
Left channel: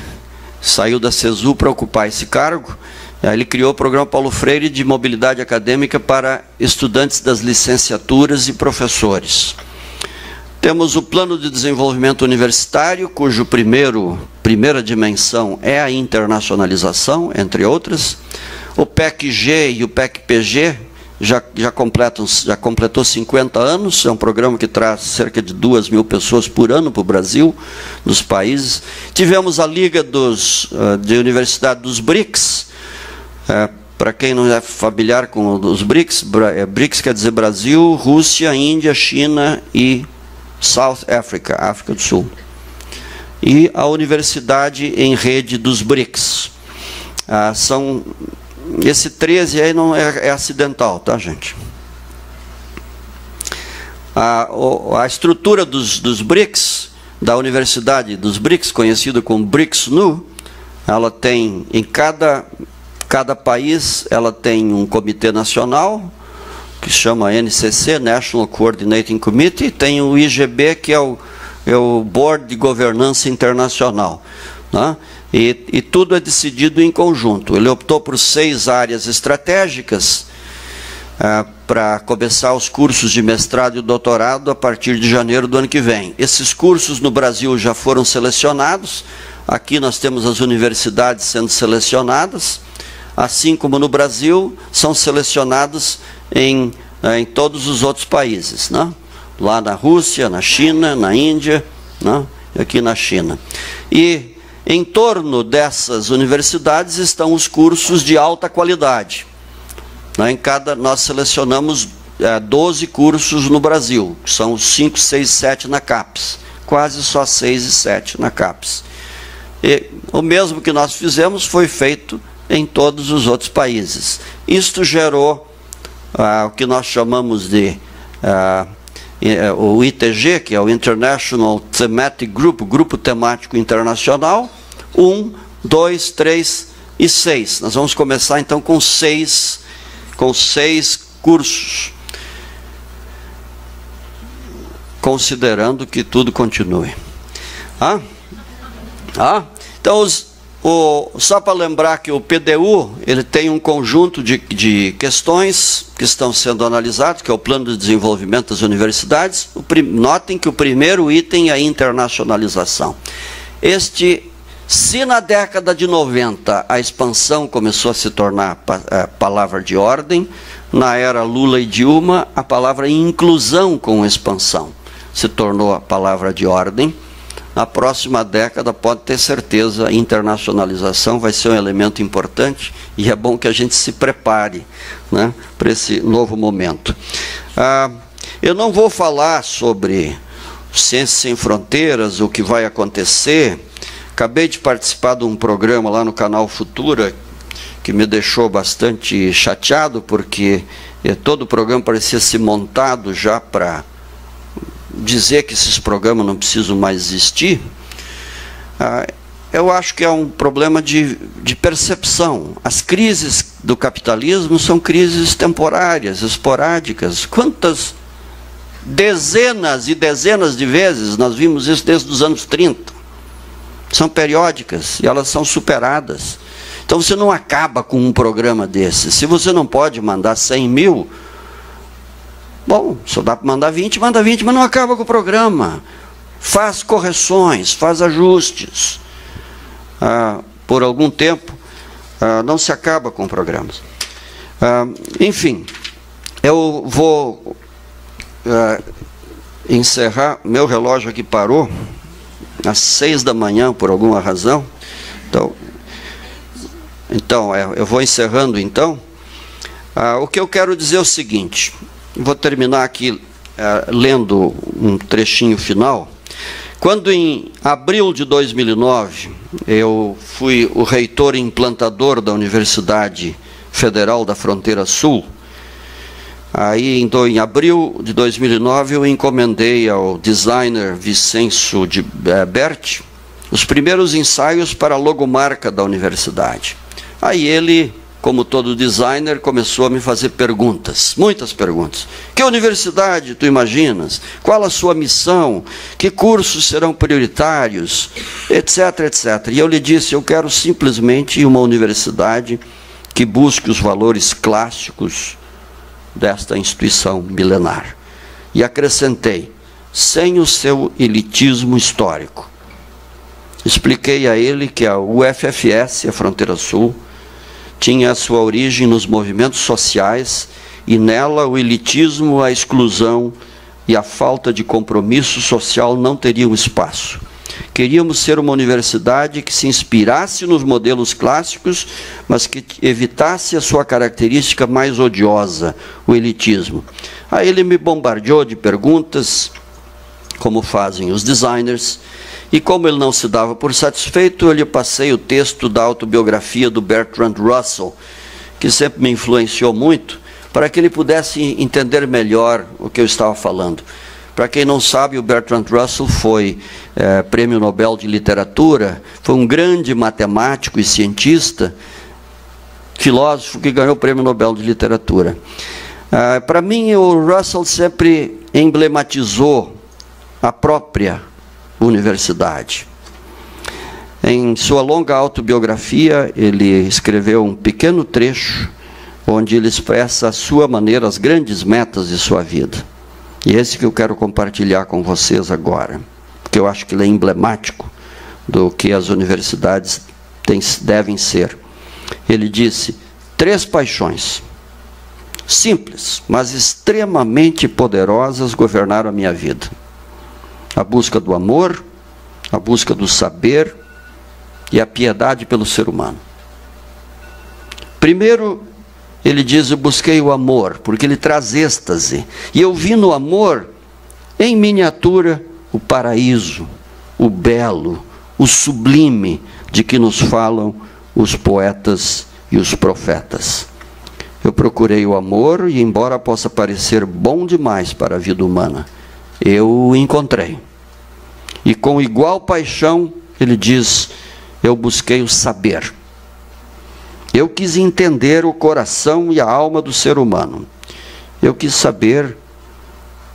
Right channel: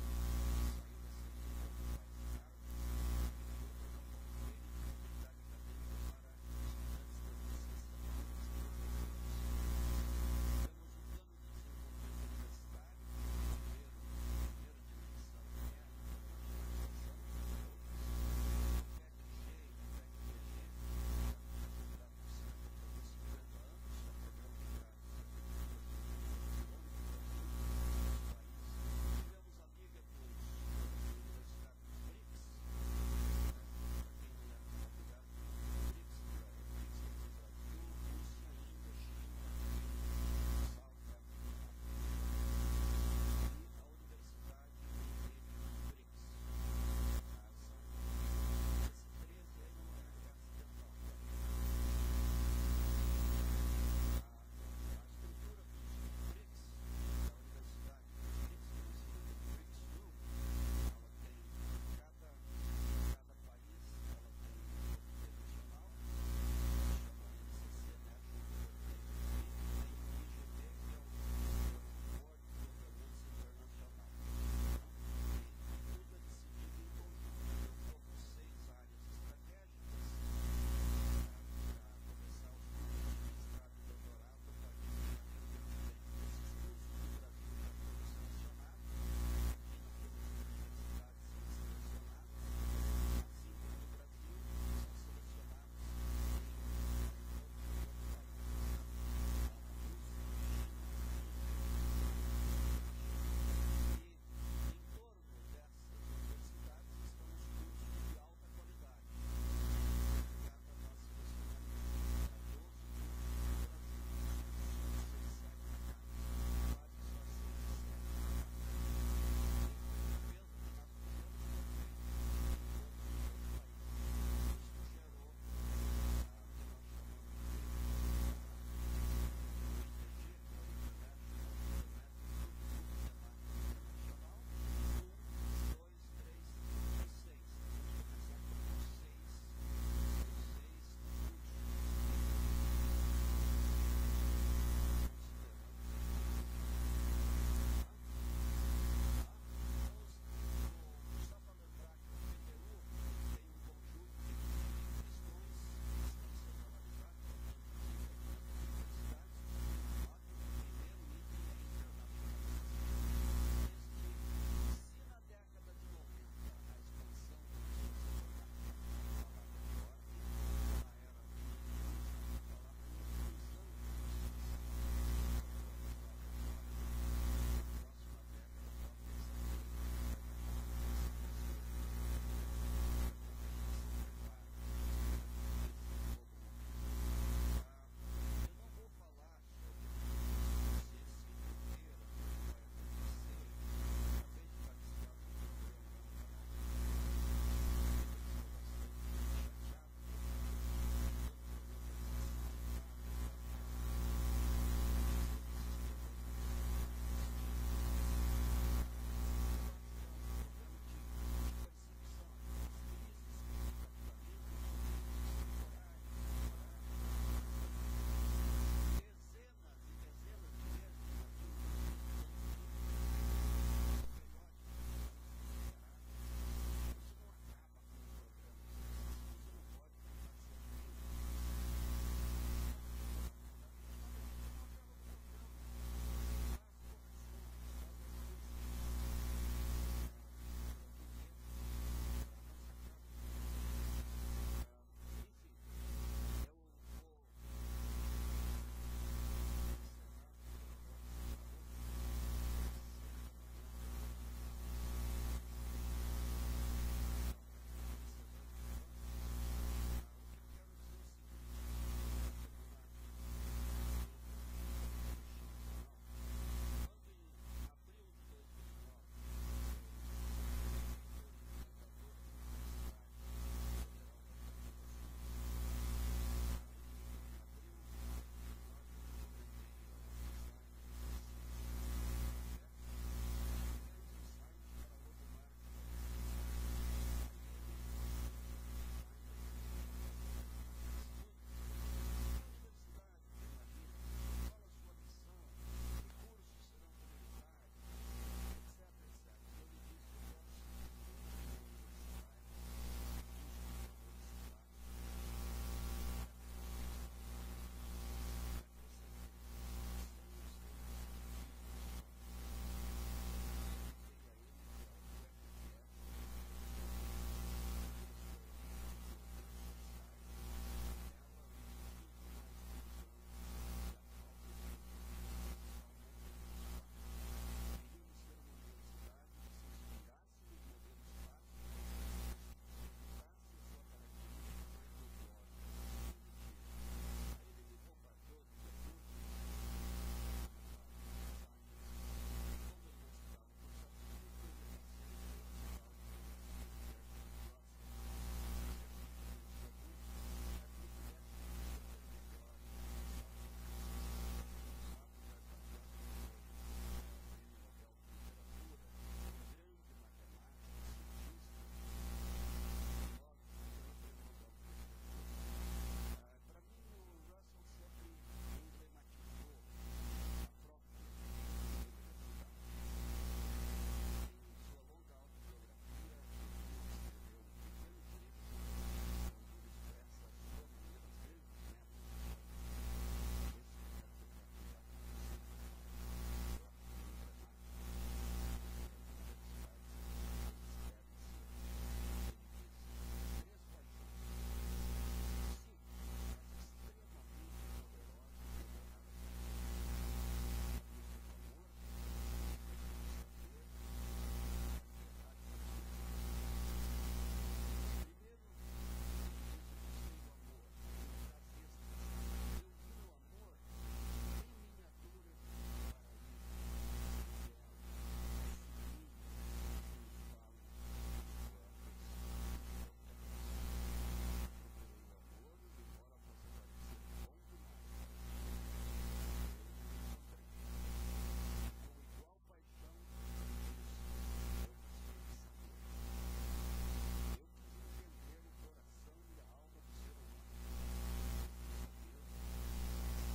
saiu da CESU para ocupar esse cargo. Ele criou o programa Paulo Freire de mobilidade acadêmica para estudantes das licenciaturas e professores. Temos o Plano de Desenvolvimento Universitário, cujo primeira dimensão é a internacionalização, entre outras. O PEC-G e o PEC-PG já completou 50 anos, é um programa que traz cerca de 2.000 pessoas por ano para o Brasil, nos países. Tivemos a Liga de Universidade dos BRICS. Para quem não é familiar com os BRICS, BRICS quer dizer Brasil, Rússia, Índia, China e South Africa, África do Sul. E a Universidade em Rede dos BRICS. Esse 13 aí não é acidental, tá, gente? A estrutura dos BRICS, da Universidade dos BRICS, conhecida como BRICS-NU, ela tem, em cada país, ela tem um comitê nacional, que se chama NCC, National Coordinating Committee, tem o IGB, que é o Board de Governança Internacional, né? E tudo é decidido em conjunto. Ele optou por 6 áreas estratégicas para começar os cursos de mestrado e doutorado a partir de janeiro do ano que vem. Esses cursos no Brasil já foram selecionados. Aqui nós temos as universidades sendo selecionadas, assim como no Brasil são selecionados em todos os outros países, né? Lá na Rússia, na China, na Índia, né? Aqui na China. E em torno dessas universidades estão os cursos de alta qualidade. Nós selecionamos 12 cursos no Brasil, que são os 5, 6, 7 na CAPES. Quase só 6 e 7 na CAPES. E o mesmo que nós fizemos foi feito em todos os outros países. Isto gerou o que nós chamamos de o ITG, que é o International Thematic Group, Grupo Temático Internacional, 1, 2, 3 e 6. Nós vamos começar então com 6 cursos, considerando que tudo continue. Então, só para lembrar que o PDU ele tem um conjunto de questões que estão sendo analisadas, que é o Plano de Desenvolvimento das Universidades. Notem que o primeiro item é a internacionalização. Se na década de 90 a expansão começou a se tornar palavra de ordem, na era Lula e Dilma a palavra inclusão com expansão se tornou a palavra de ordem. Na próxima década, pode ter certeza, a internacionalização vai ser um elemento importante e é bom que a gente se prepare, né, para esse novo momento. Eu não vou falar sobre Ciências Sem Fronteiras, o que vai acontecer. Acabei de participar de um programa lá no canal Futura, que me deixou bastante chateado, porque todo o programa parecia ser montado já para dizer que esses programas não precisam mais existir. Eu acho que é um problema de percepção. As crises do capitalismo são crises temporárias, esporádicas. Quantas dezenas e dezenas de vezes nós vimos isso desde os anos 30? São periódicas e elas são superadas. Então você não acaba com um programa desse. Se você não pode mandar 100 mil, bom, só dá para mandar 20, manda 20, mas não acaba com o programa. Faz correções, faz ajustes. Por algum tempo, não se acaba com programas. Enfim, eu vou encerrar. Meu relógio aqui parou às 6 da manhã, por alguma razão. Então eu vou encerrando então. O que eu quero dizer é o seguinte. Vou terminar aqui lendo um trechinho final. Quando em abril de 2009, eu fui o reitor implantador da Universidade Federal da Fronteira Sul, aí então, em abril de 2009 eu encomendei ao designer Vicenço de Berti os primeiros ensaios para a logomarca da universidade. Aí ele, como todo designer, começou a me fazer perguntas, muitas perguntas. Que universidade tu imaginas? Qual a sua missão? Que cursos serão prioritários? Etc, etc. E eu lhe disse, eu quero simplesmente uma universidade que busque os valores clássicos desta instituição milenar. E acrescentei, sem o seu elitismo histórico. Expliquei a ele que a UFFS, a Fronteira Sul, tinha a sua origem nos movimentos sociais e nela o elitismo, a exclusão e a falta de compromisso social não teriam espaço. Queríamos ser uma universidade que se inspirasse nos modelos clássicos, mas que evitasse a sua característica mais odiosa, o elitismo. Aí ele me bombardeou de perguntas, como fazem os designers, e como ele não se dava por satisfeito, eu lhe passei o texto da autobiografia do Bertrand Russell, que sempre me influenciou muito, para que ele pudesse entender melhor o que eu estava falando. Para quem não sabe, o Bertrand Russell foi Prêmio Nobel de Literatura, foi um grande matemático e cientista, filósofo que ganhou o Prêmio Nobel de Literatura. Para mim, o Russell sempre emblematizou a própria universidade. Em sua longa autobiografia, ele escreveu um pequeno trecho onde ele expressa à sua maneira as grandes metas de sua vida. E esse que eu quero compartilhar com vocês agora, porque eu acho que ele é emblemático do que as universidades devem ser. Ele disse: 3 paixões, simples, mas extremamente poderosas, governaram a minha vida. A busca do amor, a busca do saber e a piedade pelo ser humano. Primeiro, ele diz: eu busquei o amor, porque ele traz êxtase. E eu vi no amor, em miniatura, o paraíso, o belo, o sublime de que nos falam os poetas e os profetas. Eu procurei o amor e, embora possa parecer bom demais para a vida humana, eu o encontrei. E com igual paixão, ele diz, eu busquei o saber. Eu quis entender o coração e a alma do ser humano. Eu quis saber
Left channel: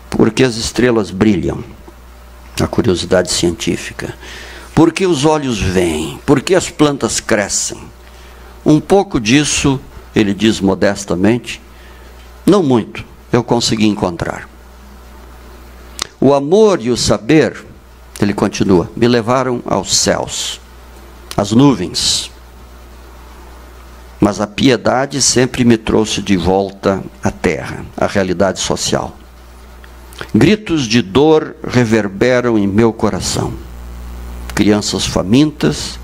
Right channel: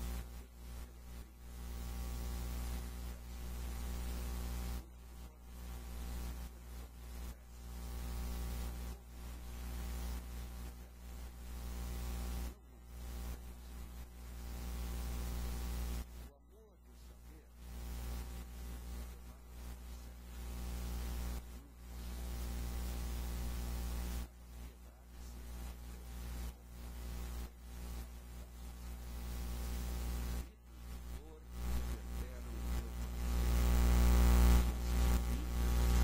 por que as estrelas brilham, a curiosidade científica. Por que os olhos veem? Por que as plantas crescem? Um pouco disso, ele diz modestamente, não muito, eu consegui encontrar. O amor e o saber, ele continua, me levaram aos céus, às nuvens. Mas a piedade sempre me trouxe de volta à terra, à realidade social. Gritos de dor reverberam em meu coração. Crianças famintas,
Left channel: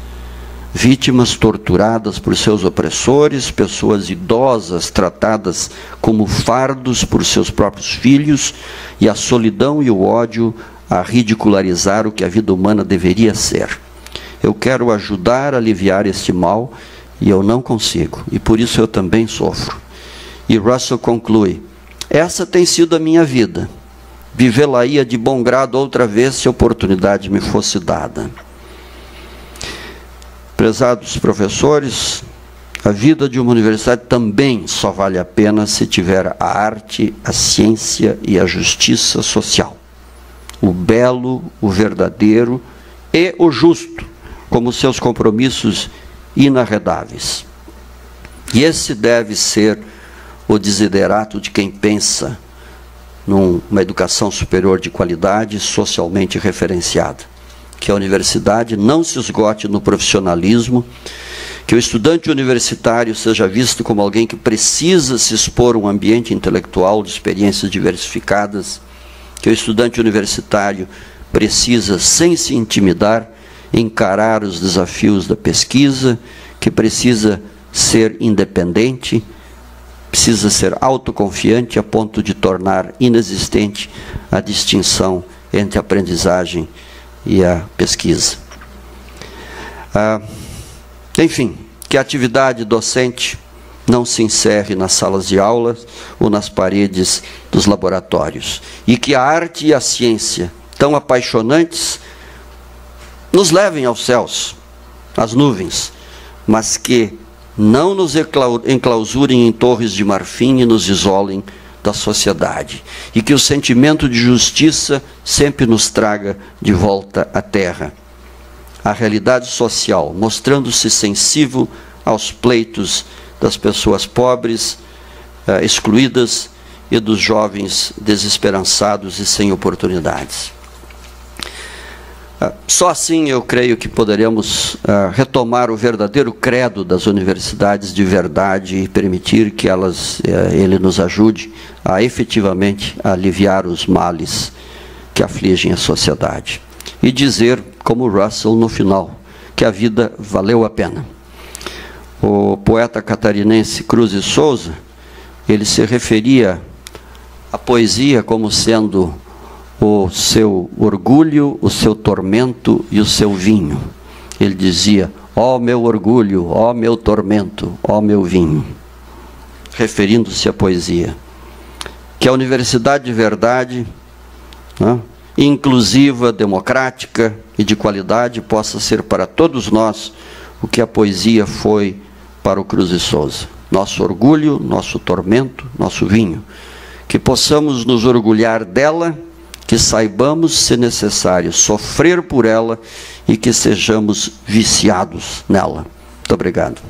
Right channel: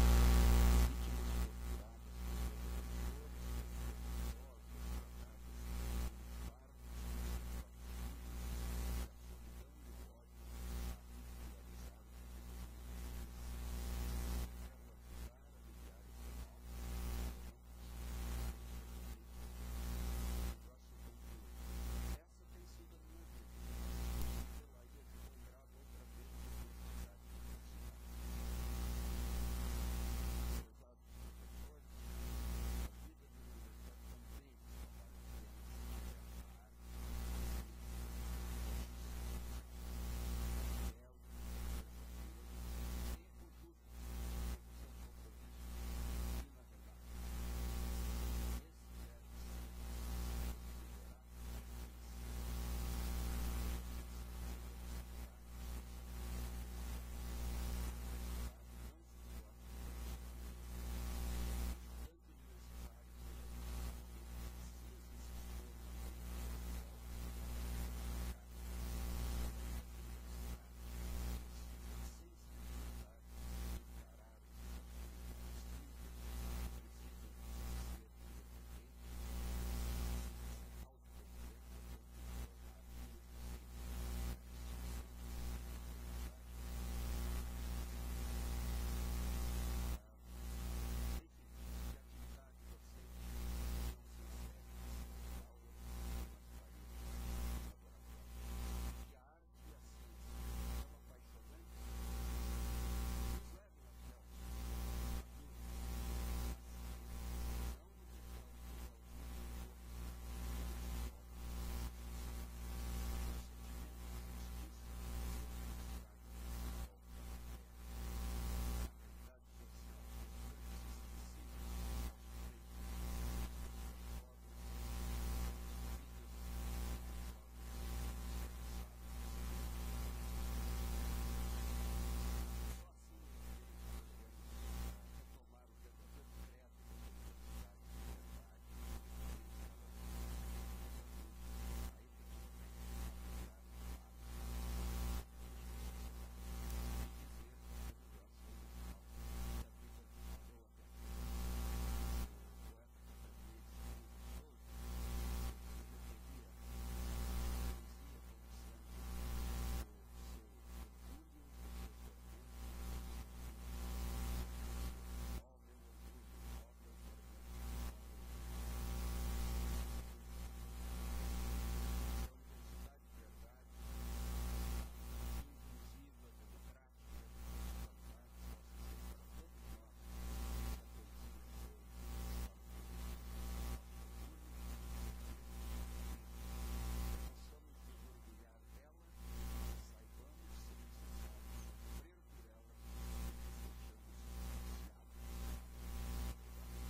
vítimas torturadas por seus opressores, pessoas idosas tratadas como fardos por seus próprios filhos, e a solidão e o ódio a ridicularizar o que a vida humana deveria ser. Eu quero ajudar a aliviar este mal, e eu não consigo, e por isso eu também sofro. E Russell conclui, essa tem sido a minha vida. Vivê-la-ia de bom grado outra vez se a oportunidade me fosse dada. Prezados professores, a vida de uma universidade também só vale a pena se tiver a arte, a ciência e a justiça social. O belo, o verdadeiro e o justo, como seus compromissos inarredáveis. E esse deve ser o desiderato de quem pensa numa educação superior de qualidade, socialmente referenciada. Que a universidade não se esgote no profissionalismo, que o estudante universitário seja visto como alguém que precisa se expor a um ambiente intelectual de experiências diversificadas, que o estudante universitário precisa, sem se intimidar, encarar os desafios da pesquisa, que precisa ser independente, precisa ser autoconfiante a ponto de tornar inexistente a distinção entre a aprendizagem e a pesquisa. Enfim, que a atividade docente não se encerre nas salas de aulas ou nas paredes dos laboratórios, e que a arte e a ciência, tão apaixonantes, nos levem aos céus, às nuvens, mas que não nos enclausurem em torres de marfim e nos isolem da sociedade. E que o sentimento de justiça sempre nos traga de volta à terra. A realidade social, mostrando-se sensível aos pleitos das pessoas pobres, excluídas, e dos jovens desesperançados e sem oportunidades. Só assim eu creio que poderemos retomar o verdadeiro credo das universidades de verdade e permitir que ele nos ajude a efetivamente aliviar os males que afligem a sociedade. E dizer, como Russell no final, que a vida valeu a pena. O poeta catarinense Cruz de Souza, ele se referia à poesia como sendo o seu orgulho, o seu tormento e o seu vinho. Ele dizia, ó meu orgulho, ó meu tormento, ó meu vinho, referindo-se à poesia. Que a universidade de verdade, né, inclusiva, democrática e de qualidade, possa ser para todos nós o que a poesia foi para o Cruz de Souza. Nosso orgulho, nosso tormento, nosso vinho. Que possamos nos orgulhar dela que saibamos, se necessário, sofrer por ela e que sejamos viciados nela. Muito obrigado.